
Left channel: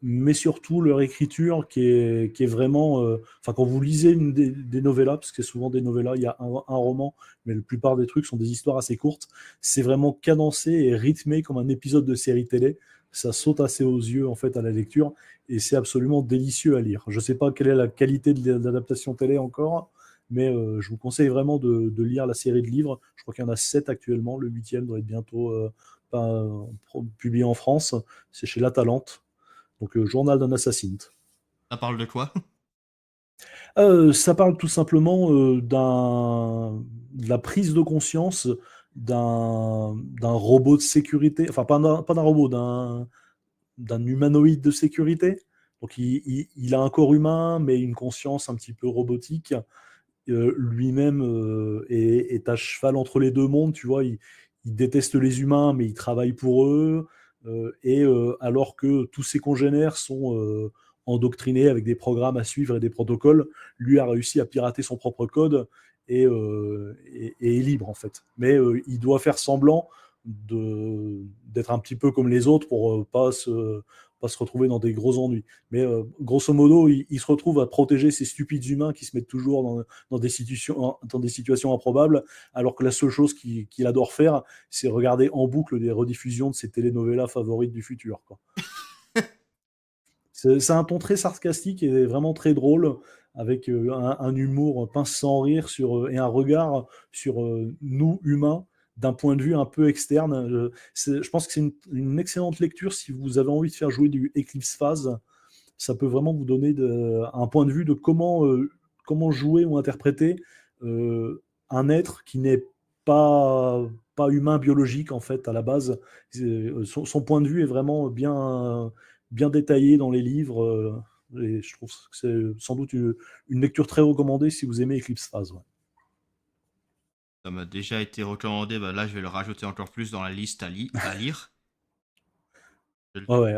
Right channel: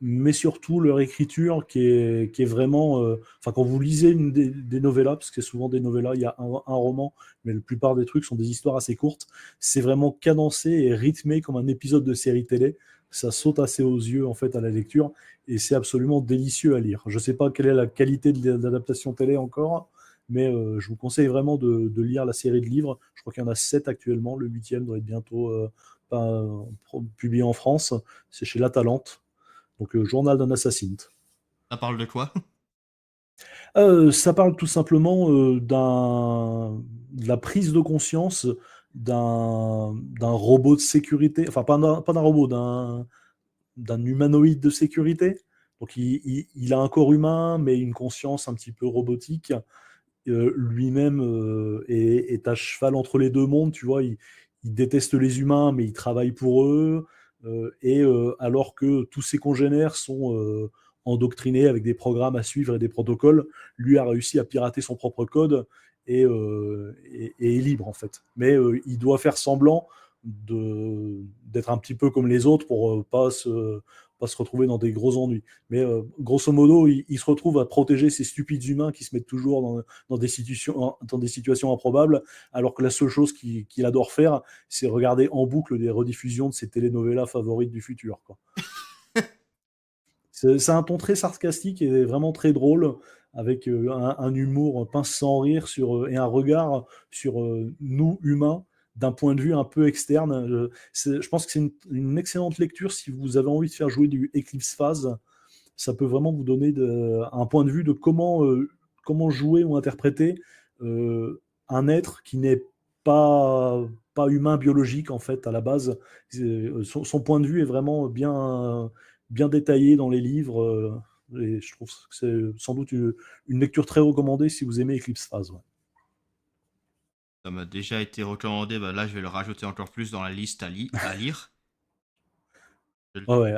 mais surtout leur écriture qui est vraiment, enfin, quand vous lisez des novellas, parce que souvent des novellas, il y a un roman, mais la plupart des trucs sont des histoires assez courtes, c'est vraiment cadencé et rythmé comme un épisode de série télé. Ça saute assez aux yeux, en fait, à la lecture, et c'est absolument délicieux à lire. Je sais pas quelle est la qualité de l'adaptation télé encore, mais je vous conseille vraiment de lire la série de livres. Je crois qu'il y en a 7 actuellement. Le huitième doit être bientôt publié en France. C'est chez La Talente. Donc, Journal d'un assassin. Ça parle de quoi? Ça parle tout simplement de la prise de conscience d'un robot de sécurité, enfin pas d'un robot, d'un humanoïde de sécurité. Donc il a un corps humain, mais une conscience un petit peu robotique. Lui-même est à cheval entre les deux mondes, tu vois. Il déteste les humains, mais il travaille pour eux. Alors que tous ses congénères sont endoctrinés avec des programmes à suivre et des protocoles, lui a réussi à pirater son propre code et est libre, en fait. Mais il doit faire semblant d'être un petit peu comme les autres pour pas se retrouver dans des gros ennuis. Mais grosso modo, il se retrouve à protéger ces stupides humains qui se mettent toujours dans des situations improbables, alors que la seule chose qu'il adore faire, c'est regarder en boucle des rediffusions de ses telenovelas favorites du futur, quoi. C'est un ton très sarcastique et vraiment très drôle, avec un humour pince sans rire et un regard sur nous, humains, d'un point de vue un peu externe. Je pense que c'est une excellente lecture si vous avez envie de faire jouer du Eclipse Phase. Ça peut vraiment vous donner un point de vue de comment jouer ou interpréter un être qui n'est pas, pas humain biologique, en fait, à la base. Son point de vue est vraiment bien détaillé dans les livres. Et je trouve que c'est sans doute une lecture très recommandée si vous aimez Eclipse Phase. Ouais. Ça m'a déjà été recommandé, bah là je vais le rajouter encore plus dans la liste à lire. Je le Ouais, ouais,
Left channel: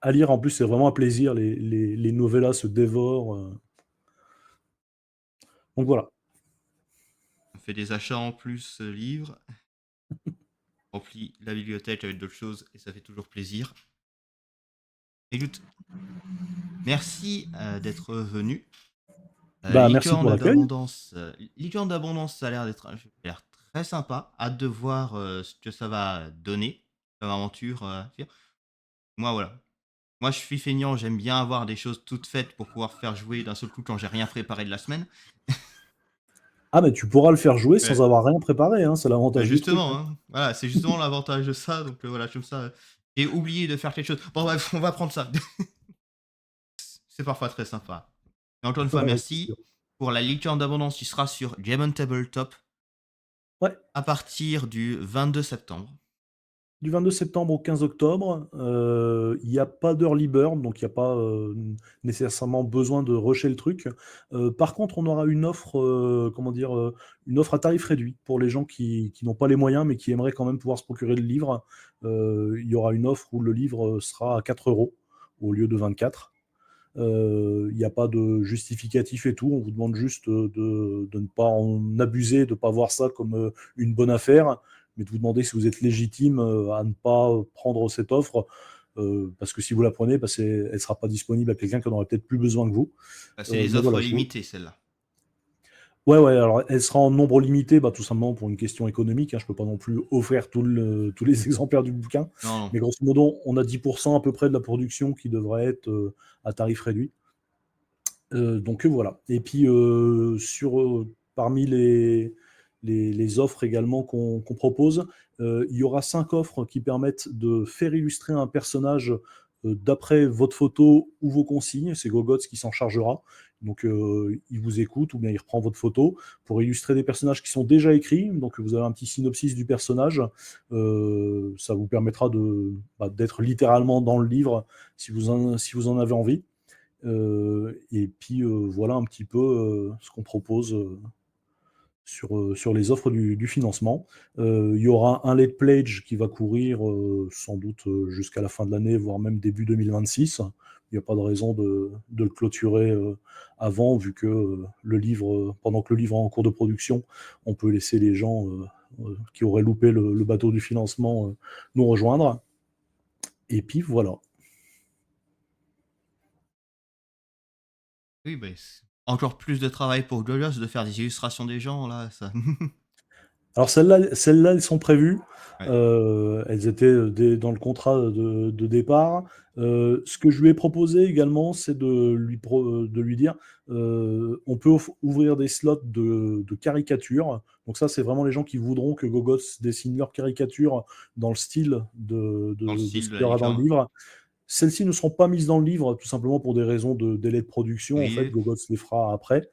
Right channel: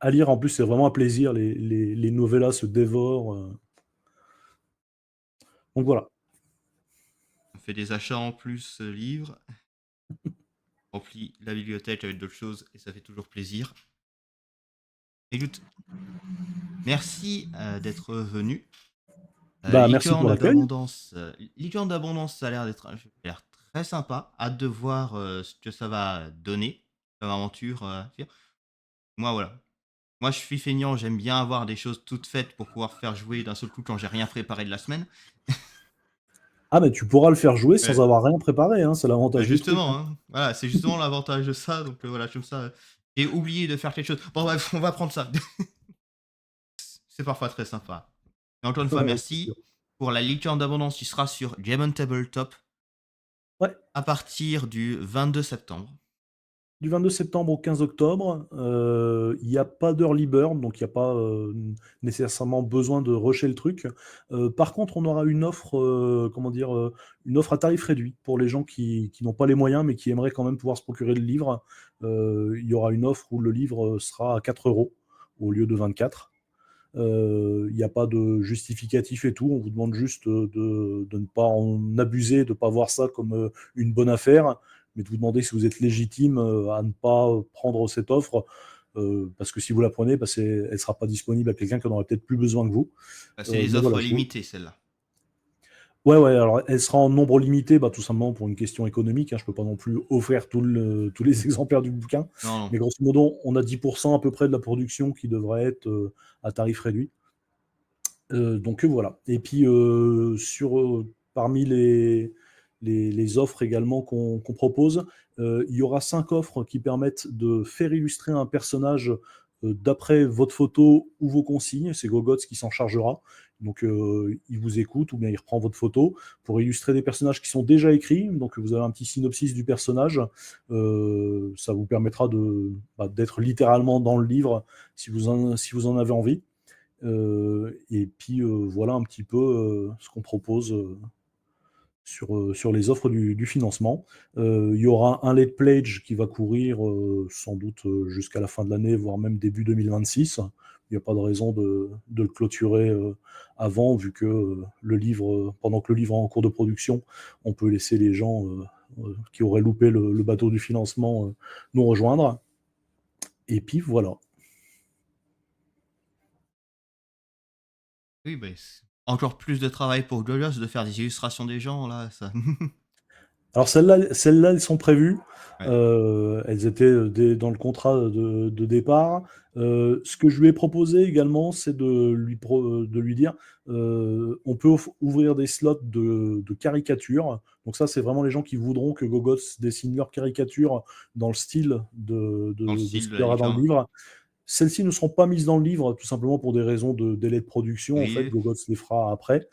à lire, en plus, c'est vraiment un plaisir. Les novellas se dévorent. Donc voilà. fais des achats en plus, livres, remplis la bibliothèque avec d'autres choses et ça fait toujours plaisir. Écoute, merci d'être venu. Bah, merci pour l'accueil. Licorne d'abondance, ça a l'air très sympa. Hâte de voir ce que ça va donner comme aventure. Moi, voilà. Moi, je suis feignant, j'aime bien avoir des choses toutes faites pour pouvoir faire jouer d'un seul coup quand j'ai rien préparé de la semaine. Ah, mais tu pourras le faire jouer sans Ouais. avoir rien préparé, hein, c'est Bah l'avantage du truc, justement, hein. hein. Voilà, c'est justement l'avantage de ça. Donc voilà, comme ça, j'ai oublié de faire quelque chose. Bon, bref, on va prendre ça. C'est parfois très sympa. Et encore une fois, Ouais, c'est sûr. merci pour la licorne d'abondance qui sera sur Game Tabletop Ouais, à partir du 22 septembre. du 22 septembre au 15 octobre, il y a pas d'early bird, donc il y a pas, nécessairement besoin de rusher le truc. Par contre, on aura une offre, comment dire? Une offre à tarif réduit pour les gens qui n'ont pas les moyens, mais qui aimeraient quand même pouvoir se procurer le livre. Il y aura une offre où le livre sera à 4 € au lieu de 24. Il n'y a pas de justificatif et tout. On vous demande juste de ne pas en abuser, de ne pas voir ça comme une bonne affaire, mais de vous demander si vous êtes légitime à ne pas prendre cette offre. Parce que si vous la prenez, bah, elle ne sera pas disponible à quelqu'un qui en aura peut-être plus besoin que vous. Bah, c'est les Mais voilà, offres limitées, celle-là. ouais, ouais, alors elle sera en nombre limité, bah, tout simplement pour une question économique, hein. Je ne peux pas non plus offrir tous les exemplaires du bouquin. Non, non. Mais grosso modo, on a 10% à peu près de la production qui devrait être à tarif réduit. Donc voilà. Et puis parmi les offres également qu'on propose, il y aura 5 offres qui permettent de faire illustrer un personnage d'après votre photo ou vos consignes. C'est Gogots qui s'en chargera. Donc il vous écoute ou bien il reprend votre photo pour illustrer des personnages qui sont déjà écrits. Donc vous avez un petit synopsis du personnage. Ça vous permettra d'être littéralement dans le livre si vous en avez envie. Et puis voilà un petit peu ce qu'on propose sur les offres du financement. Il y aura un late pledge qui va courir, sans doute, jusqu'à la fin de l'année, voire même début 2026. Il n'y a pas de raison de le clôturer, avant vu que, le livre, pendant que le livre est en cours de production, on peut laisser les gens, qui auraient loupé le bateau du financement, nous rejoindre et puis voilà. Oui, bah, encore plus de travail pour Glorious de faire des illustrations des gens, là, ça. Alors celles-là, elles sont prévues. Ouais, Elles étaient, dans le contrat de départ. Ce que je lui ai proposé également, c'est de lui dire, on peut ouvrir des slots de caricature. Donc ça, c'est vraiment les gens qui voudront que Gogos dessine leur caricature dans le style dans le de ce style de qu'il y la aura dans le licorne. livre. Celles-ci ne seront pas mises dans le livre, tout simplement pour des raisons de délai de production. En fait, Oui, Gogots les fera après.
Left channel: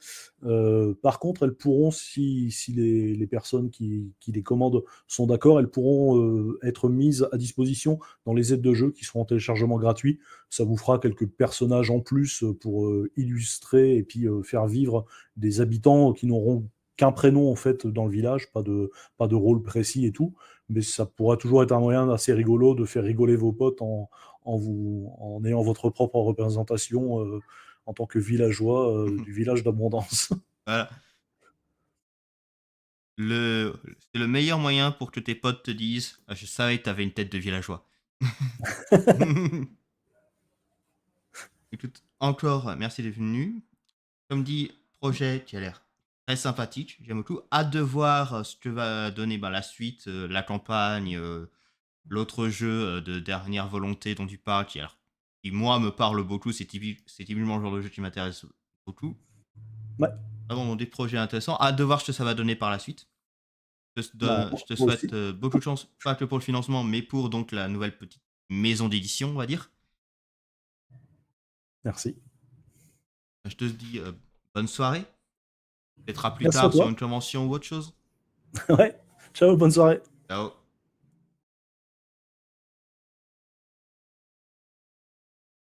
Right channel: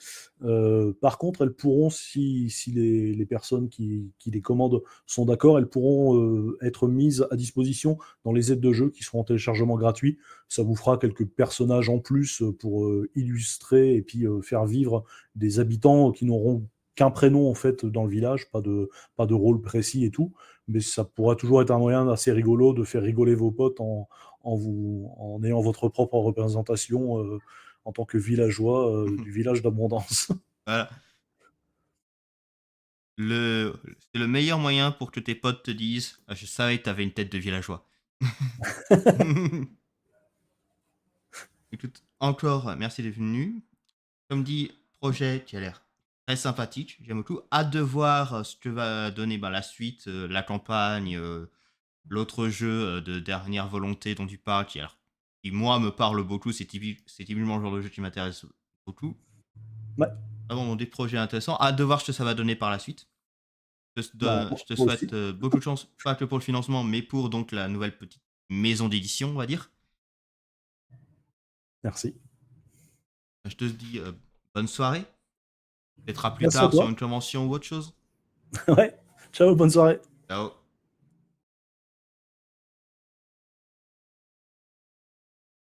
Par contre, elles pourront, si les personnes qui les commandent sont d'accord, elles pourront être mises à disposition dans les aides de jeu qui seront en téléchargement gratuit. Ça vous fera quelques personnages en plus pour illustrer et puis faire vivre des habitants qui n'auront qu'un prénom en fait dans le village, pas de rôle précis et tout. Mais ça pourra toujours être un moyen assez rigolo de faire rigoler vos potes en ayant votre propre représentation en tant que villageois du village d'Abondance. voilà. C'est le meilleur moyen pour que tes potes te disent: «Ah, je savais que t'avais une tête de villageois». Écoute, encore merci d'être venu. Comme dit, projet qui a l'air très sympathique, j'aime beaucoup. Hâte de voir ce que va donner la suite, la campagne, l'autre jeu de dernière volonté dont tu parles, qui moi me parle beaucoup, c'est typiquement le genre de jeu qui m'intéresse beaucoup. Ouais, Vraiment des projets intéressants. Hâte de voir ce que ça va donner par la suite. bon, Je te moi souhaite aussi. beaucoup de chance, pas que pour le financement, mais pour donc la nouvelle petite maison d'édition, on va dire. Merci. Je te dis bonne soirée. Peut-être à plus Merci à tard sur toi. une convention ou autre chose. Ouais, ciao, bonne soirée. Ciao.